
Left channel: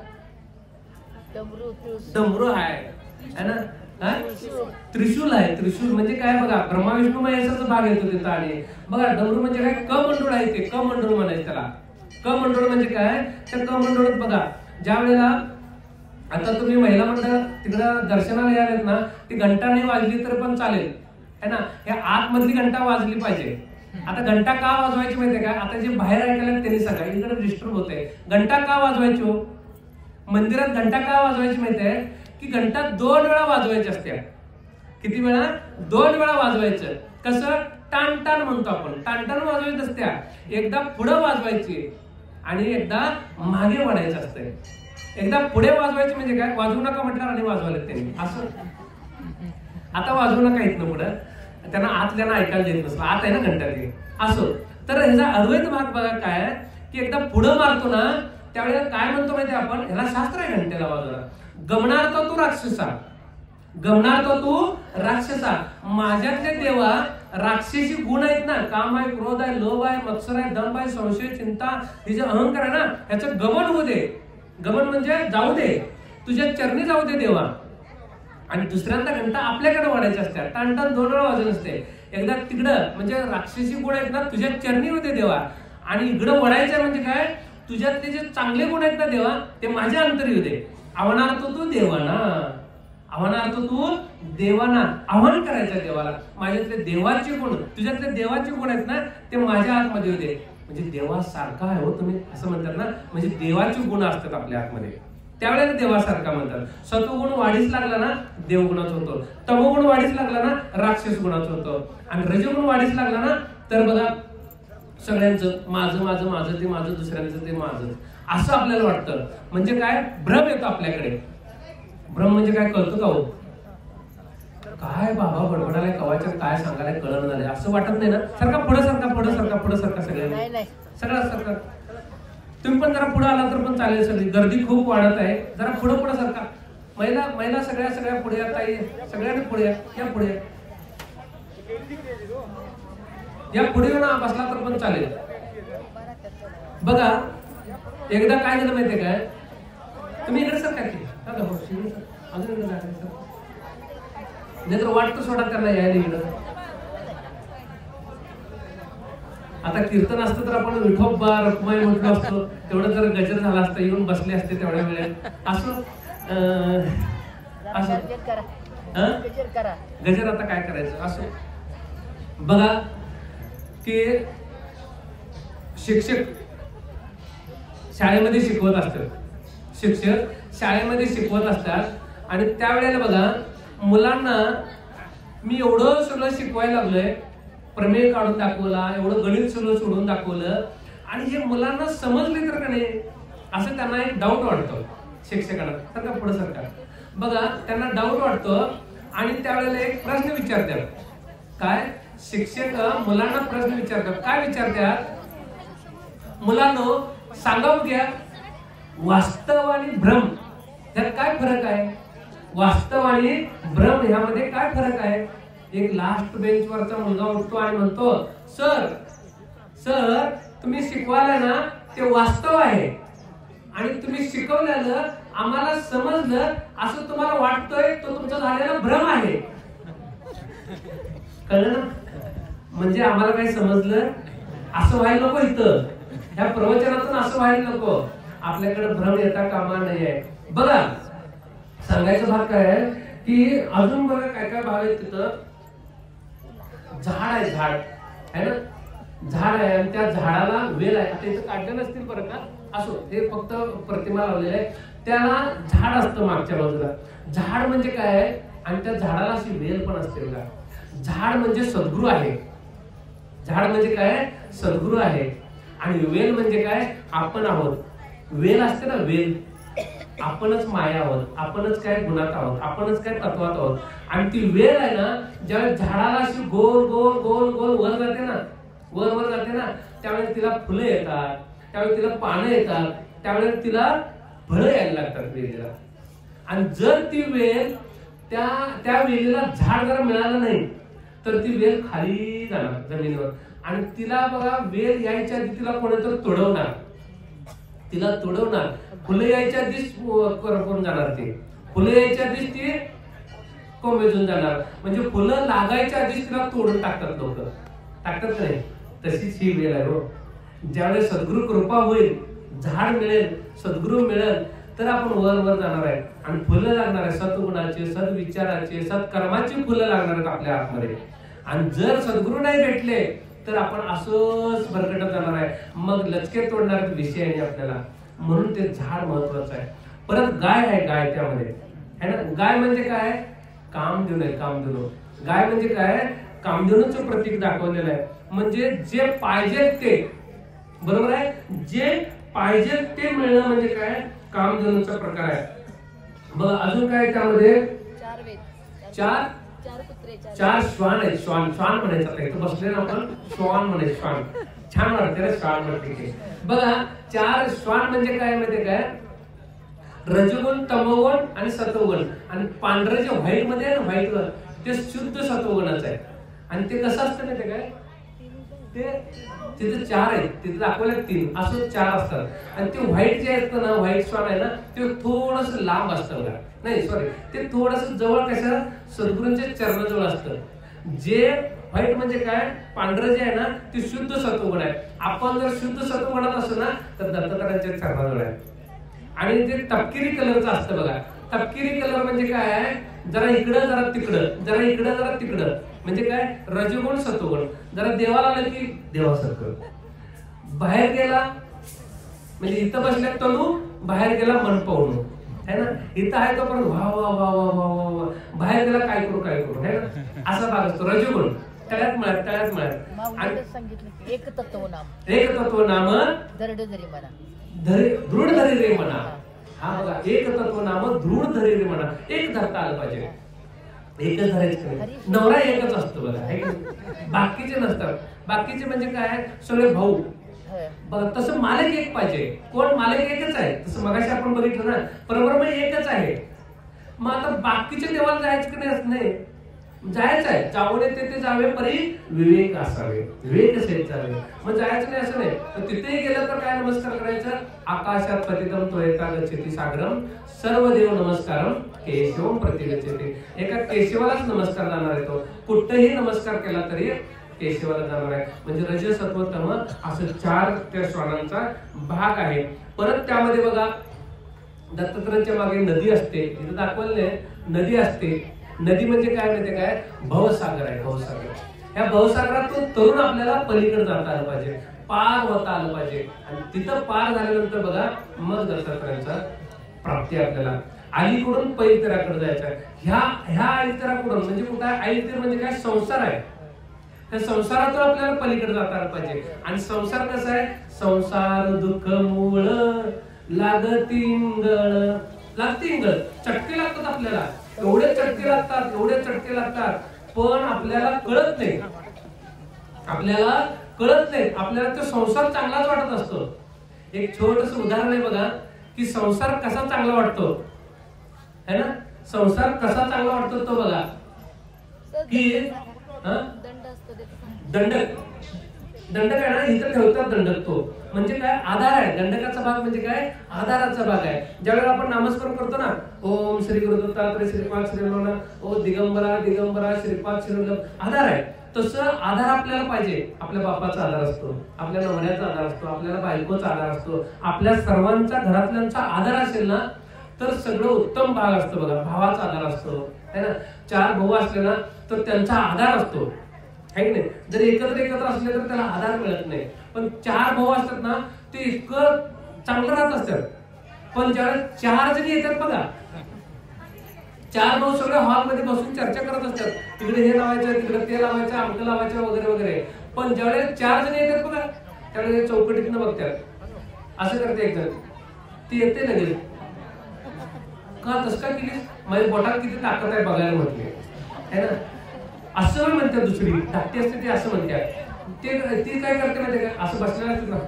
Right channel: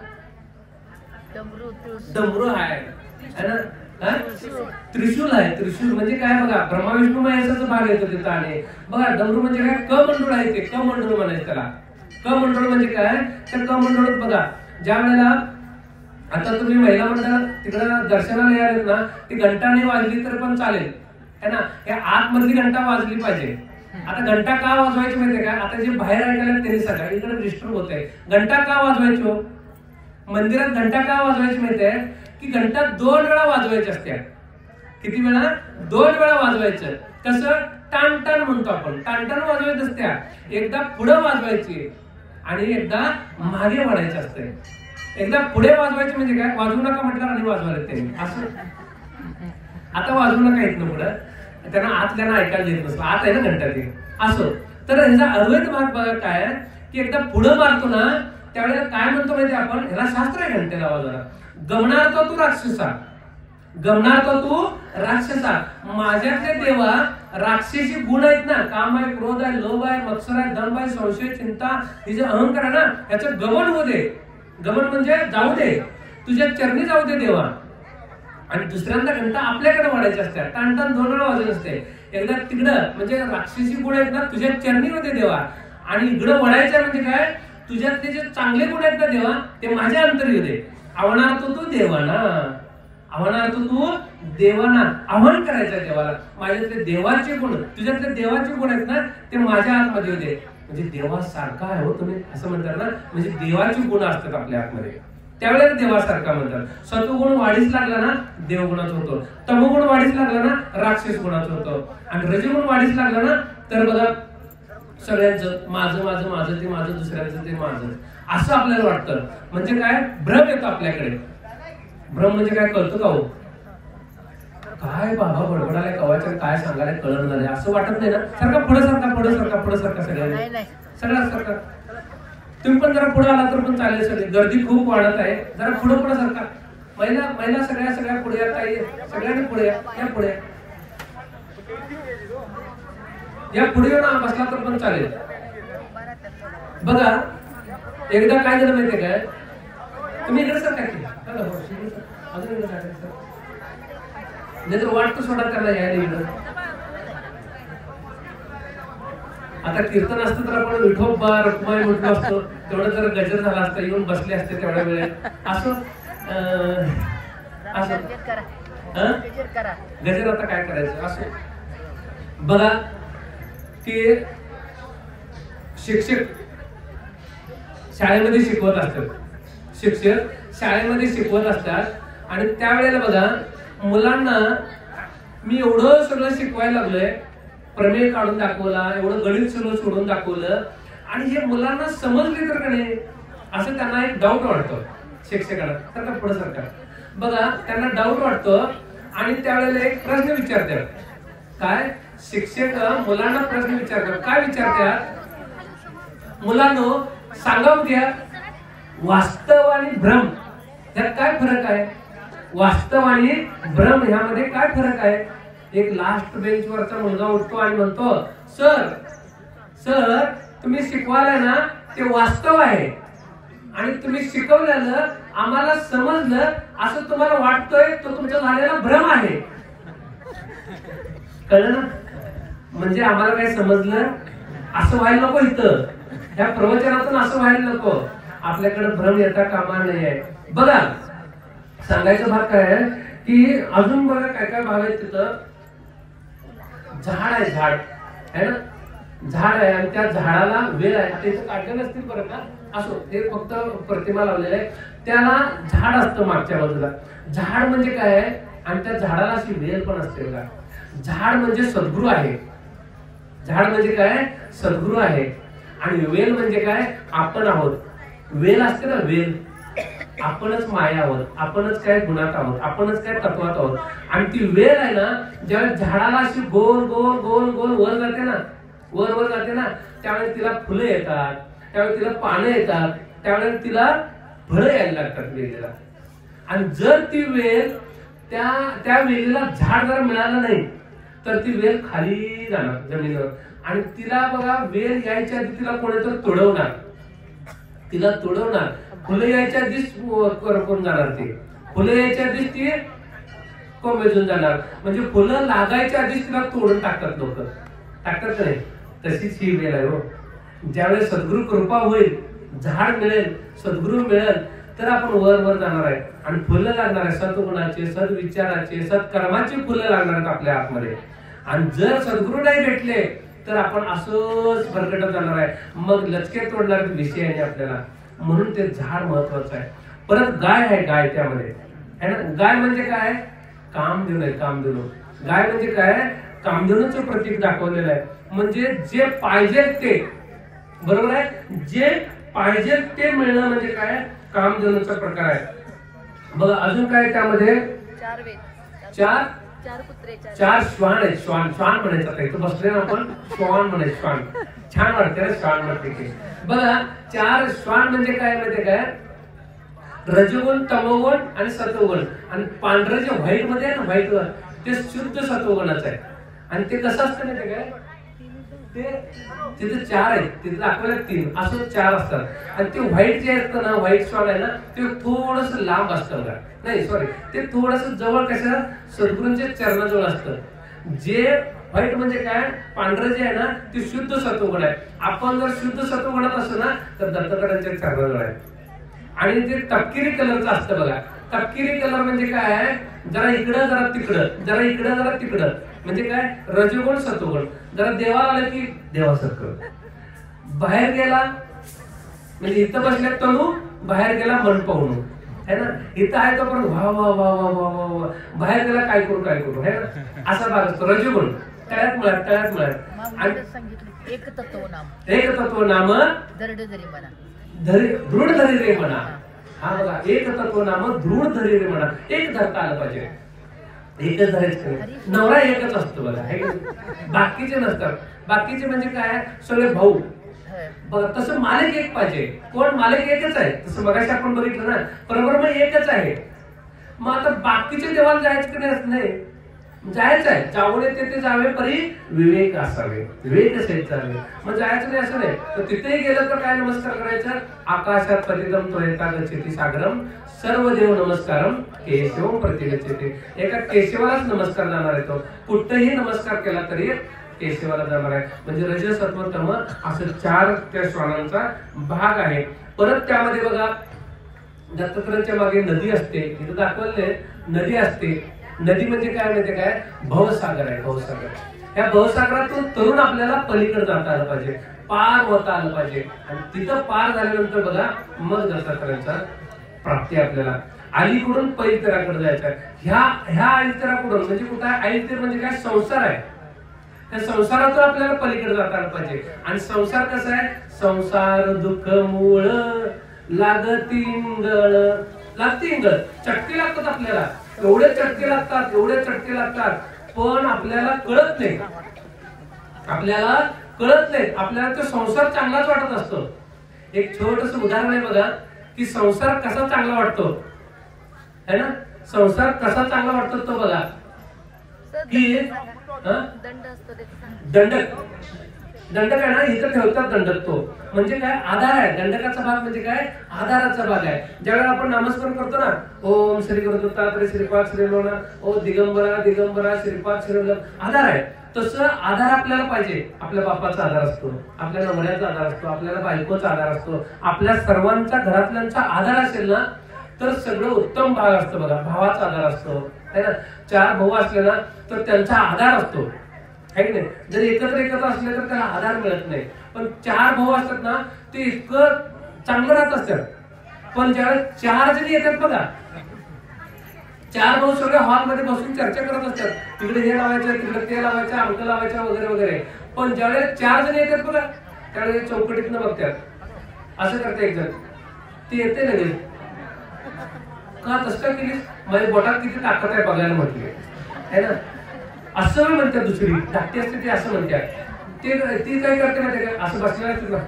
डमरू आहे ना, त्रिशूल आहे. त्रिशूल म्हणजे काय बघा, ब्रह्मा विष्णू महेशाचा भाग येतो तिथं. आणि बघा डमरू म्हणजे काय, कमंडूळ आहे ते, कमंडूळ म्हणायचं त्याला. कमंडूळ म्हणजे काय, तर कमंडूळात बघा ज्या वेळेला आता तुम्ही महिला मंडळ तिकडं दर्शनाला यायला ना, ती घंटा नाही वाजली तर पण चालेल है ना, या आतमधली घंटा वाजली पाहिजे. आता घंटा का वाजवायची माहितीये का, आता जे बाहेर ऐकायला त्यांनी सांगा, इकडे डिस्टर्ब होत आहे. घंटा का वाजवायची हो मंदिरात, घंटा का वाजवायची माहितीये की घंटा 2 वेळा वाजवायची असते. किती वेळा? 2 वेळा वाजवायचं. कसं? टाण टाण म्हणतो आपण, टाण टाण वाजवायचं असत्या. एकदा पुढं वाजवायची आणि एकदा मागे वाढायचं असतंय. एकदा पुढे वाजवायची म्हणजे काय, वाजवू नका म्हटल्यावर आणि वाजवायला त्यांनी असं. आता वाजवू नका इथनं पुढं, त्यांना आतल्यानं ऐकायला येत नसलं, आत आहे ना घंटा ते असो. तर ह्याचा अद्वैत भाग बघा काय की एकदा पुढं मारतो ना त्यावेळेला काय म्हणतो माहिती आपण, ह्याला शास्त्र आहे घंटेला वाजवायला. गमणार तो राक्षसा, गमणार तो तू राक्षसा. माझ्यातले देवा राक्षसी गुण आहेत ना, काम आहे, क्रोध आहे, लोभ आहे, मत्सर आहे, दंभ आहे, संशय, चिंता, हे जे अहंकार आहे ना, ह्याचं गमन होऊ दे. गमन म्हणजे जाऊ दे, तुझ्या चरणी जाऊ दे देवा. आणि दुसऱ्यांदा घंटा आपल्याकडे वाढायचे असतात, टाणटाण 2 वेळा वाजत असते. एकदा तिकडं म्हणजे राक्षसी गुण आहेत ना तुझ्या चरणी होते देवा, आणि इकडं वळायचं म्हणजे काय, तुझ्यातले जे चांगले गुण आहेत ना देवा ते माझ्या अंतरी होते. आव्हानार तू देवाना, आव्हानार तू देवाना, आव्हान करायचं देवाला. माझ्यातले देवाचे गुण, तुझ्यातले देवाचे गुण आहेत ना ते माझ्या आतमध्ये होते. म्हणजे देवासारखा आहे हो तुम्ही असं म्हणतात ना, म्हणजे देवाचे गुण असतात आपल्या आतमध्ये, त्यावेळेला देवासारखा म्हणतात. सत्वगुण वाढीस लागला ना देवगुणाच होतो, तमोगुण वाढीस लागला ना राक्षस गुणाचं होतो, आणि रजगुण वाढीस लागला ना तर बघा सगळ्यांचं माझं माझं माझं ते माझं, दुसऱ्यांचं ते माझं, असं आपल्याला वाटतं. म्हणजे काय, भ्रम येतो आपल्याकडे. भ्रम म्हणजे काय कळतं का हो, काय बाबा बडबडालाय कवाच्या, काय सांगायला कळण झालंय असं वाटत नाही ना. सारखा पुढे सारखा पुढे सारखा पुढे सारखा सगळ्यांना सगळं सारखं. तुम्ही पण जरा पुढे आला तर पण चालेल. सगळी गर्दी खूप वाढत आहे, जरा पुढे पुढे सारखा. महिला सगळ्या पुढे या, ताई सगळ्यांनी पुढे या पुढे या पुढे येऊन बसला तर पण चालेल. बघा एकदा काय झालं माहितीये काय, तुम्ही इकडे सर काय अजून इकडे नाही तर वाटतं सोडा त्यांना यायला इकडं. आता कीर्तन असतं तर आपण विठोबा रखुमाई म्हटलं असतो, तेवढं जर गजर झाला असता येऊन बसले असते तेवढ्या वेळेत. असं असं गजर आता काय करायचं असं. बघा की शिक्षक शाळेमध्ये शिकवत असतात, शिक्षक शाळेमध्ये शिकवत असतात, आणि त्यावेळेला बघा मुलांना मी एवढं सगळं शिकवायला लागलोय, प्रमेय काढून दाखवला, एवढं गणित सगळं सोडून दाखवलं, आणि हे मुलांना समजले तर का नाही असं त्यांना एक डाऊट वाटतो शिक्षकांना. सारखा पुढे सरकार बघा त्यांना डाऊट वाटतो, आणि त्यावेळेला एक प्रश्न विचारतात. काय, शिक्षक मुलांना प्रश्न विचारतात. काय विचारतात, मुलांनो सांगा घ्या, वास्तव आणि भ्रम यात काय फरक आहे, वास्तव आणि भ्रम ह्यामध्ये काय फरक आहे. एक लास्ट बेंच वरचा मुलगा उठतो आणि म्हणतो, सर सर तुम्ही शिकवायला ना ते वास्तव आहे, आणि तुम्ही शिकवलेलं आम्हाला समजलं असं तुम्हाला वाटतोय तो तुमचा झालेला भ्रम आहे. कळलं ना, म्हणजे आम्हाला काय समजलं असं व्हायला नको, इथं ह्या प्रवचनातून असं व्हायला नको. आपल्याकडे भ्रम येता कामा नाही आहे. बघा सांगायचं भाग काय आहे की अजून बघा काय काय भाग आहेत. तिथं झाड आहे, झाड आहे ना, झाड आहे, आणि त्या झाडाला वेल आहे. त्याचं काढलं नसतील बरं का, असो हे फक्त प्रतिमा लावलेलं आहे, त्याला झाड असतं मागच्या बाजूला. झाड म्हणजे काय आहे, आणि त्या झाडाला अशी वेल पण असते बघा. झाड म्हणजे सद्गुरू आहे, झाड म्हणजे काय, सद्गुरू आहे, आणि वेल म्हणजे काय, आपण आहोत. वेल असते ना, वेल आपणच माया आहोत, आपणच काय गुणात आहोत, आपणच काय तत्वात आहोत. आणि ती वेल आहे ना, ज्यावेळेस झाडाला अशी गोल गोल गोल गोल वर जाते ना, वर वर जाते ना, त्यावेळेस तिला फुलं येतात, त्यावेळेस तिला पानं येतात, त्यावेळेस तिला फळं यायला लागतात वेलीला. आणि जर ती वेल त्या वेलीला झाड जर मिळालं नाही तर ती वेल खाली जाणार जमिनीवर, आणि तिला बघा वेल यायच्या आधी तिला कोणीतरी तोडवणार, तिला तोडवणार. फुलं यायच्या आधीच करपून जाणार, ती फुलं यायच्या आधीच ती कोमेजून जाणार. म्हणजे फुलं लागायच्या आधीच तिला तोडून टाकतात लोक, टाकतात का नाही. तशीच ही वेळ आहे हो. ज्यावेळेस सद्गुरु कृपा होईल, झाड मिळेल, सद्गुरु मिळेल, तर आपण वर वर जाणार आहे, आणि फुलं लागणार आहे सद्गुणाचे, सद्विचाराचे, सत्कर्माची फुलं लागणार आहेत आपल्या आतमध्ये. आणि जर सद्गुरु नाही भेटले तर आपण असंच भरकटत जाणार आहे, मग लचके तोडणार विषय आहे आपल्याला. म्हणून ते झाड महत्वाचं आहे. परत गाय आहे, गाय त्यामध्ये है ना. गाय म्हणजे काय, कामधेनू आहे, कामधेनू. गाय म्हणजे काय, कामधेनूचं प्रतीक दाखवलेलं आहे. म्हणजे जे पाहिजे ते, बरोबर आहे, जे पाहिजे ते मिळणं म्हणजे काय, कामधेनूचा प्रकार आहे. बघा अजून काय त्यामध्ये, चार श्वान आहेत. श्वान श्वान म्हणायचं, इथं बसले ना आपण, श्वान म्हणायचं, श्वान छान वाटते ना, श्वान म्हणते. बघा 4 श्वान म्हणजे काय माहितीये काय, रजोगुण, तमोगुण आणि सत्वगुण. आणि पांढरं जे व्हाईट मध्ये आहे ना, व्हाईट ते शुद्ध सत्वगुणाचं आहे. आणि ते कसं असतं ना, ते काय ते तिथे 4 आहेत, तिथे दाखवले 3, असं 4 असतात. आणि ते व्हाईट जे असतं ना, व्हाईट स्वान आहे ना, ते थोडस लांब असतं बघा. नाही सॉरी, ते थोडस जवळ कसं सद्गुरूंच्या चरणाजवळ असतं. जे व्हाईट म्हणजे काय, पांढरं जे आहे ना, ते शुद्ध सत्वगुण आहे. आपण जर शुद्ध सत्वगुणात असतो ना, तर दत्तात्रयांच्या चरणाजवळ आहे. आणि ते तपकिरी कलरचं असतं बघा. तपकिरी कलर म्हणजे काय, जरा इकडं जरा तिकडं, जरा इकडं जरा तिकडं, म्हणजे काय रजोगुण सत्वगुण. जरा देवाला आलं की देवासारखं, बाहेर गेला म्हणजे इथं बसल्या तनू, बाहेर गेला मन पाहून, है ना. इथं आहे तो पण वा वा वा वा वा वा वा, बाहेर गेला काय करू काय करू, है ना. असा भाग असतो रजोगुण. तळ्यात मिळत, तळ्यात मिळत. आणि सांगितलं एक तत्व नाम, एक तत्व नाम दरड धरी म्हणा, दृढ धरी रे म्हणा. हा बघा, एक तत्व नाम दृढ धरी रे म्हणा. एक धरता आलं पाहिजे, एकच धरायचं. नवरा एकच असतो बघा, बाकीचे नसतात. बाकीचे म्हणजे काय, सगळे भाऊ. बघा तसं मालक एक पाहिजे. कोण मालक एकच आहे, तसं मगाशी आपण बघितलं ना, परब्रह्म एकच आहे. मग आता बाकीच्या देवाला जायचं की नाही, जायचं आहे. जाऊन तिथे जावे परी विवेक असावे, विवेक सहित जावे. मग जायचं नाही असं नाही. तर तिथेही गेलं तर काय नमस्कार करायचं, आकाशात पतितम त्वरेता गच्छति सागरम सर्व देव नमस्कारम केशवम प्रतिगच्छति. एका केशवालाच नमस्कार जाणार आहे. तो कुठेही नमस्कार केला तरी केशवाला जाणार आहे. म्हणजे रज सत्व तम असं 4 त्या श्वानांचा भाग आहे. परत त्यामध्ये बघा, दत्तात्रयांच्या मागे नदी असते, इथं दाखवले नदी असते. नदी म्हणजे काय माहिती काय, भवसागर आहे, भवसागर. या भवसागरातून तरुण आपल्याला पलीकडे जाता आलं पाहिजे, पार होता आलं पाहिजे. आणि तिथं पार झाल्यानंतर बघा, मग दत्तात्रयांचा प्राप्ती आपल्याला. अलीकडून पैलतीराकडे जायचं आहे. ह्या अलीतीराकडून म्हणजे कुठं आहे, अलीतीर म्हणजे काय, संसार आहे. त्या संसारातून आपल्याला पलीकडे जाता आलं पाहिजे. आणि संसार कसा आहे, संसार दुःख मूळ लागतींगळ, लागतींगळ चटके लागतात आपल्याला, एवढे चटके लागतात, एवढे चटके लागतात. पण आपल्याला कळत नाही, आपल्याला कळत नाही. आपल्याला तो संसार चांगलाच वाटत असतो. एक छोटस उदाहरण आहे बघा, की संसार कसा चांगला वाटतो, है ना. संसार कसा चांगला वाटतो तो बघा, की दंडक, दंडक आहे ना, इथं ठेवतात दंडक. तो म्हणजे काय, आधार आहे. दंडकाचा भाग म्हणजे काय, आधाराचा भाग आहे. ज्यावेळेला आपण नामस्मरण करतो ना, ओम श्री गुरु दत्तात्रय श्रीपाद श्रीलोना, ओ दिगंबरा दिगंबरा श्रीपाद श्रीलोना, आधार आहे. तसं आधार आपल्याला पाहिजे. आपल्या बापाचा आधार असतो, आपल्या नवऱ्याचा आधार असतो, आपल्याला बायकोचा आधार असतो. आपल्या सर्वांचा घरातल्यांचा आधार असेल ना, तर सगळं उत्तम भाग असतो बघा. भावाचा आधार असतो, है ना. 4 भाऊ असले ना, तर त्यांचा आधार असतो, है की नाही. जर एकत्र असले तर त्याला आधार मिळत नाही. पण 4 भाऊ असतात ना, ते इतकं चांगलं राहत असतात. पण ज्यावेळेस 4 जणी येतात बघा, 4 भाऊ सगळे हॉलमध्ये बसून चर्चा करत असतात, तिकडे हे लावायचं, तिकडे ते लावायचं, अंक लावायचं वगैरे वगैरे. पण ज्यावेळेस 4 जण येतात बघा, त्यावेळेस चौकटीतनं बघतात, असं करते एक जण, ते येते लगेच, का तसं काय केलीस, माझ्या बोटात किती ताकद आहे बघायला म्हटली, है ना. असं म्हणतात. दुसरी धाकटी असते ती असं म्हणतात. ती काय करते माहिती का, असं बसलेला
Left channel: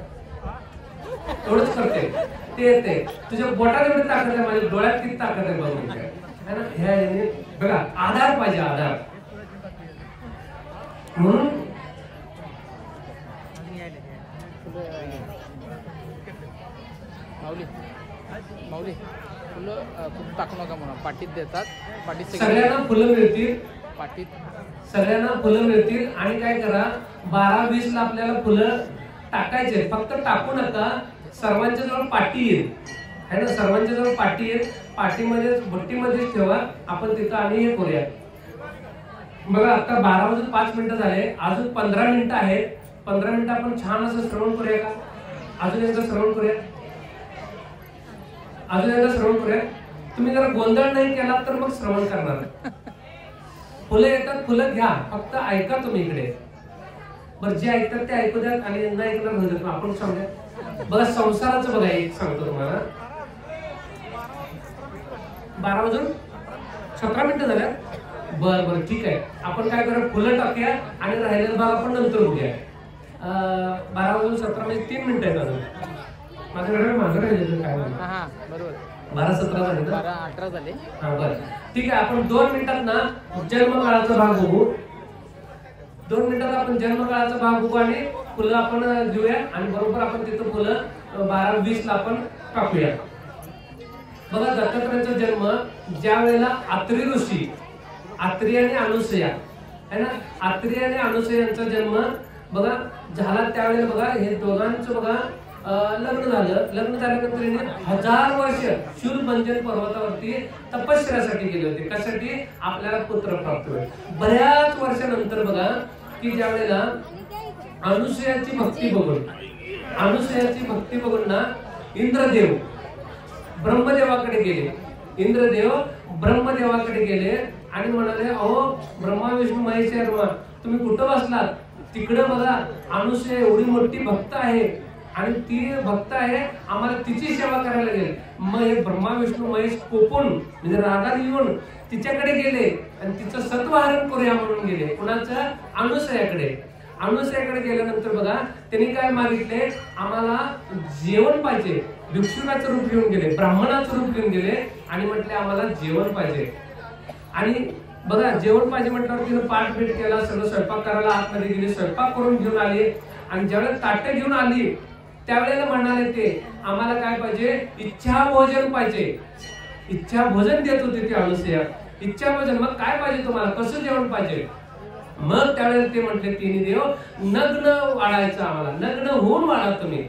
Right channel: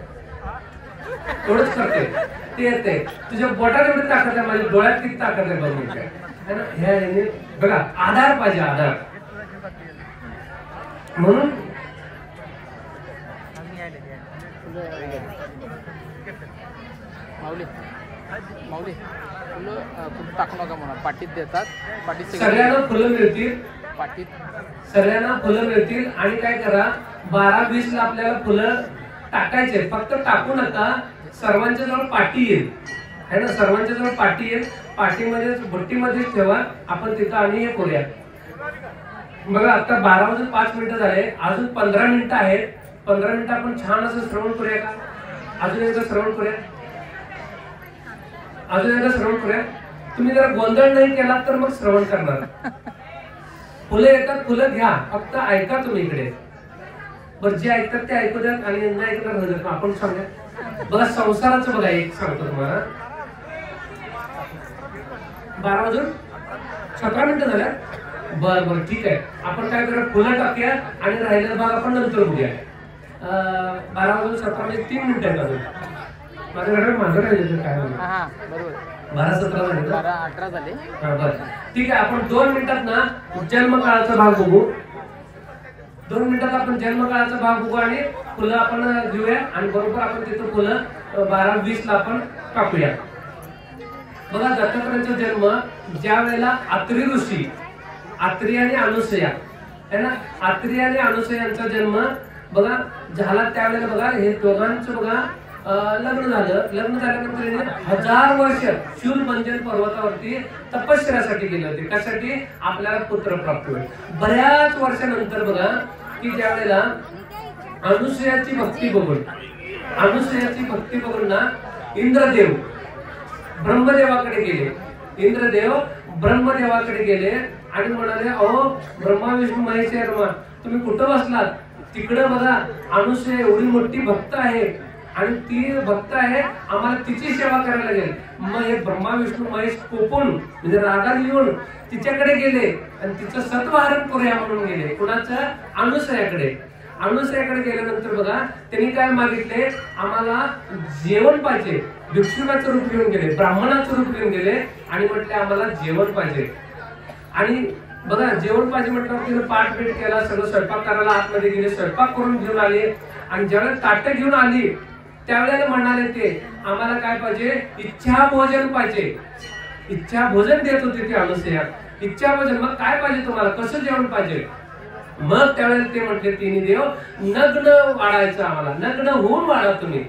एवढंच करते, ते येते, तुझ्या बोटात एवढी ताकद आहे, माझ्या डोळ्यात किती ताकद आहे बघून, है ना. ह्या बघा, आधार पाहिजे, आधार. म्हणून पाटीत देतात, सगळ्यांना फुलं मिळतील, पाटीत सगळ्यांना फुलं मिळतील. आणि काय करा, 12-20 ला आपल्याला फुलं टाकायचे. फक्त टाकू नका, सर्वांच्या जवळ पाटी येईल, है ना. सर्वांच्या जवळ पाटी येईल, पाटीमध्ये भट्टीमध्येच ठेवा. आपण तिथं आणि हे करूया. बघा, आता 12 वाजून 5 मिनिटं झाले, अजून 15 मिनिटं आहेत. 15 मिनिटं आपण छान असं श्रवण करूया का, अजून एकदा श्रवण करूया, अजून एकदा श्रवण करूया. तुम्ही जर गोंधळ नाही केला तर मग श्रवण करणार. फुलं येतात, फुलं घ्या, फक्त ऐका तुम्ही इकडे. बरं, जे ऐकतात ते ऐकू द्या आणि नाही ऐकणार नाही. आपण सांगूया बघा, संसाराचं बघा, एक सांगतो तुम्हाला. 12 वाजून 17 मिनिटं झाल्या. बरं बरं, ठीक आहे. आपण काय करूया, फुलं टाकूया आणि राहिलेला भाग आपण नंतर बघूया. 12 वाजून 17 म्हणजे 3 मिनिटं आहेत अजून. माझ्याकडे मागं राहिलेलं काय म्हणतो, 12-17 झाले ना? 18 झाले. हा बरं ठीक आहे. आपण 2 मिनिटात ना जन्मकाळाचा भाग बघू. 2 मिनिटात आपण जन्मकाळाचा भाग बघू आणि फुलं आपण घेऊया आणि बरोबर आपण तिथं फुलं 12-20 ला आपण टाकूया. बघा दत्तात्रयांचा जन्म ज्या वेळेला आत्री ऋषी, आत्री आणि अनुसया है ना, आत्री आणि अनुसयांचा जन्म बघा झाला त्यावेळेला बघा हे दोघांचं बघा लग्न झालं. लग्न झाल्यानंतर यांनी 1000 वर्ष शूलभंजन पर्वतावरती तपश्चर्यासाठी गेले होते. कशासाठी? आपल्याला पुत्र प्राप्त होईल. बऱ्याच वर्षानंतर बघा की ज्या वेळेला अनुसयाची भक्ती बघून ना इंद्रदेव ब्रह्मदेवाकडे गेले. इंद्रदेव ब्रह्मदेवाकडे गेले आणि म्हणाले, अहो ब्रह्मा विष्णू महेश तुम्ही कुठं बसलात? तिकडे बघा अनुसया एवढी मोठी भक्त आहे आणि ती भक्त आहे, आम्हाला तिची सेवा करायला लागेल. मग हे ब्रह्मा विष्णू महेश कोपून म्हणजे रागाने येऊन तिच्याकडे गेले आणि तिचं सत्वहरण करूया म्हणून गेले. कुणाचं? अनुसयाकडे. अनुसयाकडे गेल्यानंतर बघा त्यांनी काय मागितले, आम्हाला जेवण पाहिजे. भिक्षुकाचं रूप घेऊन गेले, ब्राह्मणाचं रूप घेऊन गेले आणि म्हटले आम्हाला जेवण पाहिजे. आणि बघा जेवण पाहिजे म्हटल्यावर तिने पाठ पीठ केला, सगळं स्वयंपाक करायला आतमध्ये गेले, स्वयंपाक करून घेऊन आले आणि ज्यावेळेस ताटं घेऊन आली त्यावेळेला म्हणाले ते आम्हाला काय पाहिजे? इच्छा भोजन पाहिजे. इच्छा भोजन देत होते ते अनुसया. इच्छा भोजन. मग काय पाहिजे तुम्हाला? कसं जेवण पाहिजे? मग त्यावेळेला ते म्हटले तिन्ही देव नग्न वाढायचं आम्हाला, नग्न होऊन वाढा तुम्ही,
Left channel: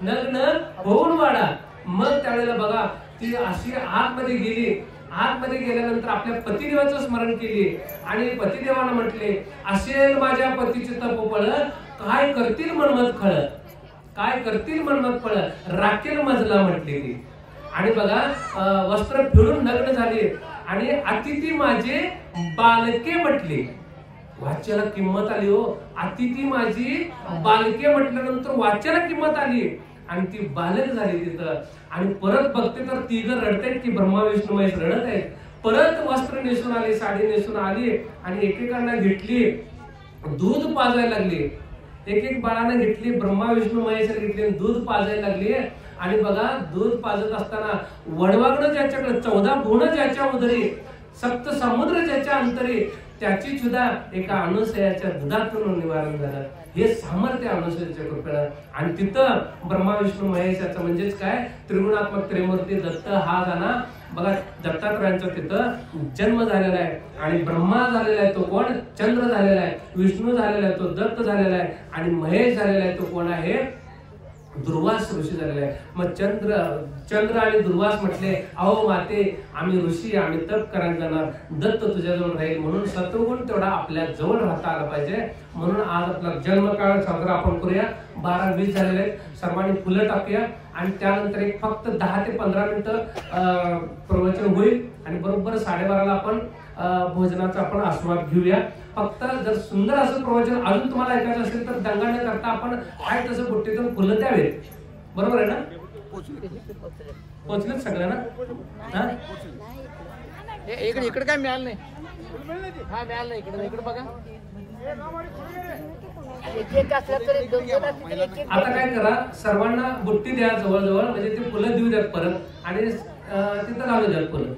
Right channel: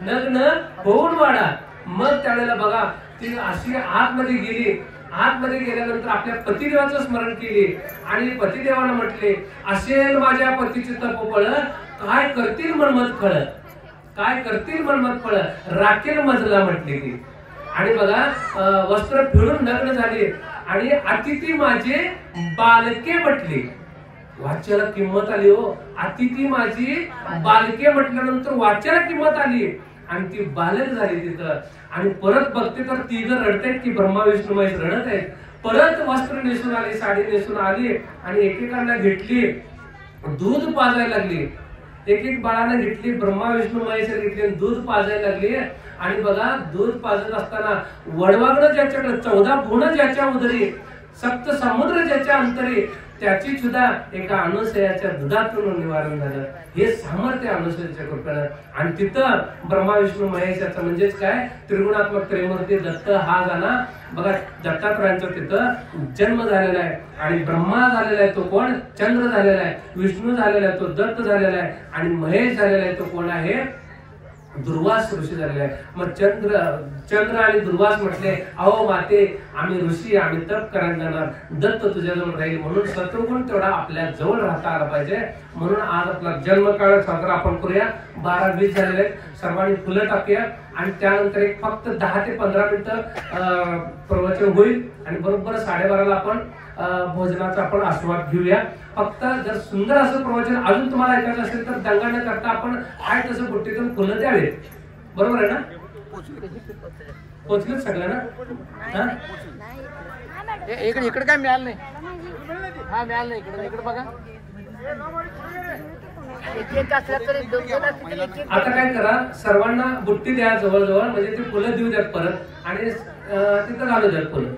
नग्न होऊन वाढा. मग त्यावेळेला बघा ती अशी आतमध्ये गेली. आतमध्ये गेल्यानंतर आपल्या पतिदेवाचं स्मरण केले आणि पतिदेवाला म्हटले, असेल माझ्या पतीचे तपोबळ, काय करतील मनमत फळ, काय करतील मनमत फळ, राखेल मजला म्हटले ती. आणि बघा वस्त्र फिरून नग्न झाले आणि अतिथी माझे बालके म्हटले. वाच्याला किंमत आली हो. अतिथी माझी बालके म्हटल्यानंतर वाच्याला किंमत आली आणि ती बालक झाली तिथं. आणि परत बघते तर तिघ रडतायत की ब्रह्मा विष्णू महेश रडत आहेत. परत वस्त्र नेसून आली, साडी नेसून आली आणि एकेकांना घेतली, दूध पाजायला लागली. एक बाळांना घेतली, ब्रह्मा विष्णू महेश घेतली, दूध पाजायला लागली. आणि बघा दूध पाजत असताना वडवागड ज्याच्याकडे 14 गुण ज्याच्या उदरी, सप्त समुद्र ज्याच्या अंतरी, त्याची सुद्धा एका अनुसयाच्या दुधातून निवारण झालं. हे सामर्थ्य अनुसयाच्या कृपेनं. आणि तिथं ब्रह्मा विष्णू महेशाचं म्हणजेच काय त्रिगुणात्मक त्रिमूर्ती दत्त हा जाणा बघा दत्तात्रयांचा तिथं जन्म झालेला आहे. आणि ब्रह्मा झालेला आहे तो कोण? चंद्र झालेला आहे. विष्णू झालेला आहे तो दत्त झालेला आहे. आणि महेश झालेला आहे तो कोण आहे? दुर्वास ऋषी झालेला आहे. मग चंद्र आणि दुर्वास म्हटले, अहो माते आम्ही ऋषी, आम्ही तप करायला जाणार, दत्त तुझ्याजवळ राहील. म्हणून सत्वगुण तेवढा आपल्या जवळ राहता आला पाहिजे. म्हणून आज आपला जन्मकाळ साजरा आपण करूया. 12-20 झालेले सर्वांनी फुलं टाकूया आणि त्यानंतर एक फक्त 10 ते 15 मिनिटं प्रवचन होईल आणि बरोबर 12:30ला आपण भोजनाचा आपण आस्वाद घेऊया. फक्त जर सुंदर असं प्रवचन अजून तुम्हाला ऐकायचं असेल तर दंगा न करता आपण काय तसं बुट्टीतून फुलं द्यावेत. बरोबर आहे ना? पोचलेत सगळ्यांना? इकडे काय मिळालं नाही. हा मिळालं नाही. इकडे बघा. आता काय करा, सर्वांना बुट्टी द्या जवळजवळ, म्हणजे ती फुलं देऊ द्यात परत आणि तिथं घालू द्यात फुलं.